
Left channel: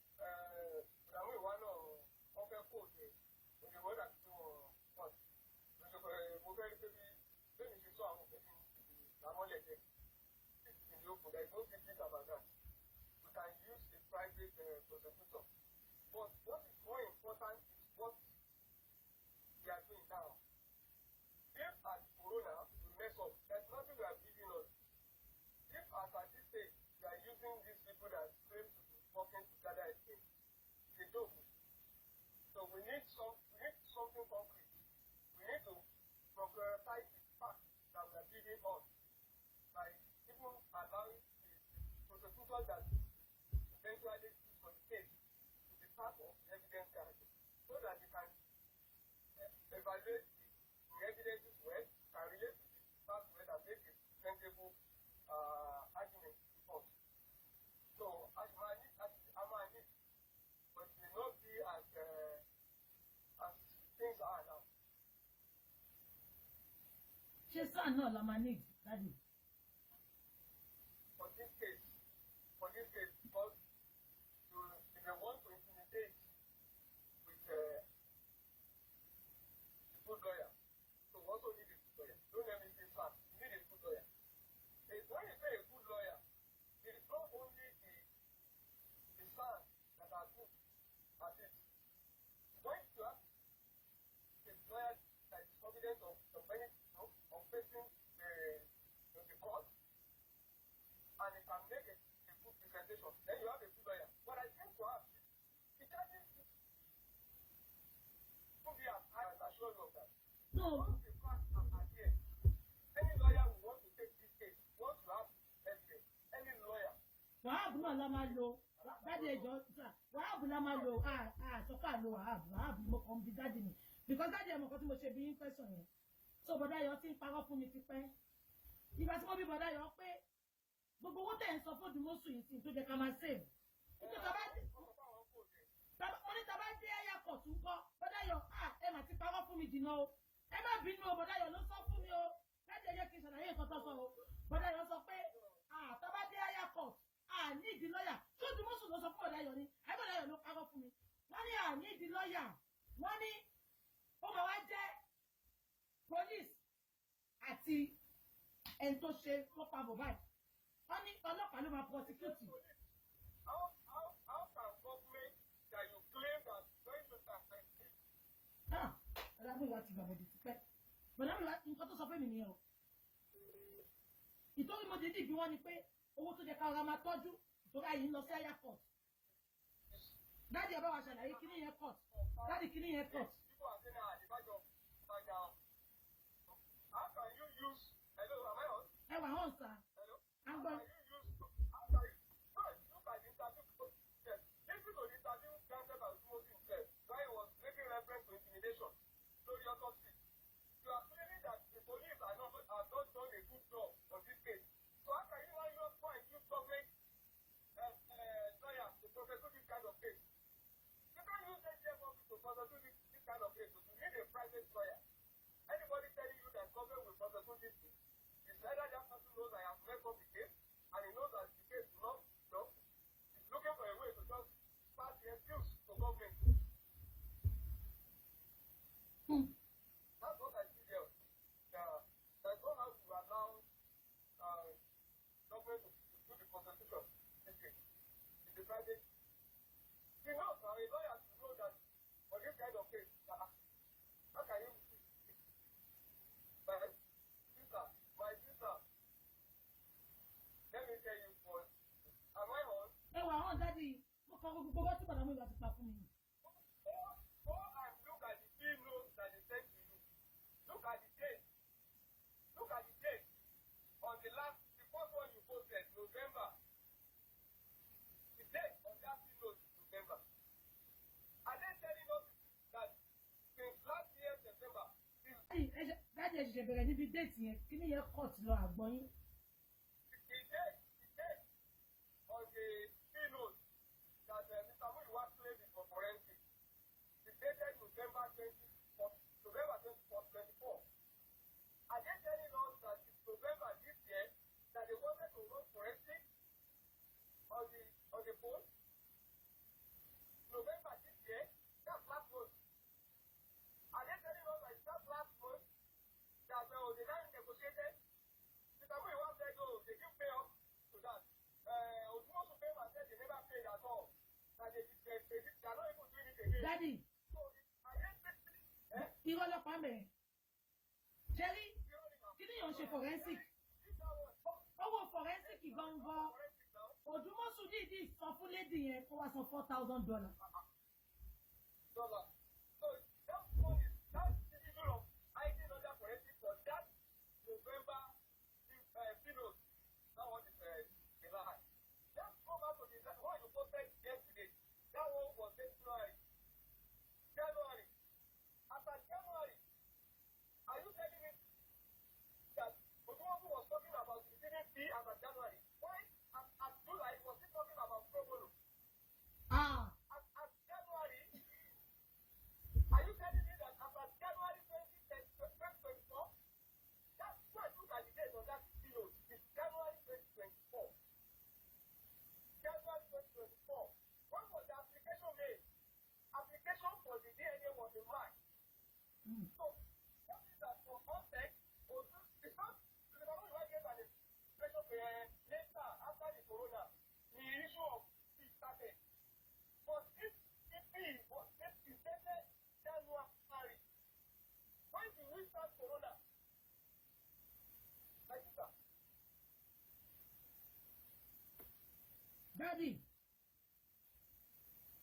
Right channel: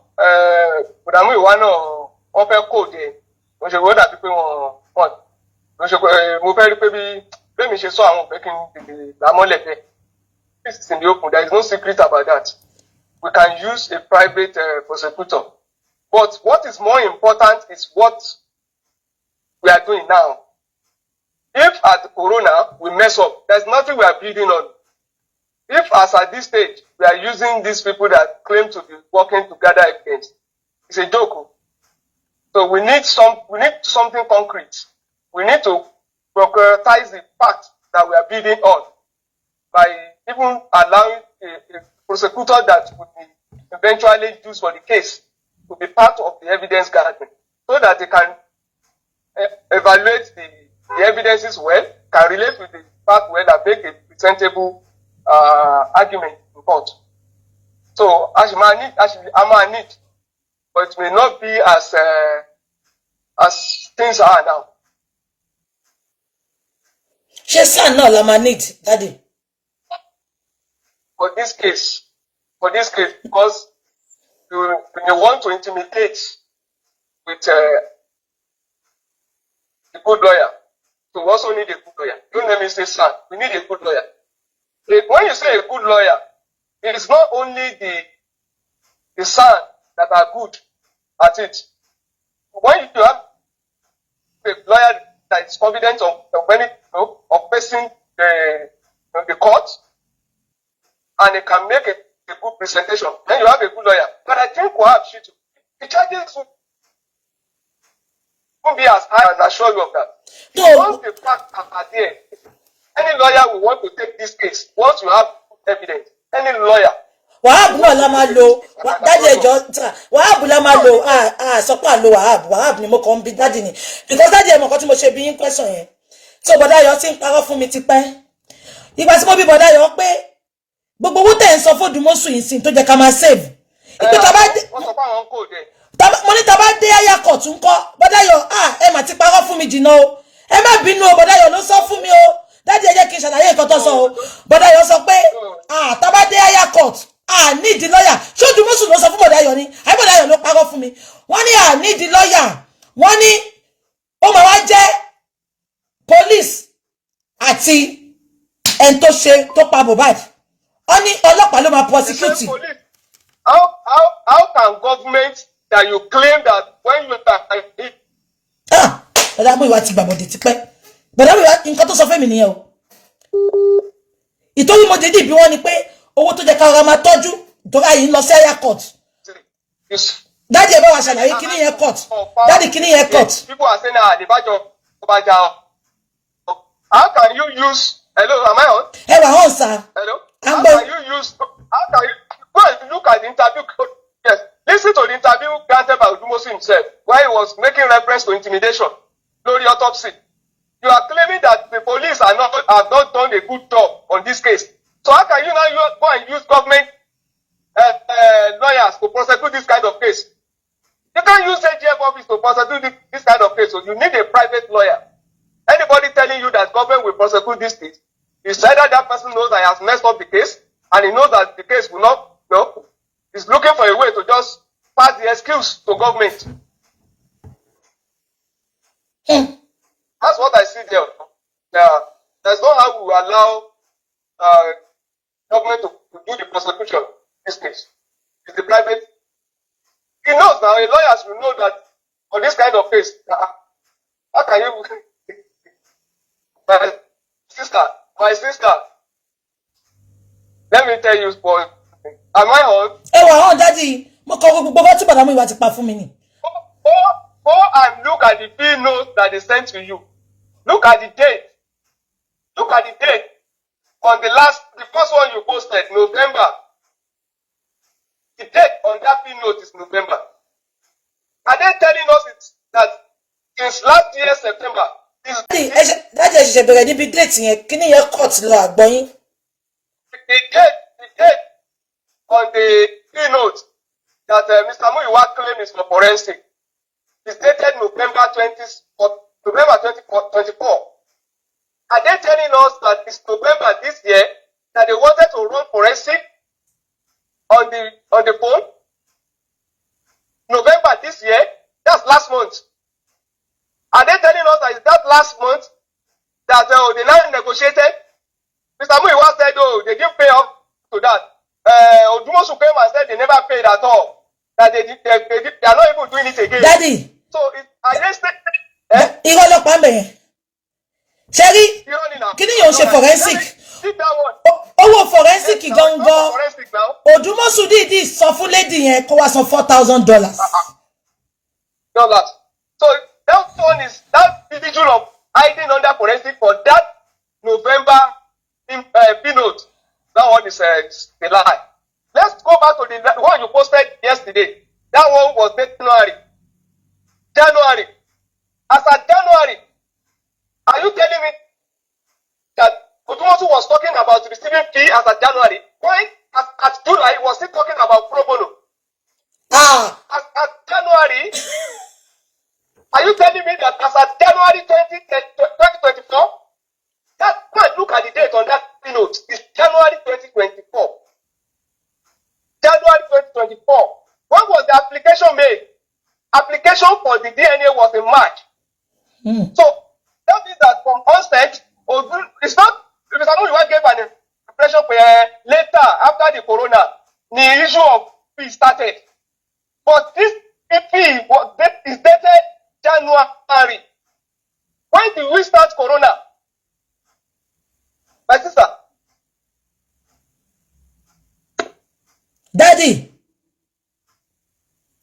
Muyiwa náà wọ́n fẹ́ kóòdù ẹ̀ wọ́n ṣe wọ́n dàbí pé wọ́n mo fẹ́ rí pé bí mi ṣe sọ àwọn òfin kí n tètè lámọ́lẹ̀ bẹ́ẹ̀. This is in the open. There is no secret about that. We can use a private prosecutor. But what is more important is what we are doing now. If at Corona we mess up, there's nothing we are building on. If as at this stage we are using these people that claim to be working together against, it's a joke. So we need something concrete. We need to prioritize the fact that we are building on by even allowing a prosecutor that would be eventually used for the case to be part of the evidence gathering so that they can evaluate the evidences well, can relate with the fact well, and make a presentable argument in court. So I might need, but it may not be as things are now. Ṣé SAN náà la máa need, Daddy? For this case, because you want to intimidate with a good lawyer. So we also need a good lawyer. Don't let me say SAN. We need a good lawyer. When you say a good lawyer, it is not only the SAN that are good at it. When you have a lawyer that is confident of facing the court, and it can make a good presentation, then you have a good lawyer. But I think perhaps the charges won't be as high, and I assure you of that. No. Once the facts are there, any lawyer will want to take this case. Once you have evidence, any lawyer. Wahab náà la máa lo Daddy ẹjọ́ Wahab la máa lo sọ pé àlo Wahab ni mo kàn ń bi Daddy ni because Daddy ẹ mọ̀ nǹkan tí mo ṣe bí yín question yẹn so bọ̀dá Ayọ̀ ti ń parọ́ fún mi tipẹ́ ìgbà tí mo bí bọ̀dá Ayọ̀ pé gbogbo owó tẹ̀ ń sọ fún Odumosun yìí sí tó jẹ́ ká máa save ìpè tá bá dé mo ní tá bá dé higher court ńkọ́ bọ̀dá Ayọ̀ ẹ mà ti parọ́ fún mi jìnnà o ẹ má bínú o bọ̀dá Ayọ̀ ló sọ fún mi o Daddy ẹ jẹ́ kí n ṣàlàyé nǹkan tó sọ o bọ̀dá Ayọ̀ sọ pé tá bá dé higher court need the lawyer ṣé Odumosun ló sọ fún bọ̀dá Ayọ̀ ni àbí bọ̀dá Ayọ̀ ló parọ́ fún mi wọ́n ní need the lawyer wọ́n ní ó máa wá jẹ́ police àti ẹni tó ṣe tó pa Mohbad wọ́n ní ọlọ́pàá ló máa prosecute. How can government that you claim that when you are bọ̀dá Muyiwa ti gbàbọ̀dé tipẹ́ bọ̀dá Muyiwa nǹkan tó sọ fún mi nìyẹn o ìtòwí mo dédé bí wọ́n ní pé owó tó jẹ́ ká ọ̀rọ̀ máa tọ́jú torí àyè ń lọ sí higher court. Daddy ẹ bá wa ṣàlàyé kíní yẹn court. Daddy kíní yẹn court. People are saying àdìbàjọ ọbàjà. How can you use hello am I on? Ẹ wà on sir. Hello. How can you go and look at the interview? Yes, listen to the interview granted by Odumosun himself, where he was making reference to intimidation, Lori autopsy. You are claiming that the police have not done a good job on this case. So how can you now go and use government lawyers to prosecute this kind of case? You can't use AGF office to prosecute this kind of case. So you need a private lawyer. Anybody telling you that government will prosecute this case, it's either that person knows that he has messed up the case and he knows that the case will not, he's looking for a way to just pass the excuse to government. That's what I see there. There's no how we will allow government to do the prosecution in this case. It's the private. He knows now, lawyers will know that on this kind of case, how can you... My sister, let me tell you, boy, am I on? Daddy, go and look at the bill note that they sent to you. Look at the date. Look at the date. On the first one you posted, November. The date on that bill note is November. Are they telling us that since last year, September, Daddy, the date on the bill note that Mr. Muyiwa claimed is for forensic is dated November 2024. Are they telling us that it's November this year that they wanted to run forensic on the phone? November this year? That's last month. Are they telling us that it's that last month that they now negotiated? Mr. Muyiwa said, they didn't pay up to that. Odumosun came and said they never paid at all. That they are not even doing it again. Daddy. So are they saying? Sherry, can you use forensic? Oh, forensic gangan. Odumosun did this for lady and cost $4,000. So that one is that individual of hiding under forensic for that November note. That one is a lie. Let's go back to the one you posted yesterday. That one was January. As at January, are you telling me that Odumosun was talking about receiving fee as at January? Why at July he was still talking about pro bono? As at January, are you telling me that as at January 2024? Go and look at the date on that note. It's January 2024. January 2024. When was the application made? Application for the DNA was in March. So that means that from onset, it's not Mr. Muyiwa gave an impression later after the corona, the issue of fee started. But this fee is dated January. When did we start corona? My sister. Daddy.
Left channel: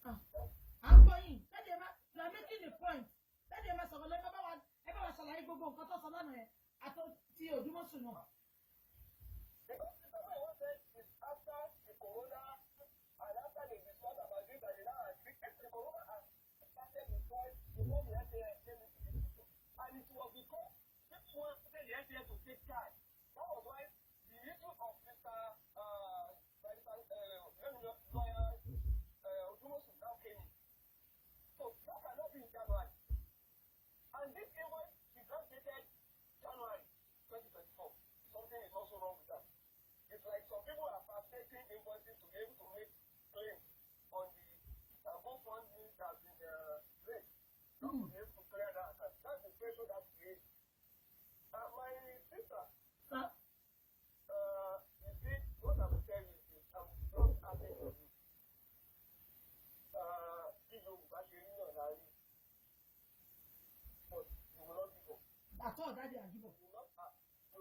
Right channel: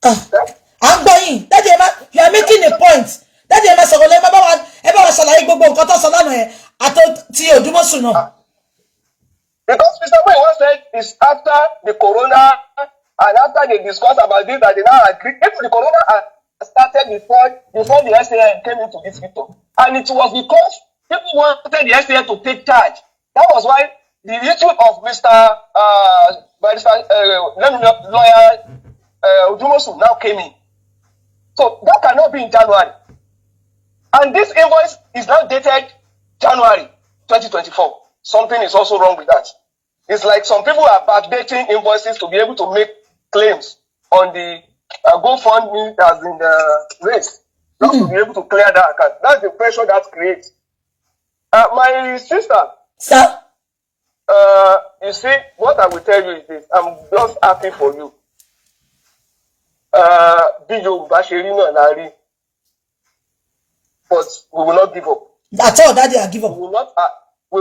I'm going. Daddy, you are making a point. Daddy, I'm saying, because Mr. Muyiwa said it's after the corona and after they discussed about this that they now agree. If the corona started before the SAN came into this picture, and it was because people wanted the SAN to take charge. That was why the issue of Mr. Lawyer Odumosun now came in. So that cannot be in January. And this invoice is now dated January 2024. Something is also wrong with that. It's like some people are backdating invoices to be able to make claims on the GoFundMe as in the race. Just to be able to clear that account. That's the pressure that creates. My sister. Sir? You see, what I will tell you is this. I'm just happy for you. But we will not give up. That's all, Daddy, I give up. We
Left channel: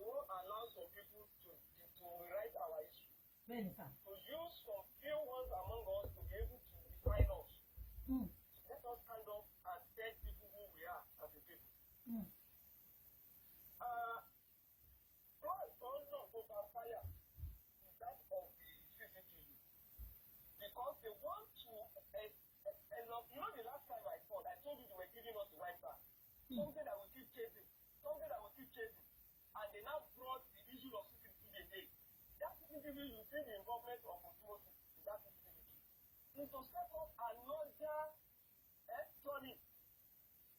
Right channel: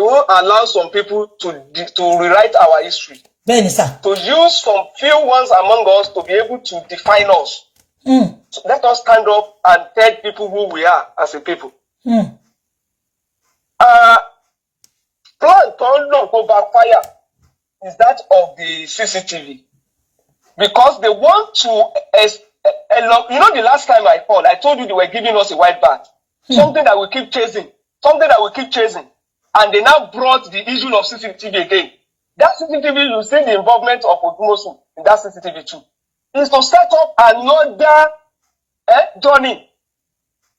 will allow some people to rewrite our history. Benny, sir. To use some few ones among us to be able to define us. So let us stand up and tell people who we are as a people. Plan turn long go backfire is that of the CCTV, because they want to, you know, the last time I called, I told you they were giving us a white bat, something that we keep chasing, and they now brought the issue of CCTV again. That CCTV, you see the involvement of Odumosun in that CCTV too, is to set up another journey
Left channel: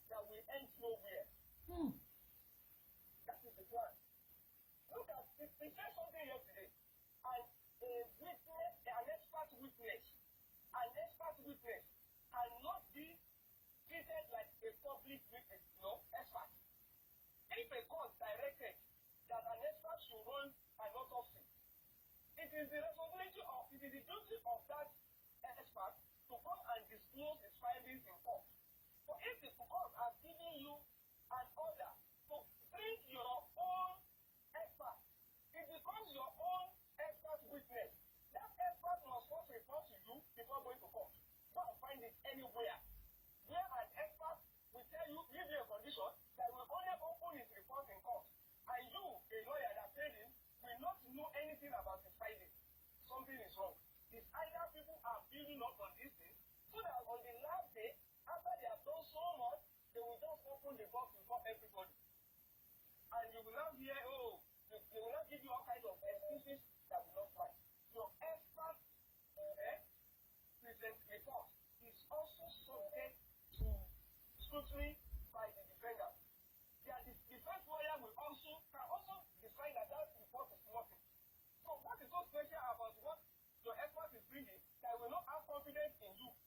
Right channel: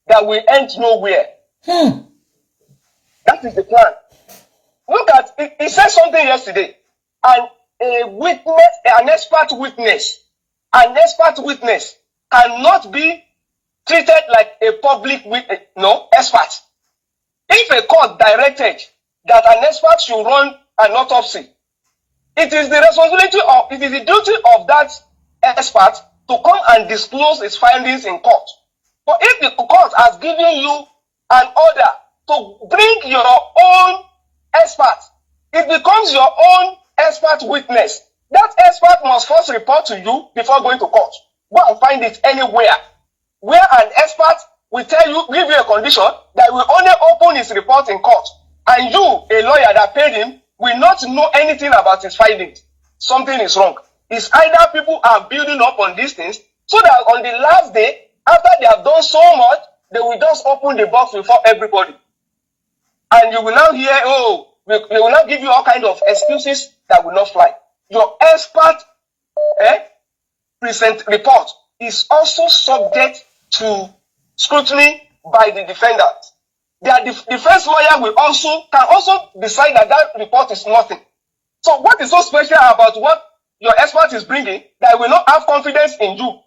that will end nowhere. That is the plan. Look at, he said something yesterday, and an expert witness cannot be treated like a public witness, no, expert. If a court directed that an expert should run an autopsy, it is the duty of that expert to come and disclose his findings in court. But if the court has given you an order to bring your own expert, it becomes your own expert witness. That expert must first report to you before going to court. Go and find it anywhere where an expert will give you a condition that will only open his report in court, and you, a lawyer that paid him, will not know anything about his findings. Something is wrong. It's either people are building up on these things so that on the last day, after they have done so much, they will just open the box before everybody. And you will now hear, they will now give you all kinds of excuses that will not fly. Your expert present report is also subject to scrutiny by the defendant. Their defense lawyer can also decide that report is nothing. So what is so special about what your expert is bringing that will not have confidence in you?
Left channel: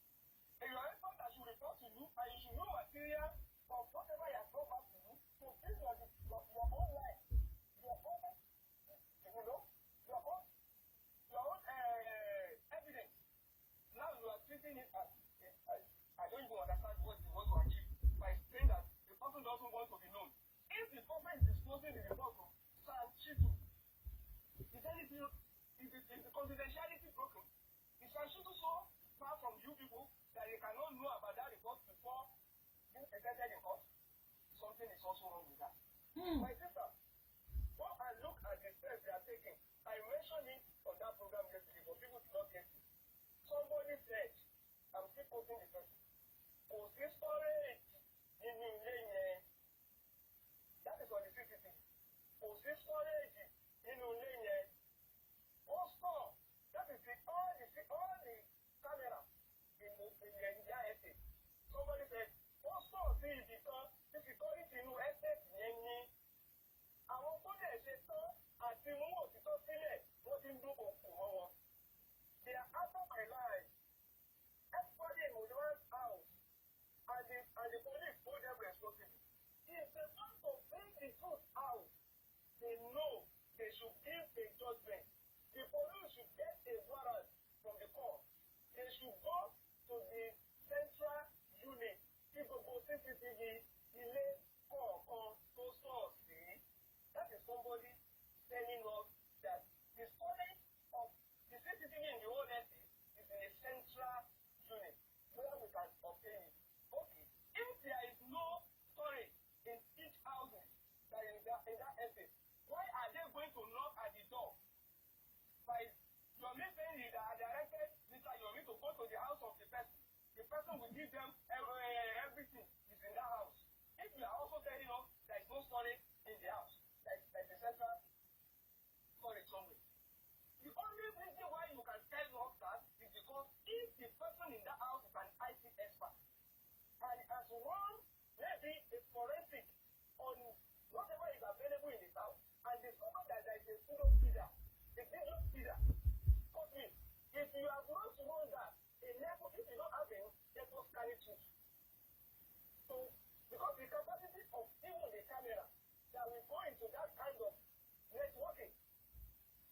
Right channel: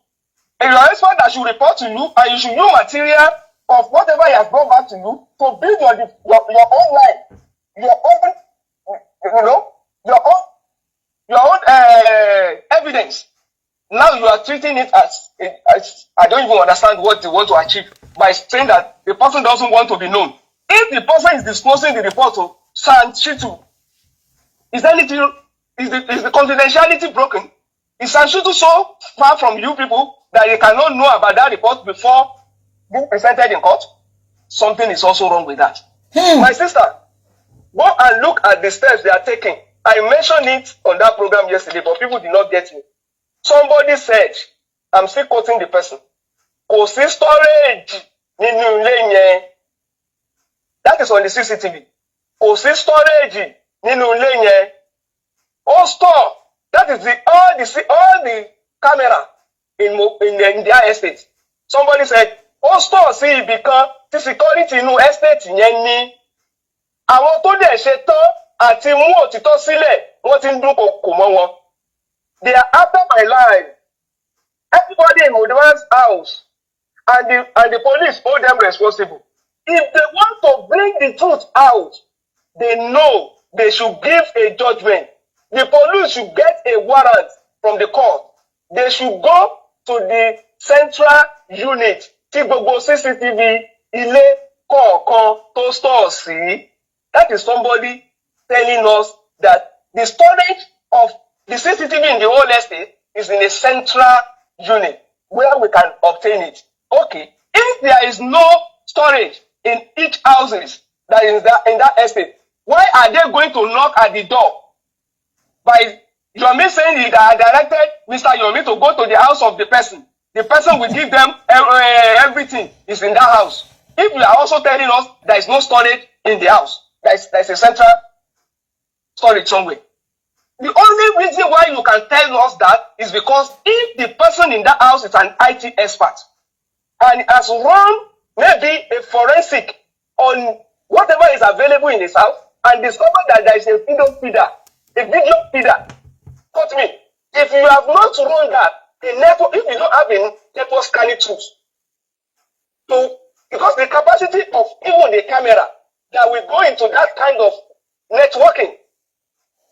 And your expert that should report to you, and you should use material of whatever he has brought back to you to build your own life, your own evidence. Now you are treating it as I don't even understand what they want to achieve by saying that the person doesn't want to be known. If the person is disclosing the report to San Chitu, is the confidentiality broken? Is San Chitu so far from you people that you cannot know about that report before being presented in court? Something is also wrong with that. My sister, go and look at the steps they are taking. I mentioned it on that program yesterday, but people did not get me. Somebody said, I'm still quoting the person, kò sí storage nínú ilé yẹn. That is on the CCTV. Kò sí storage nínú ilé yẹn. Ó store. That is all the camera in their estate. Somebody said, ó store sí ibì kan tí security inú estate yẹn ní. Àwọn tó dẹ̀ ṣe tán àti mú òtítọ́ sílẹ̀, wọ́n ti ń dúnkokò mọ́ wọn. They are after my life. Everybody in Mohbad's house and the police hold them responsible. If they want to bring the truth out, they know they should give a judgment. The police should get a warrant from the court. They should go to the central unit. Tí gbogbo CCTV ilé kọ̀ọ̀kan tó store sí. That is somebody telling us that the storage of the CCTV in the whole estate is in a central unit where we can obtain it. Okay, if there is no storage in each houses that is in that estate, why are they going to knock at the door? By Yomi saying that I directed Mr. Yomi to go to the house of the person will give them everything is in that house. If you are also telling us there is no storage in the house, there is a central storage somewhere. The only reason why you can tell us that is because if the person in that house is an IT expert and has run maybe a forensic on whatever is available in his house and discovered that there is a video feeder, quote me, if you have not run that, if you don't have a network scanning tools, because the capacity of even the camera that will go into that kind of networking,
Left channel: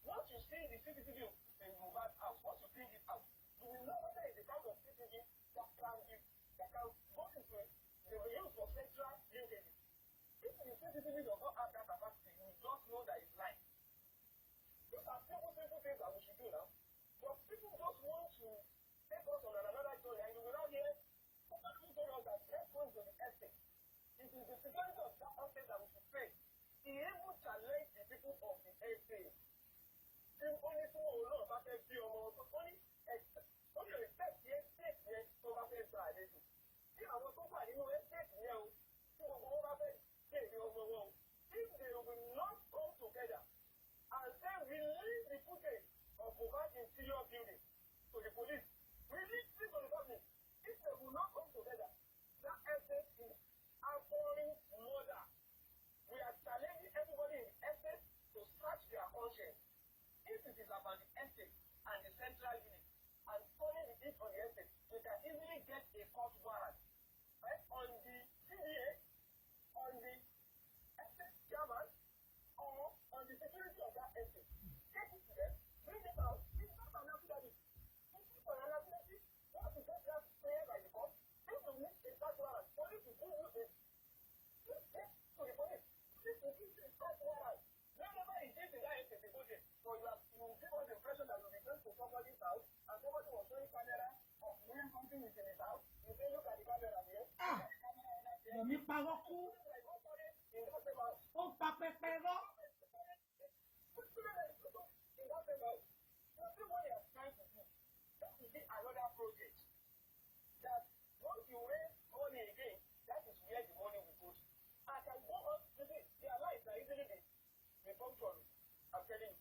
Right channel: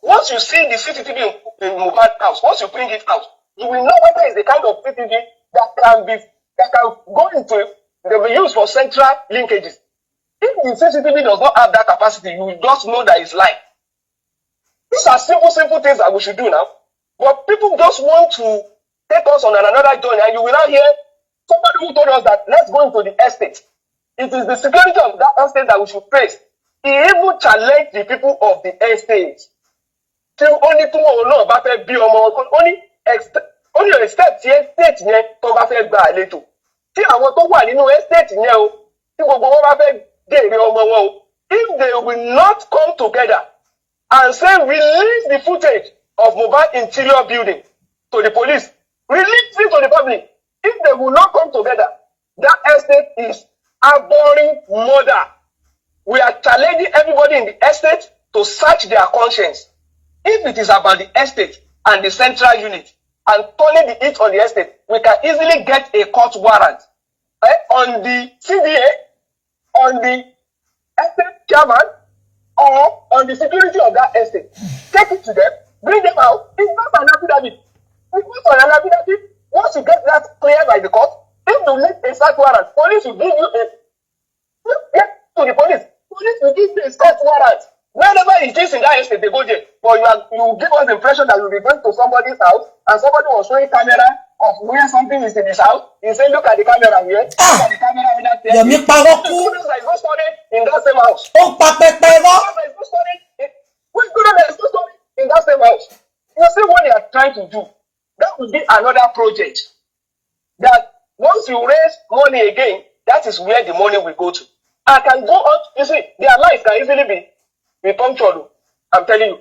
once you see the CCTV in Mohbad house, once you bring it out, you will know whether it's the kind of CCTV that can go into, they will use for central linkages. If the CCTV does not have that capacity, you will just know that it's live. These are simple things that we should do now. But people just want to take us on another journey, and you will now hear somebody who told us that let's go into the estate. It is the security of that estate that we should face. He even challenged the people of the estate. tí ó ní tí wọn náà bá fẹ́ bí ọmọ wọn ó ní estate yẹn state yẹn tó bá fẹ́ gba àlejò tí àwọn tó wà nínú estate yẹn o tí gbogbo wọn bá fẹ́ dèrè ọmọ wọn o if they will not come together and say release the footage of Mohbad interior building to the police, release it to the public. If they will not come together, that estate is abhorring murder. We are challenging everybody in the estate to search their conscience. If it is about the estate and the central unit and turning the heat on the estate, we can easily get a court warrant on the CDA, on the estate chairman, or on the security of that estate. Take it to them, bring them out. It's not an affidavit. It's not an affidavit. Once you get that cleared by the court, if you need a search warrant, police will give you get to the police. Police will give you a search warrant. Whenever it is in that estate, they go there. But you give us the impression that you'll be going to somebody's house and somebody was showing camera of where something is in his house. He said, look at the camera here. Look at the camera in that there. Yomi Paroku. There is no story in that same house. Oh, Papa There is no story in that same house. You see what they are trying to do. That would be another project. That once you raise money again, that is where the money will go to. I can go on. You see, their lives can easily be punctured. I'm telling you.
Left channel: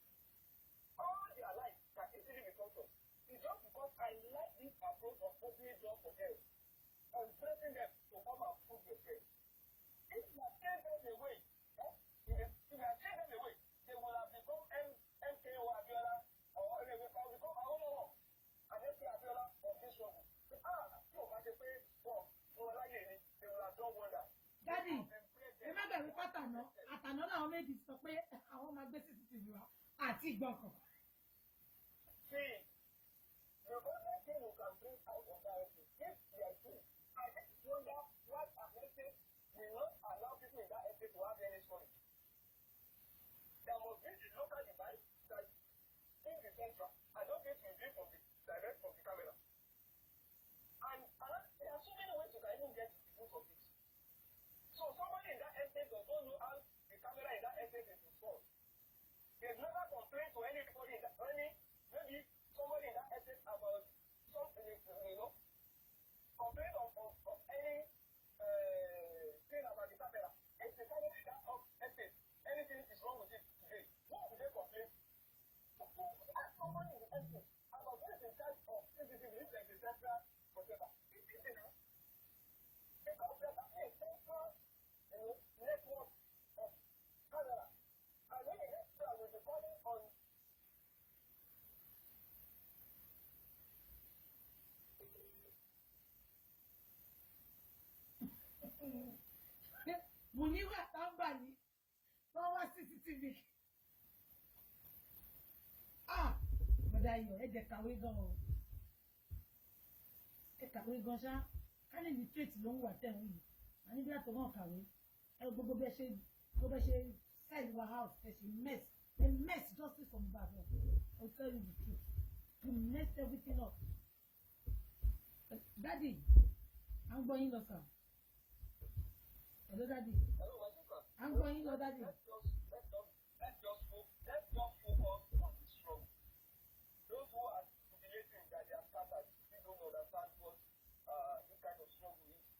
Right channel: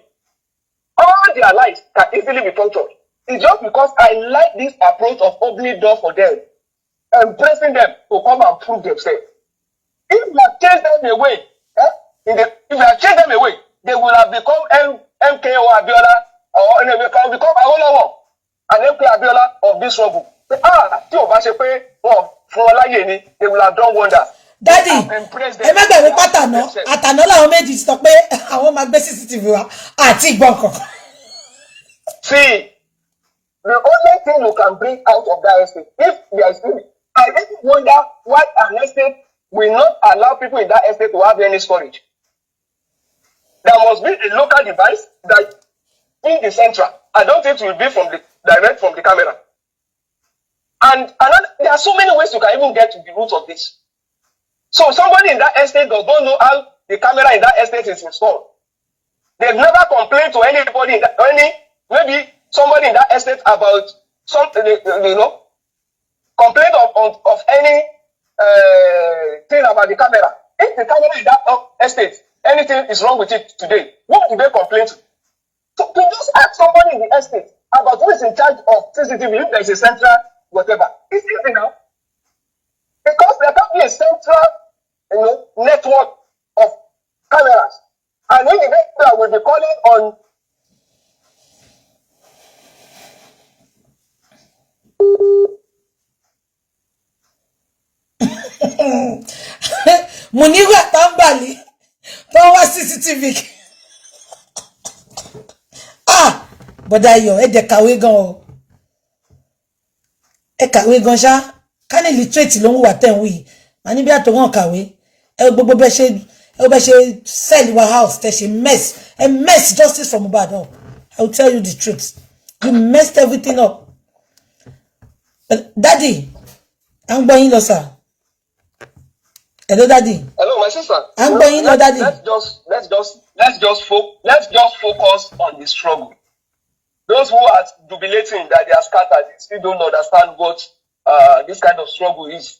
All their lives can easily be punctured. It's just because I like this approach of opening door for them and pressing them to come and prove themselves. If you have chased them away, if you have chased them away, they will have become MKO Abiola or they will become Awolowo and MK Abiola of this struggle. Tí o bá ṣe pé wọn fún ọ láyè ni, they will have done wonders. Daddy, ẹ má gbàgbé pátánà àtàná làwọn méjì sọ pé àwọn máa gbé CCTV wa àti ìgbọ̀n kankan. See, the only thing you can bring out of that estate, if there is still, I even wonder why an estate will not allow people in that estate to have any storage. There must be a local device that in the central. I don't think it will be from the direct from the camera. And there are so many ways you can even get to the root of this. So somebody in that estate don't know how the camera in that estate is installed. They've never complained to anybody in that, maybe somebody in that estate about something, complaint of any thing about the camera. If the camera in that estate, anything is wrong with it today, what do they complain to? So to just ask somebody in the estate about who is in charge of CCTV, if there is a central whatever, it's easy now. Because there can be a central network of cameras. And when the network will be calling on Muyiwa Tambali, power CCTV. Bọ́dá Ayọ̀, ẹ dẹ̀ kàwé gan o. Ẹ kàwé gan ṣá. Ká ní literate ló ń wà tẹ̀ ń wí. Màá ní bí àtọ̀wọ̀n kàwé. Ẹ gbogbo bẹ́ ṣe sell your house, tẹ̀ ṣe mess. Ẹ mess justice for Mohbad up. I will tell you the truth. You messed everything up. Daddy, I'm going to sir. Hello, Daddy. Hello, my sister. I'm going to Daddy. Let's just focus on the struggle. Those who are jubilating that they are scattered, they still don't understand what this kind of struggle is.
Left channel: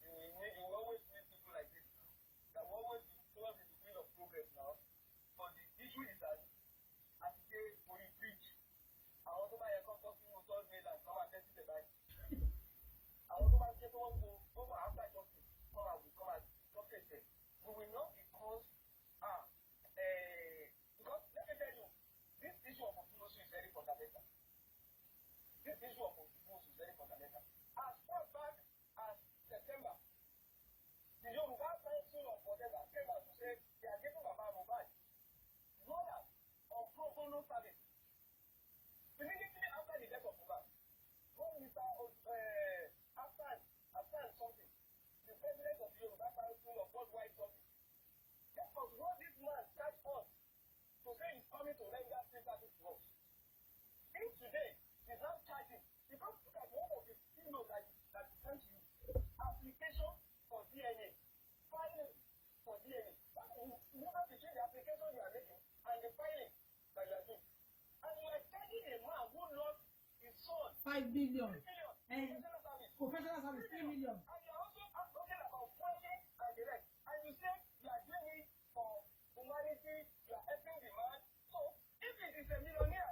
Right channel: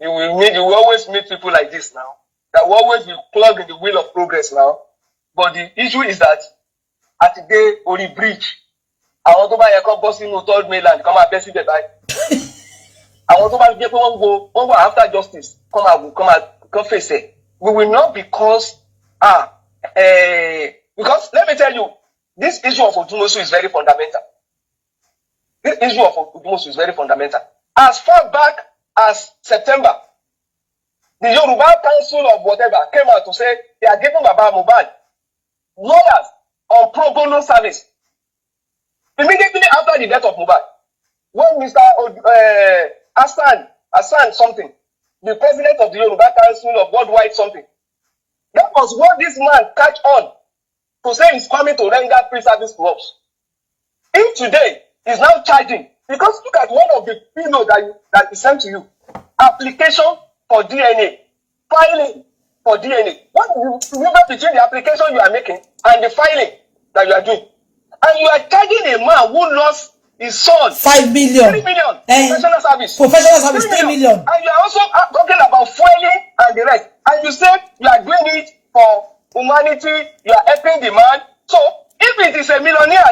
You will always meet people like this now. That will always be plugged in the wheel of progress now. But the issue is that at the day on the bridge, I want to buy a bus in third mainland, come and best the buy. I want to buy people who go after justice, come face it. We will not because let me tell you, this issue of Odumosun is very fundamental. This issue of Odumosun is very fundamental. As far back as September, the Yoruba Council of whatever came out to say they are giving Baba Mohbad lawyers on pro bono service. Immediately after the death of Mohbad, when Mr. Hassan something, the president of the Yoruba Council of Worldwide something, that was what this man catch on to say he's coming to render free service to us. If today is now charging, because look at one of the emails that is sent to you, application for DNA, filing for DNA. What is the difference between the application you are making and the filing that you are doing? And you are charging a man who lost his son 5 million. 3 million professional service. Professional service 3 million. And you are also talking about fueling and the rest. And you say you are doing it for humanity, you are helping the man. So if it is a millionaire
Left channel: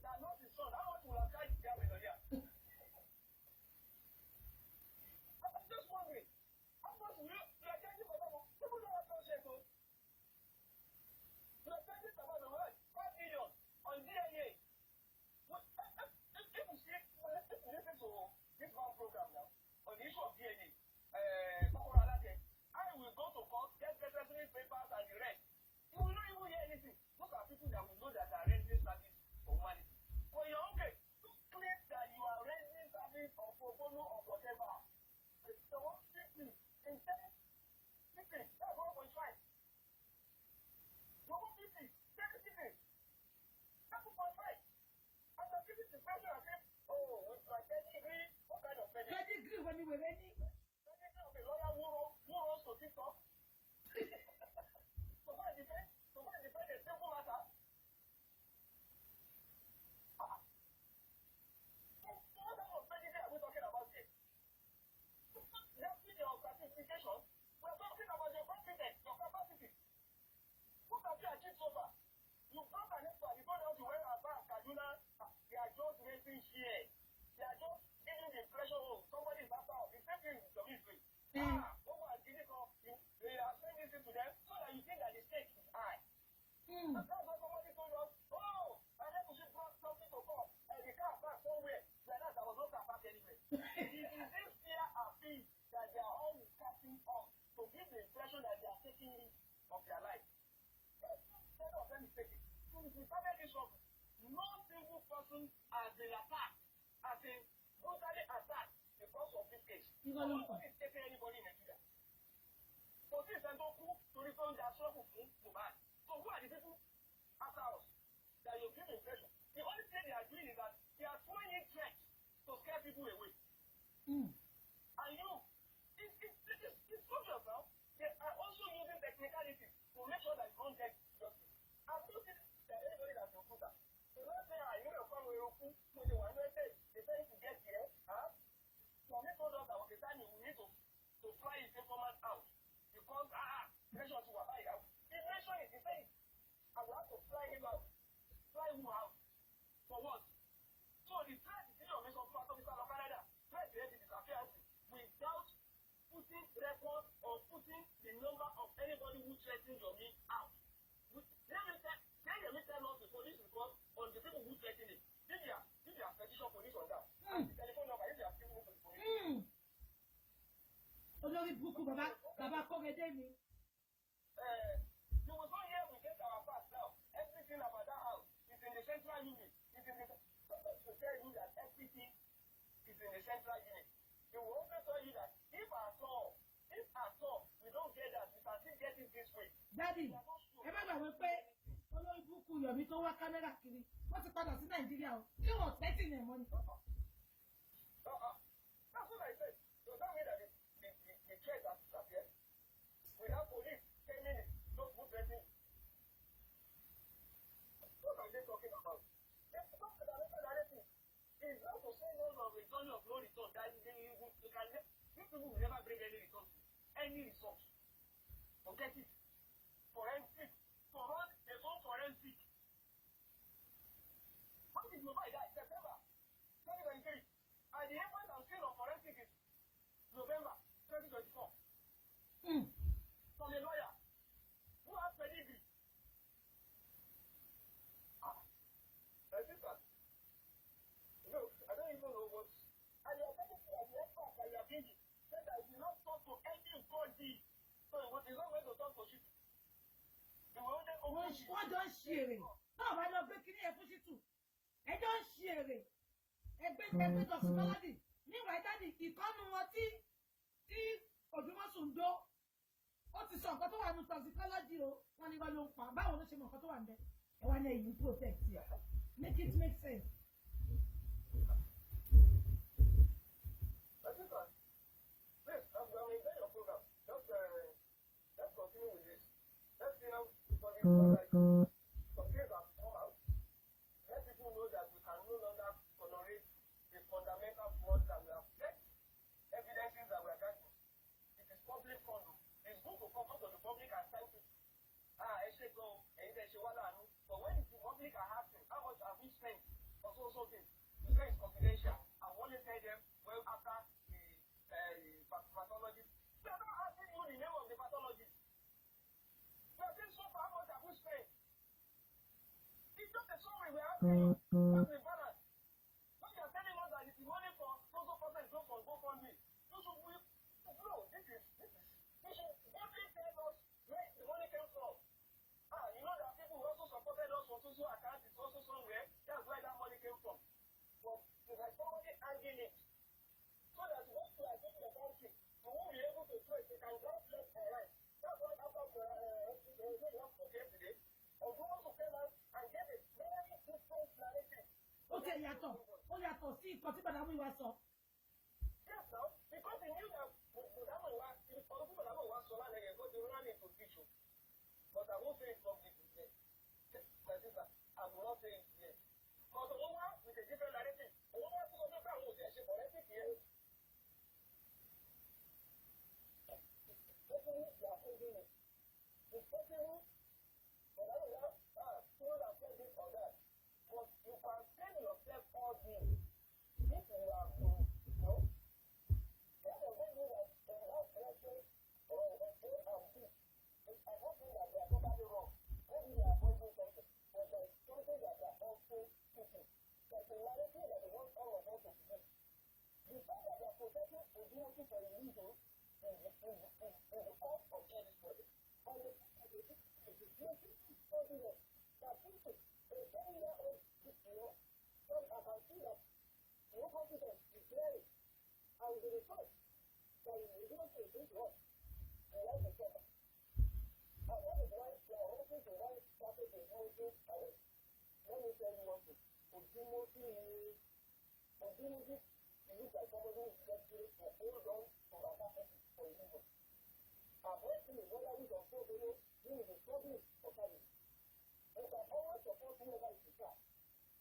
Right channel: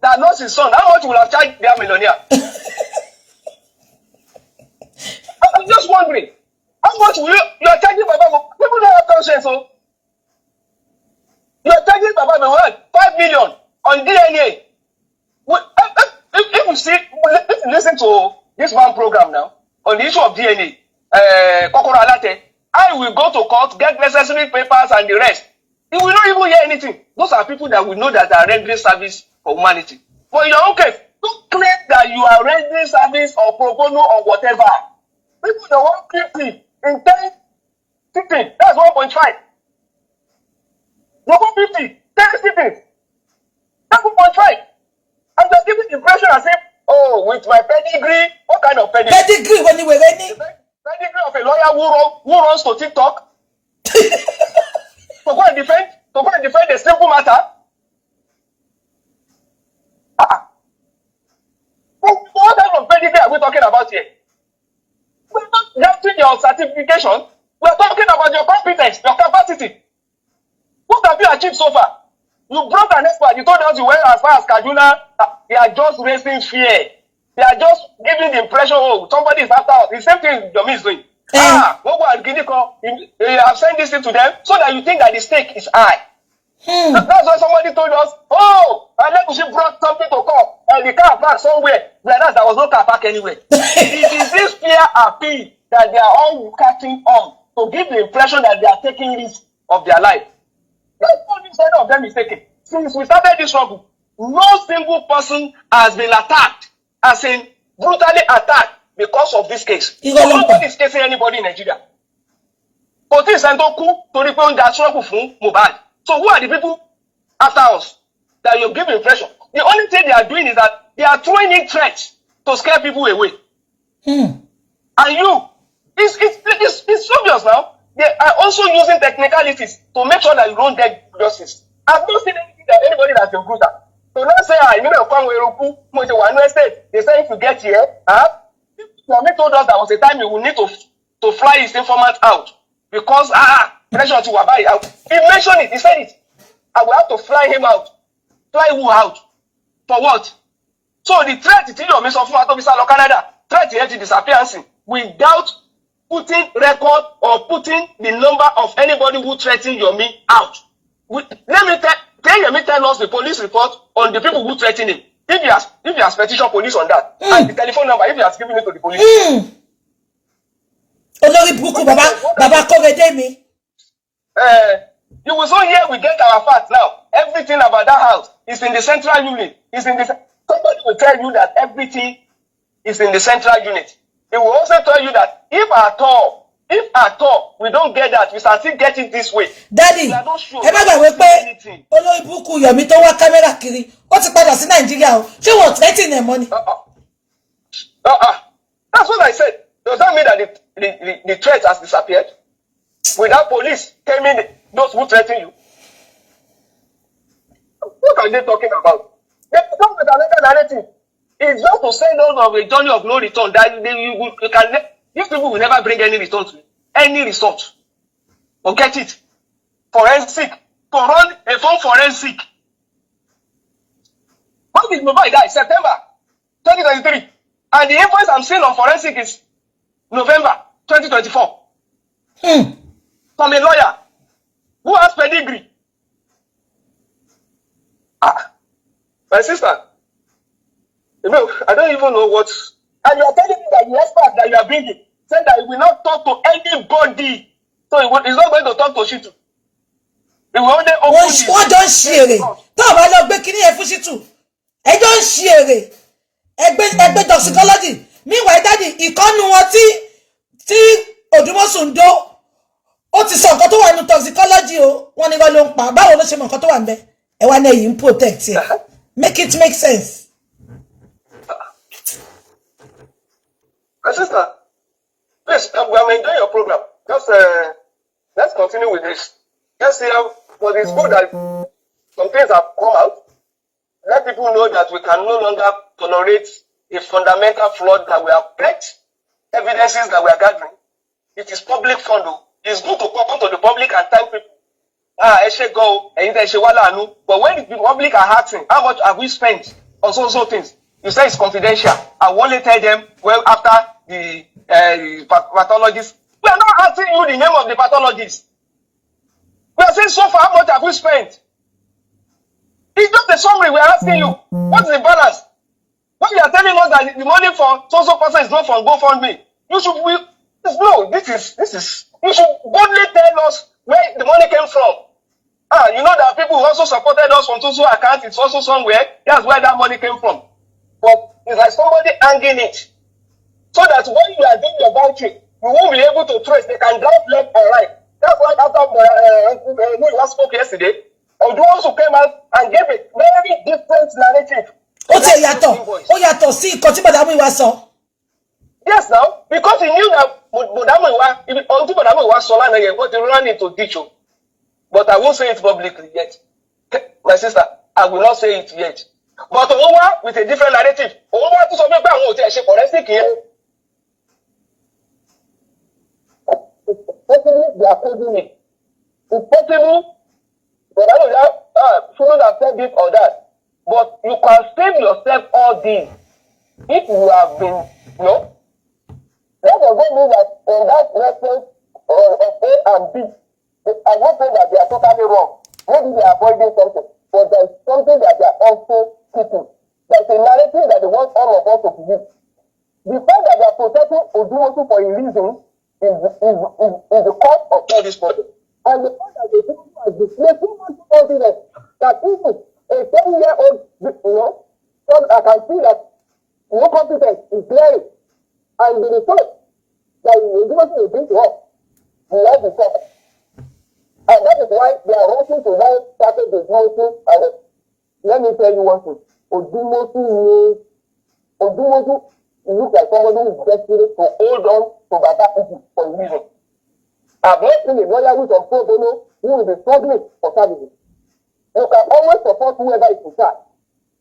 that lost his son, how much will have charged their millionaire? I'm just wondering, how much will you are charging Baba? People don't have conscience, so you are charging Baba 5 million on DNA. If you see, if you listen to this one program now on the issue of DNA, Kokoro Alate, I will go to court, get necessary papers and the rest. You will not even hear anything. Those are people that we know that are rendering service for humanity. But in your own case, don't claim that you are rendering service or pro bono or whatever. People that want 50 in 10, 15, that's 1.5. You want 50, 10 sittings, that's 1.5. I'm just giving the impression as if, oh, with my pedigree, what kind of pedigree? Pedigree when you were ready? Pedigree of a lawyer who runs to TikTok to go and defend a simple matter. What type of pedigree are we talking about here? We're not getting your certification. We're talking about your competence, your capacity. What have you achieved so far? You brought an expert. You told us you went as far as Kaduna. They are just raising fear. They are just giving the impression, oh, somebody is after us. The same thing Yomi is doing. I've sent this thing to them so that you think that the stake is high. That's why somebody told us, oh, Alegushi brought something to come and the car parked somewhere, whereas there was no car park anywhere. It is this fear appeal that they are all catching on to give the impression that they are taking risks of their life. That's what this kind of them is taking. Since we started this struggle, no single person has been attacked, as in brutally attacked because of this case. Nobody is casing anybody in Nigeria. But this Santoku to report that struggle from Mohbad. So who are the people after us that you give impression? The only thing they are doing is that they are throwing in threats to scare people away. And you, it's obvious now. They are also using technicalities to make sure that you don't get justice. I've not seen anything that anybody that's been brutal. So now say, I know they say if you get here, Yomi told us there was a time you will need to fly his informant out because pressure to Wabai. He mentioned it. He said it. I will have to fly him out. Fly who out? For what? So the threat to Yomi of Canada, threat to disappearance without putting record or putting the number of anybody who threatened Yomi out. Let me tell us the police report on the people who threatened him. If he has petition police on that, and the telephone number, if he has given it to the police. You will so here we get our facts now. Everything about that house is in the central unit. Somebody will tell you that everything is in the central unit. It will also tell you that if at all we don't get that, we start still get it this way. Daddy, Bukky Yomi tó wá camera kiri, ó ti padà sí Nigeria o. Ṣé wọ́n threaten their money? That's what I said. Does that mean that the threat has disappeared? Without police telling those who threaten you? What are they talking about? They come with another narrative. It's just to send us on a journey of no return. That these people will never bring any return to any result. Forget it. Forensic. To run a phone forensic. When did Mohbad die? September 2023. And the invoice I'm seeing on forensic is November 2024. From a lawyer who has pedigree. My sister, you know, I don't even know what. And you are telling me that the expert that you are bringing said that he will not talk to anybody. So he's not going to talk to Shitu. He will only open his. What don't share? Talk about no breaking here for Shitu. I don't share. Egbe toxicology. Meanwhile, daddy, ìkànnù wọn tí Odumosun do. Ó ti sọ nǹkan tó wà nínú toxicology o. Wọ́n ní wọ́n ló ń pa. Báwo ló ṣe mọ̀ nǹkan tó wà ńbẹ̀? Ẹ wá ní ẹ̀yin protect ẹ. Make it make sense. My sister, please, I'm enjoying your program. Just let's continue with this. Let's see how, but it's good that some things have come out. let people know that we can no longer tolerate a fundamental flaw that we have kept, evidences that we are gathering. It is public fund. It's good to come to the public and tell people, I should go, but when the public are asking, how much have we spent on so things? You say it's confidential. I will only tell them, well, after the pathologists. We are not asking you the name of the pathologists. We are saying so far, how much have we spent? It's just a summary. We are asking you, what is the balance? When you are telling us that the money for so person is not from GoFundMe, you should this is you should boldly tell us where the money came from. You know that people who also supported us from so account, it's also somewhere. That's where that money came from. But it's like somebody hanging it. So that when you are doing your vouching, you won't be able to trace. They can drive left or right. That's why after Muyiwa spoke yesterday, Odumosun came out and gave a very different narrative. Ó yàtọ̀ sí nǹkan tí Bọ̀dá Muyiwa sọ. Yes, now, because he knew that Bọ̀dá Muyiwa sọ lánàá yẹn, but he ran into ditch. But I won't say it publicly yet. My sister, I will not say it yet. But Owa with a different narrative. Owa to some people àwọn ò tiẹ̀ ṣe forensic yẹn. It's possible they are coding it. It's possible Bọ̀dá Muyiwa shouldn't have said this or that. But you can save yourself all this if you have been, That does not mean that in that reference of A and B, I won't say that they are totally wrong. Maybe they are avoiding something, but there is something that they are also keeping. There's a narrative that they want all of us to believe. The fact that they are protecting Odumosun for a reason is the cause of all this problem. And the fact that Odumosun has displayed too much confidence that even a 10-year-old, I can see that no competence is glaring. And the result that Odumosun will bring to us, we have the problem. And that is why they are rushing to now started the Odumosun. And let me tell you one thing. Odumosun looks like somebody who is desperate to hold on to Baba issue for a reason. I've not seen a lawyer who is on pro bono who will be struggling for services. You can always support whoever is in charge.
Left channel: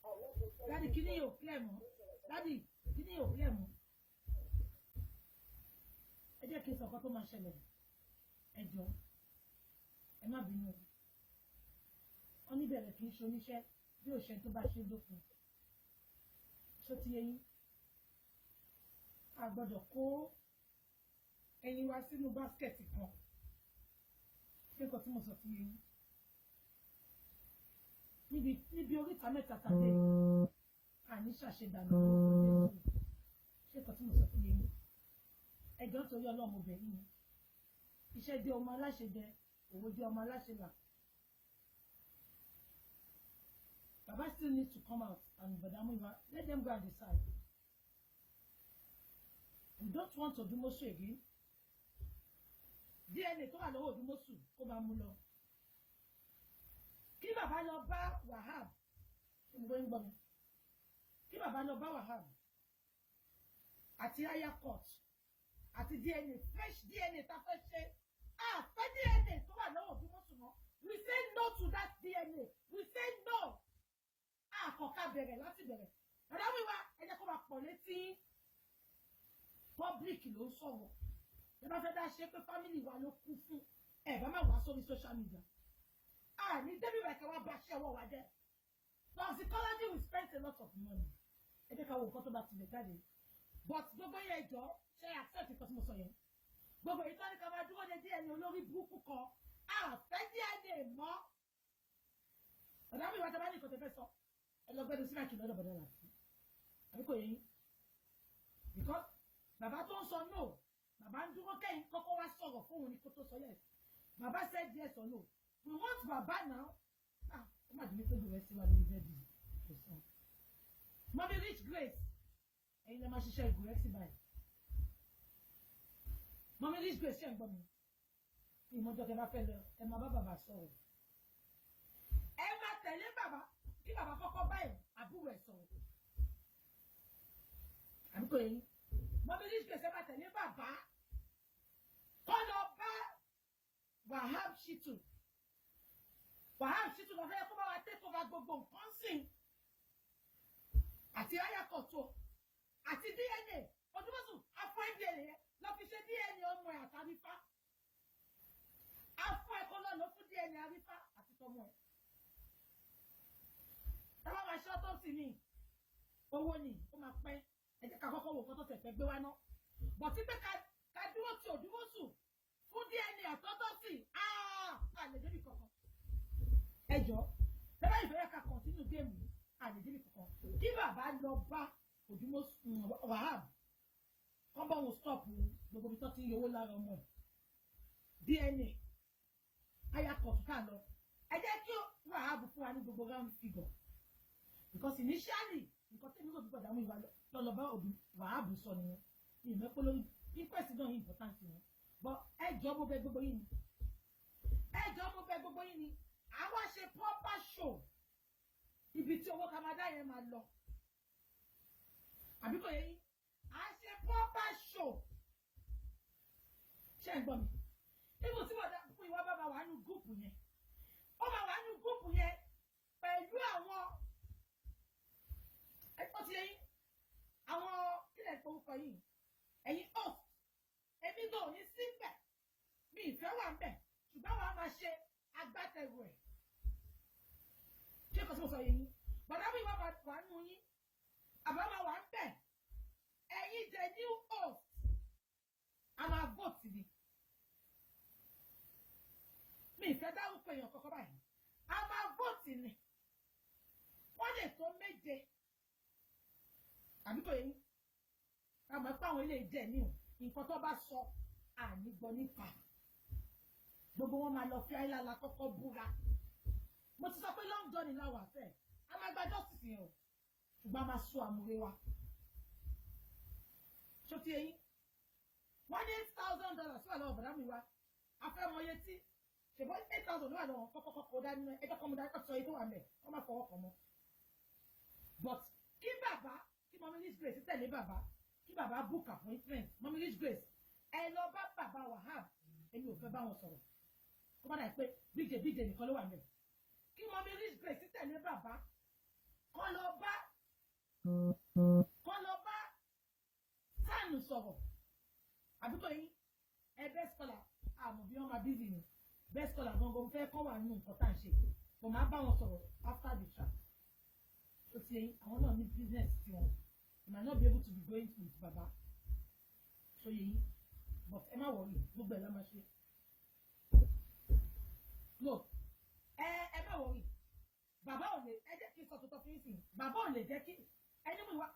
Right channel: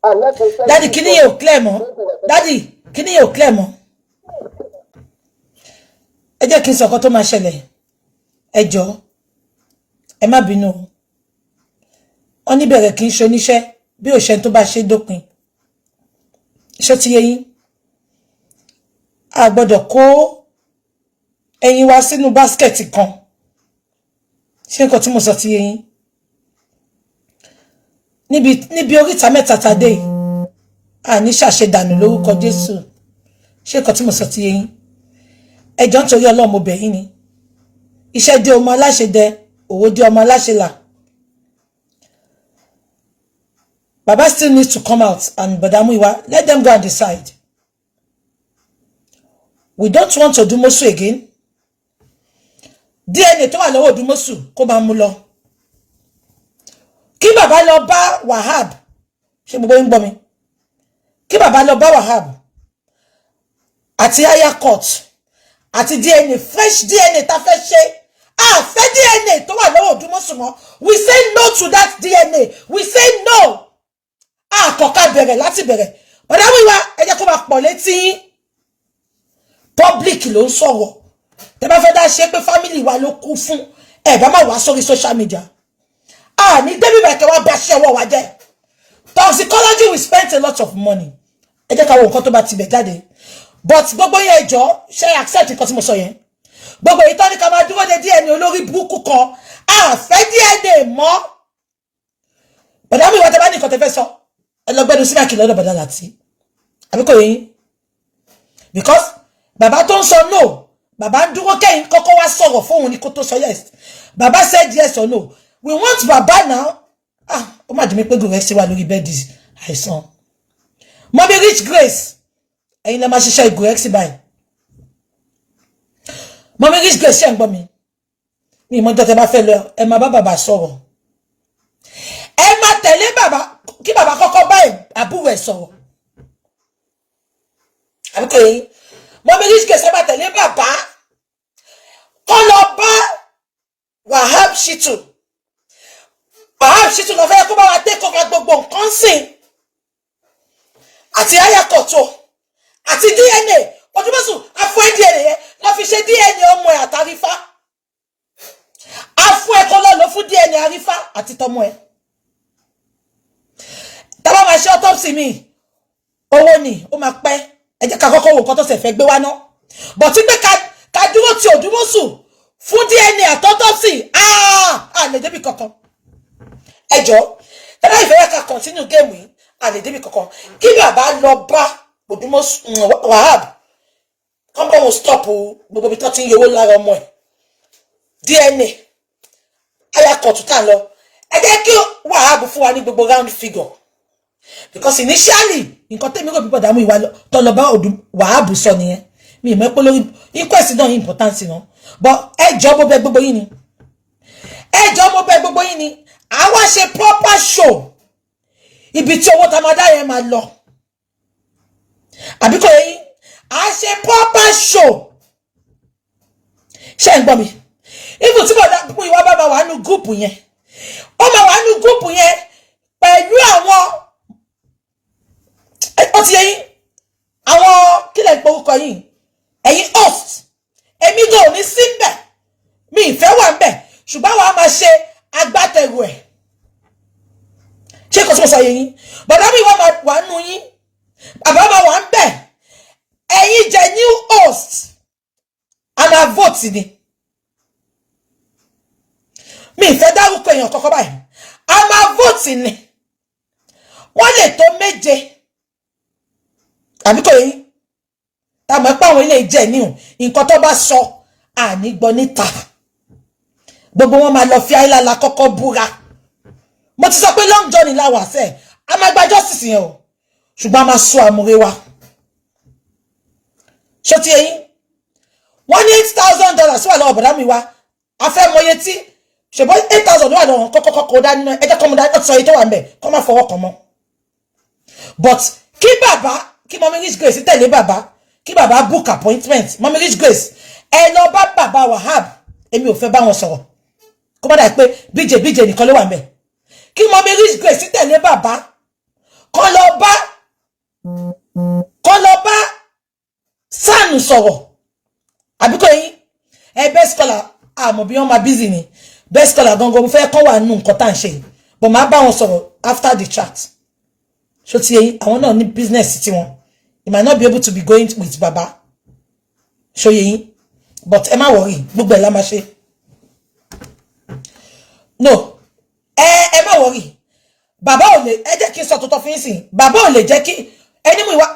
And let me tell Daddy, kini yóò clear mọ́? Daddy, kini yóò clear mọ́? Ẹ jẹ́ kí n sọ nǹkan tó máa ṣẹlẹ̀. Ẹ jọ̀ọ́. Ẹ má bínú. Wọ́n ní bẹ̀rẹ̀ kì í ṣe oníṣẹ́ bí òṣèǹ tó bá ṣe dópin. Iṣẹ́ ti yé yín. A gbọ́dọ̀ kó ẹyin wa sínú báskẹ̀tì kan. Ṣé nǹkan tí mo sọ ti yé yín? Níbi oríta mẹ́ta tàdé yìí. A ní ṣàṣedànù lórúkọ Jésù. Ṣé nǹkan tí mo sọ ti yé yín? Ẹ jọ̀ọ́ nítorí Ọlọ́run mo bẹ̀ yín ni. Iṣẹ́ dé ọmọ aláṣẹ dẹ, òwò dé ọmọ aláṣẹ là. Baba still needs to come out and Bọ̀dá Muyiwa, let them go and decide. We don't want Odumosun again. DNA tó wà lọ́wọ́ Odumosun kó máa mú lọ. Kí bàbá lọ bá Wahab. Ṣé gbogbo ń gbọ́ mi? Kí bàbá lọ bá Wahab. Àti higher court. Àti DNA, fresh DNA tá fẹ́ ṣe. Fẹ́ DNA tó wà lọ́wọ́ Odumosun mọ́. We say no to that DNA. We say no. Kọ̀ọ̀ká bẹ̀rẹ̀ láti bẹ̀rẹ̀. Bọ̀dá Muyiwa, ẹ jẹ́ kó máa pọ̀ létí. Public ló ń sọ̀rọ̀. Tẹ́ bá fẹ́ dá ṣe pé family wa ló kú fún. Ẹ bá má wá sórí social media. Ní débi bẹ̀rẹ̀ kẹ́ wá bá ṣe ọwọ́ wa jẹ́. Toxicology we spent a lot of money. Ẹ jẹ́ ká wo nǹkan tó bá ti bẹ̀ jáde. But gbogbo yẹn ẹjọ́ ṣe accept nǹkan tí mo sọ yẹn. Gbogbo èyí tó ní ká máa dúró de DNA olórí burúkú kan. Fẹ́ DNA mọ́. Bọ̀dá Muyiwa tẹ́ bá ní nǹkan tẹ́ fẹ́ sọ. Ẹ lọ gbẹ́nu síbáàkì lọ́dọ̀ Bọ̀dá Láti. Àbí kò yé yín? Because bàbá tó ń sọ no. Bàbá ń dúró kẹ́yìn kọ́kọ́ wá sọ̀rọ̀ fóun ní kó tó sọ yes. Bàbá said yes or no. We want Bàbá now. Ó má dùn mí pé gòrè ṣe wà lórí bẹ́ẹ̀dì àìsàn. Mọ́mí Rich Grace. Ẹ̀yin lẹ máa ṣiṣẹ́ ìgòrè báyìí. Mọ́mí Rich Grace ṣe ń gbọ́ mi. Mi ìmọ̀ ìjọ tẹ bá fẹ́ lọ, ẹ máa bá bàbá sọ̀rọ̀. Ẹ máa tẹ̀lé bàbá kí bàbá kọ́kọ́ bá àbúrò ẹ̀ sọ̀rọ̀. Àbí kò yé. Mọ́mí Rich Grace ẹ máa tẹ̀lé bàbá. Kọ́ lọ bá Wahab Shittu. Wahab Shittu lọ fẹ́ kó bá wa take over gbogbo nǹkan sìn. àti ayakoto àti DNA Odumosun afọ DNA yẹn lọ fi ṣe DNA ọmọ ẹ̀ àtàrífà afọ ẹ̀ kọ́ lọ fún DNA àrífà àti tọmọ ẹ̀ tàbá máa ṣe autopsy mi owó ni ó máa pẹ́ ẹ jẹ́ ká kọ́kọ́ wo nǹkan tó ṣe fẹ́ gbé wá ná but tí pé ká dúró ti Odumosun fún DNA àti autopsy lè débi kankan ẹ jọ̀ọ́ tẹ́lá ìfẹ́ yẹ ká continue game yìí lè débi kankan kí bàbá lọ bá Odumosun Wahab kán bọ́ wọn stop gbogbo ibi tó ti ń yọwó lára ọmọ ẹ̀ DNA ayakọ̀tún tà lọ ẹ jẹ́ kí Wahab fún wa ní gbogbo round figure because initially nǹkan tẹ́mi rò bíbọ̀ dààmú ìwà tó lọ bá Wahab sọ nìyẹn mi ìmọ̀ pé lórí inquest náà important náà but ẹjọ́ mo bẹ̀ gbogbo yín ni ẹjọ́ mo bẹ̀ gbogbo yín ni àwa ṣe proper show ibi tí owó tamada yẹn máa lọ àbí kò yẹ yín a ṣe proper show ṣé ń gbọ́ mi ibi tí bọ̀dá pún ìwà bàbá wà nínú gúùpù yẹn ó máa wà nínú gúùpù yẹn pẹ̀lú àwọn ó ti yẹ yín àwọn kílẹ̀ ìporúkọ yìí ẹ̀yin host èmi gan ò ní sí mbẹ̀ mi ìfẹ́ wà mbẹ̀ ṣùgbọ́n wàá máa ṣe agbátẹrù ẹ̀ ṣé kò tí mo sọ yẹ yín bọ̀dá mi wà nù yín bàbá máa wà ń bẹ̀ ẹ̀yin jẹ́ new host a máa vote ni mi ìfẹ́ dárúkọ èèyàn kọ́kọ́ báyìí a máa vote ni wọ́n lè tó 7 àbí kò yín táwọn ẹ̀pọ̀ àwọn ilé ìjẹ́ níhùn nǹkan tó bá sọ àní gbọ́ níta gbogbo wọn máa lọ fi àìlàlà kọ́kọ́ búra mo ti sọ pé long journey láwà sẹ́ a máa gba justice yẹn o ṣùgbọ́n a máa sọ àmúre wa ṣó ti yẹn wọ́n ní $8,000 wà lọ́wọ́ bọ̀dá mi wá a fẹ́ mọ iye tí ṣùgbọ́n 8,000 wà lọ́wọ́ kọ́kọ́ kó dání náà ẹjẹ́ kọ́ mu dání sọ iye tó wà ń bẹ̀ kọ́ máa fọwọ́ kan mọ́ but kí bàbá kí mọ́mí Rich Grace tẹ̀lé bàbá kí bàbá book appointment mọ́mí Rich Grace ẹ lọ bá bàbá Wahab èmi ò fẹ́ bá wọn sọ̀rọ̀ kó má dà pé bíjè nìkan ló wà ń bẹ̀ kí mọ́mí Rich Grace tẹ̀lé bàbá kọ́ lọ bá sànù sọ̀rọ̀ àbíkọ́ yín best scholar àmọ́ bí wọ́n máa busy ni best scholar gangan mo fẹ́ kọ́ wà nù nǹkan tá à ń ṣe but máa bá wọn sọ̀rọ̀ after the chat ṣó ti yẹn àwọn náà ní business tí wọn you might not be able to be going with baba ṣó yẹn but ẹ má worry gbogbo ẹ̀ la máa ṣe no ẹ má worry bàbá ò lè ẹ jẹ́ kí n sọ tuntun fún yín sìn bàbá ò lè jẹ́ kí ẹni mú ìwà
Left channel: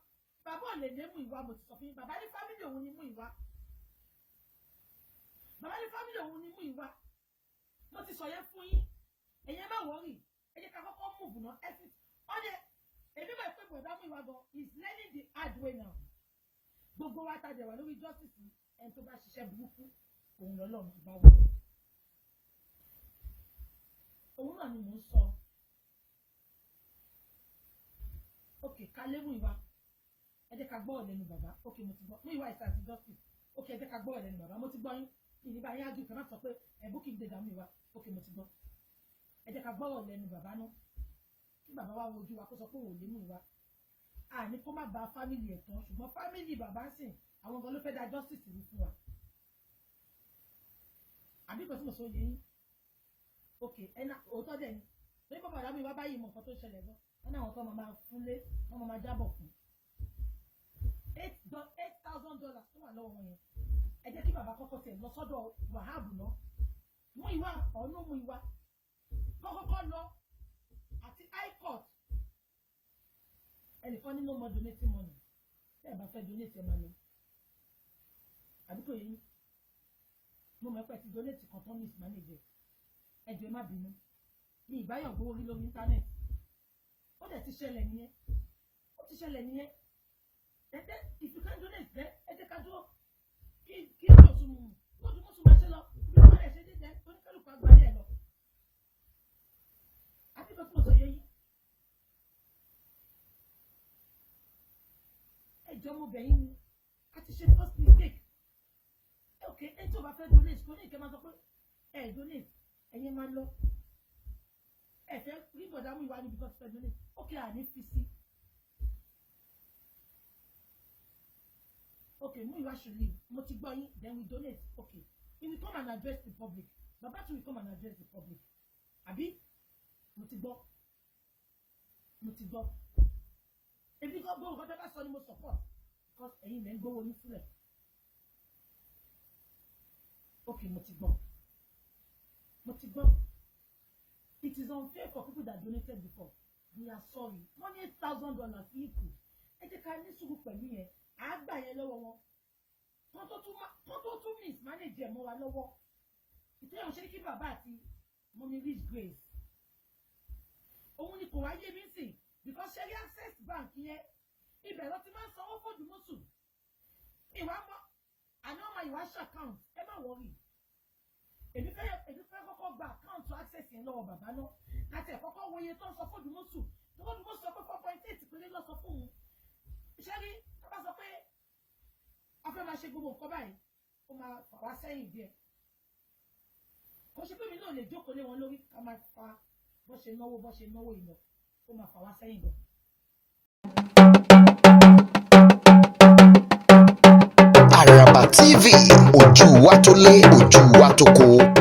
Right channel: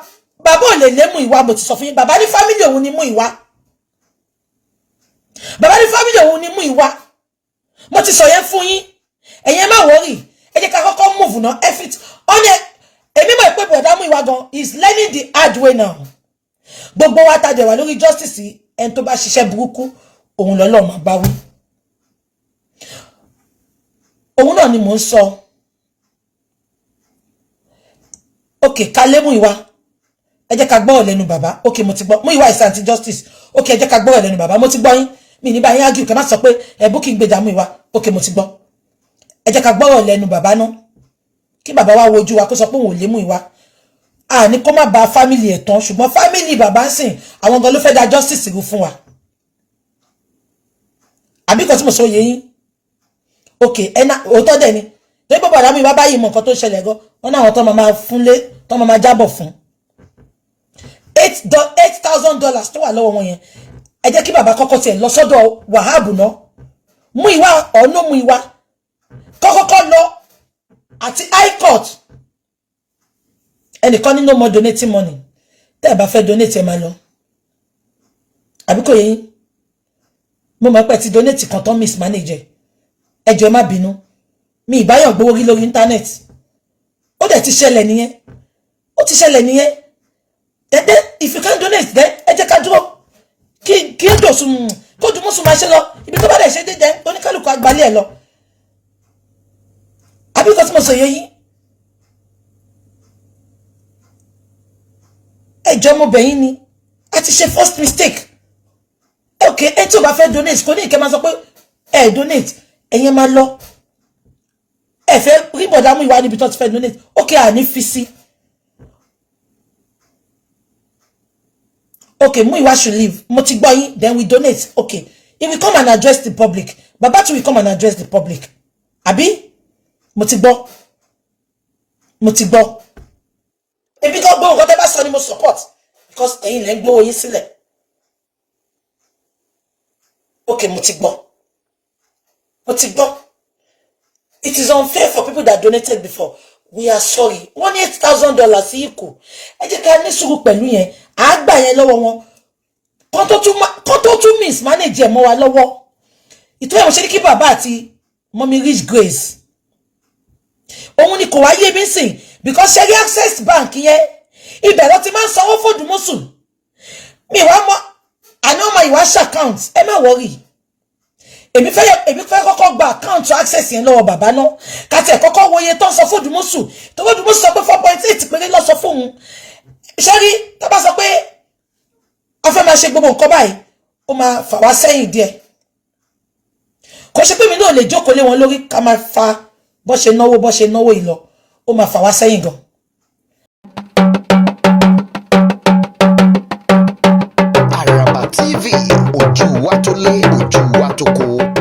bàbá ò lè lé Muyiwa mo ti sọ fún yín bàbá ní family òun ni Muyiwa bàbá ní family òun ni Muyiwa mo ti sọ yẹn fún yín ẹ̀yin má worry ẹ jẹ́ ká kọ́kọ́ move náà ẹ fit ọ̀nà èmi mọ̀ pé bọ̀dá Muyiwa gan is learning the hard way now gbogbo wa tàjẹ̀ wà lórí justice ẹni tó bá ṣiṣẹ́ burúkú òun lọ́lọ́ máa bá wí òun náà ni mò ń sọ ok ká lé Muyiwa ẹ jẹ́ ká gbọ́ lẹ́nu bàbá ok mo ti gbọ́ Muyiwa is anti justice ok ẹ jẹ́ ká gbọ́ lẹ́nu bàbá mo ti gbọ́ yín mi ní bá yín argue kẹ́ má sọ pé Bukky gbèjà Muyiwa ok mo ti gbọ́ ẹ jẹ́ ká gbọ́ lẹ́nu bàbá náà kí bàbá wa wojú wa kó sọ pé òun ò lé Muyiwa ní kó má ba family ẹ̀ tán ṣùgbọ́n family bàbá ń sìn àwọn gan ló fẹ́ dá justice rú fún wa àbí kan tí mo sọ yé yín ok ẹna òótọ́ dẹ̀ ni tó gbọ́ bàdá Muyiwa báyìí mọ̀ nǹkan tó ṣẹlẹ̀ gan wọn náà àwọn tó máa fúnlé tó máa jábọ̀ fún $8,000 tó wà lọ́wọ́ wọn yẹn ẹ jẹ́ kí bàbá kọ́kọ́ tiẹ̀ lọ sọ́dọ̀ Wahab náà Muyiwa ọ̀nà Muyiwa kọ́kọ́kọ́ lọ àti high court ẹnìkan ní no more donating money tẹ́ ẹ bá fẹ́ donate ẹ máa lọ àbí kò yé yín mo mọ̀ pé ti donate kan tán mismanage ẹ jọ̀ọ́ ẹ má bínú mi ìbáyọ̀ gbowó rí lórí internet ó dẹ̀ ti ṣẹlẹ̀ nìyẹn ó ti ṣẹlẹ̀ nìyẹn then if you can donate then ẹ jẹ́ ká dúró kí ó dòsùn kó Odumosun máa ṣe lọ ibi tó bá dẹ̀ ṣe dédé oníkálùkù àgbálẹ̀ ẹ̀ lọ àbí kan tí mo sọ yé yín ẹjọ́ mo bẹ̀yìn ni a ti ṣe first mistake ok ẹ tí o bá fẹ́ donate kò ní ìkẹ́ máa sọ pé ẹ donate ẹ̀yẹn máa lọ ẹ fẹ́ rí bọ̀dá Muyiwa níbi tó ti fẹ́ donate ok àní fi sí okay, Muyiwa should leave. Mo ti gbọ́ yín, then we donate. Okay. If we come and address the public, Baba too will come and address the public. Abi? Mo ti gbọ́. Mo ti gbọ́. If you go whatever son you must support. Because ẹ̀yin lẹ ń gbówó yín sílẹ̀. Okay, mo ti gbọ́. Mo ti gbọ́. It is unfair for people that donated before. We are sorry. Wọ́n ní $8,000 sí ikú. Ẹ jẹ́ ká ní sùúrù pẹ̀lú yẹn. À gbà yẹn lọ́wọ́ wọn. Kán tó tún mismanage mọ́ wa lọ́wọ́. Ìtọ́yẹ̀ mo ṣe ní kí bàbá àti Mommy Rich Grace. Òun ni kò wá yé mi sìn. Because ṣe rí Access Bank yẹn. Ibẹ̀ ló ti máa ń sanwó fún Odumosun. Mi wá mọ́. Àná ọmọ ìwà ṣe account. Ẹ má worry. Èmi fẹ́ kọ́kọ́ gba account Access yẹn lọ́wọ́ bàbá náà. Ká tiẹ̀ kọ́kọ́ wo iye tó ń sọ fún Odumosun. Tó bá Odumosun sọ pé 4.8 péré ló sọ fún un. Ṣé rí tó bá sọ pé a fẹ́ máa ṣe gbogbo nǹkan báyìí, ó máa fà wá sẹ́yìn díẹ̀. Kò ṣe pé mi náà lè jókòó lé wọn lórí ká máa fa bó ṣe náwó ìlọ. Ó máa fà wá sẹ́yìn gan. Àràbà TV, ojú wa tó lé, ojú wa tó kó.